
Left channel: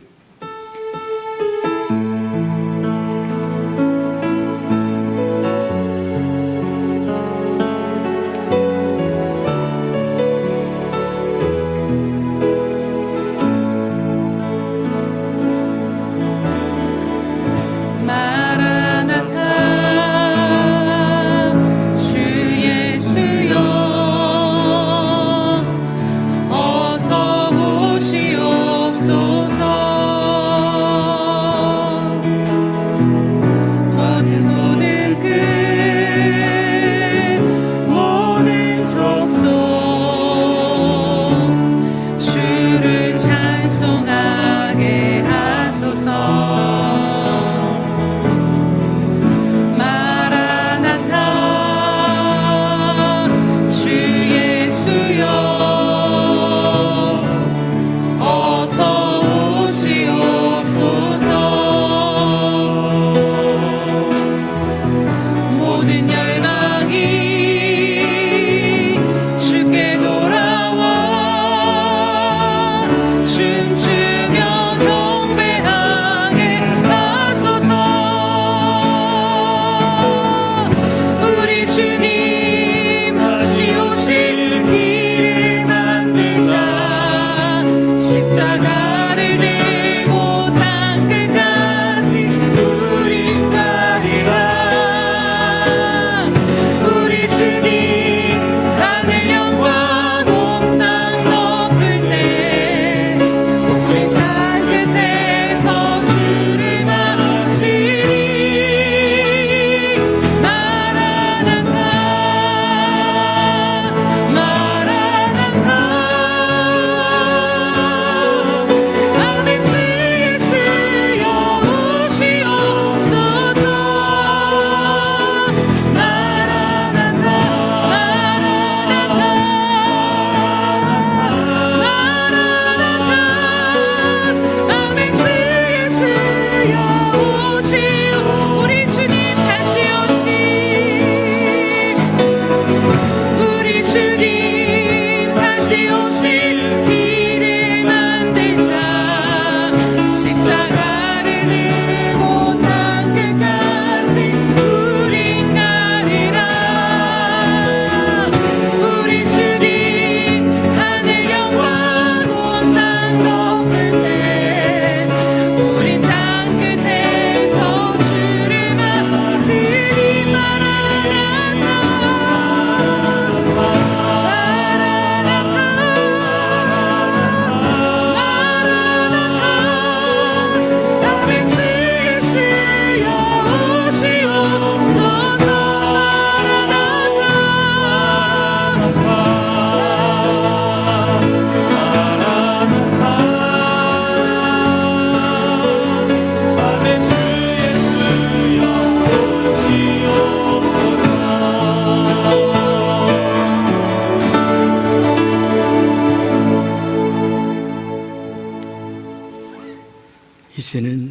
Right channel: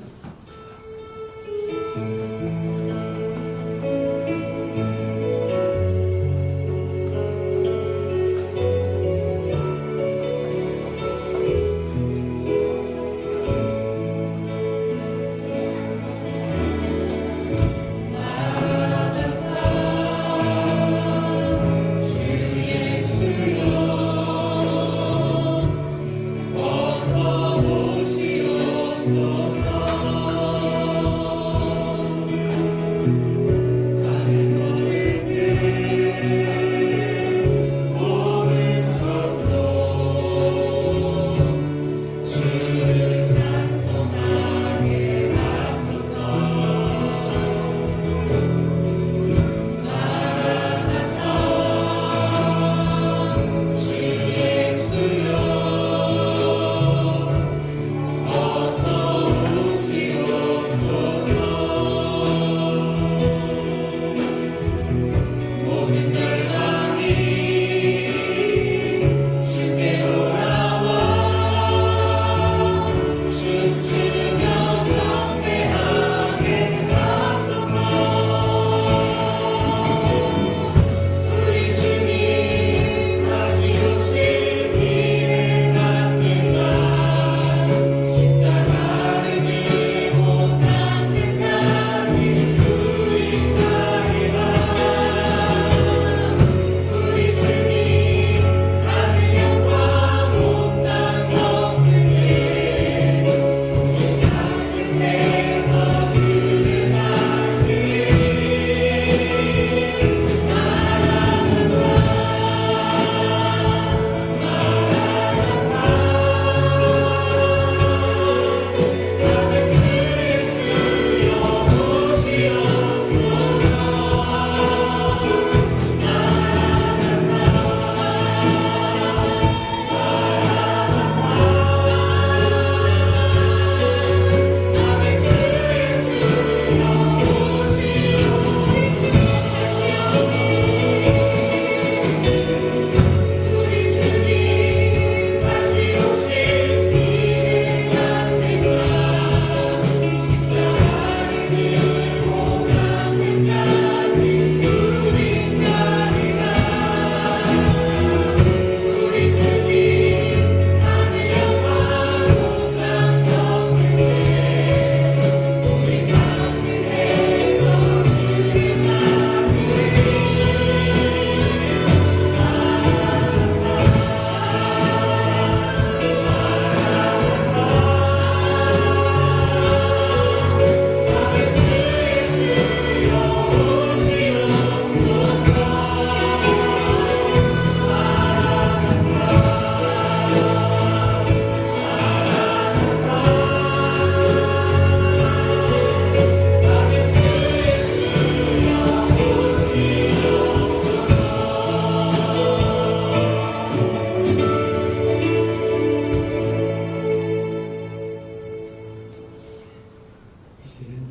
이제는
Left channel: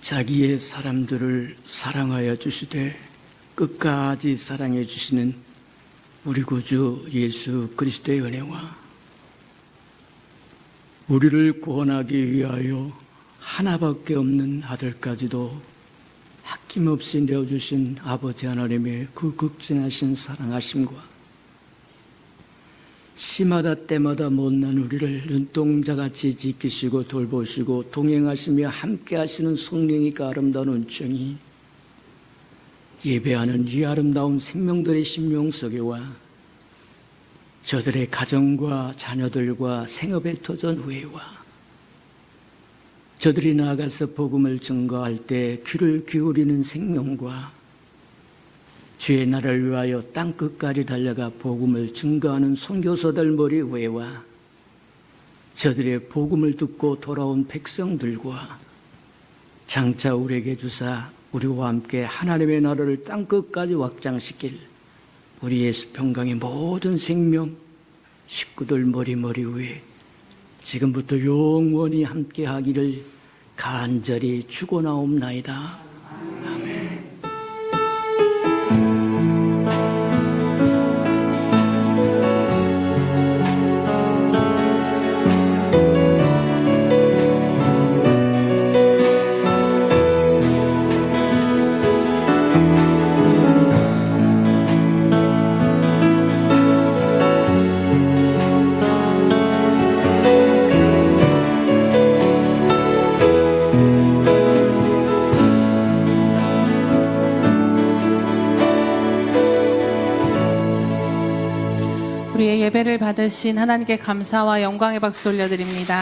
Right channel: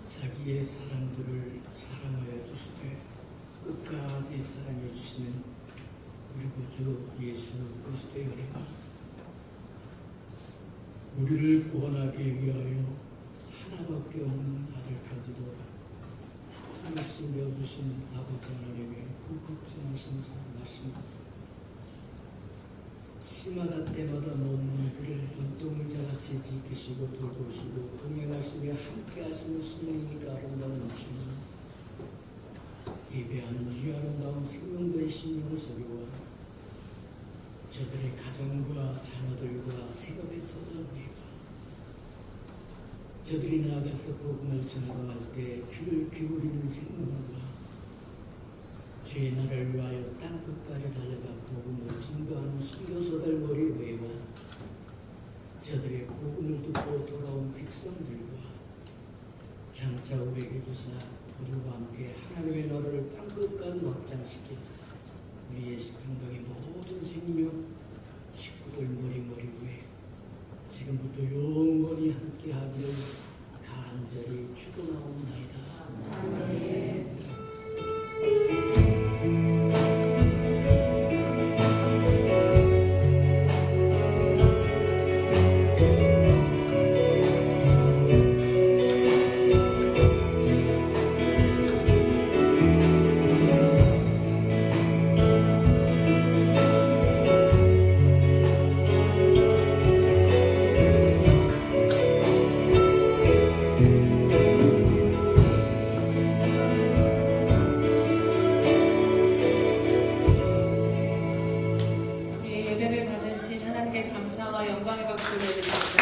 자기의 사람들을 사랑하여 주시되 끝까지 사랑해 주시는 우리 구주 예수 그리스도의 은혜와 우리를 구원하기 위하여 하나밖에 없는 아들까지도 아낌없이 내어주신 아버지 하나님의 그 극진하신 사랑하심과 시마다 때마다 못난 우리를 눈동자같이 지키시고 돌보시고 동행하시며 함께하시는 성령이가 아름다운 은총이 예배하는 이 아름다운 생명들의 심령 속에와 저들의 가정과 자녀들과 생업의 터전 후에와 저들이 나아가서 복음을 증거할 때 귀를 기울이는 생명과 주의 나라를 위하여 땅끝까지 달려가 복음을 증거하는 선교사들 머리 위에와 저들의 복음을 듣고 돌아온 백성들과 장차 우리에게 주사 우리와 함께 하나님의 나라를 땅끝까지 확장시킬 우리 예수 평강의 모든 생명 식구들 머리 위에 지금부터 영원히 함께 하기를 간절히 축원하옵나이다. 우리의 예배를 받으신 하나님께 감사와 영광의 박수 올려드립니다.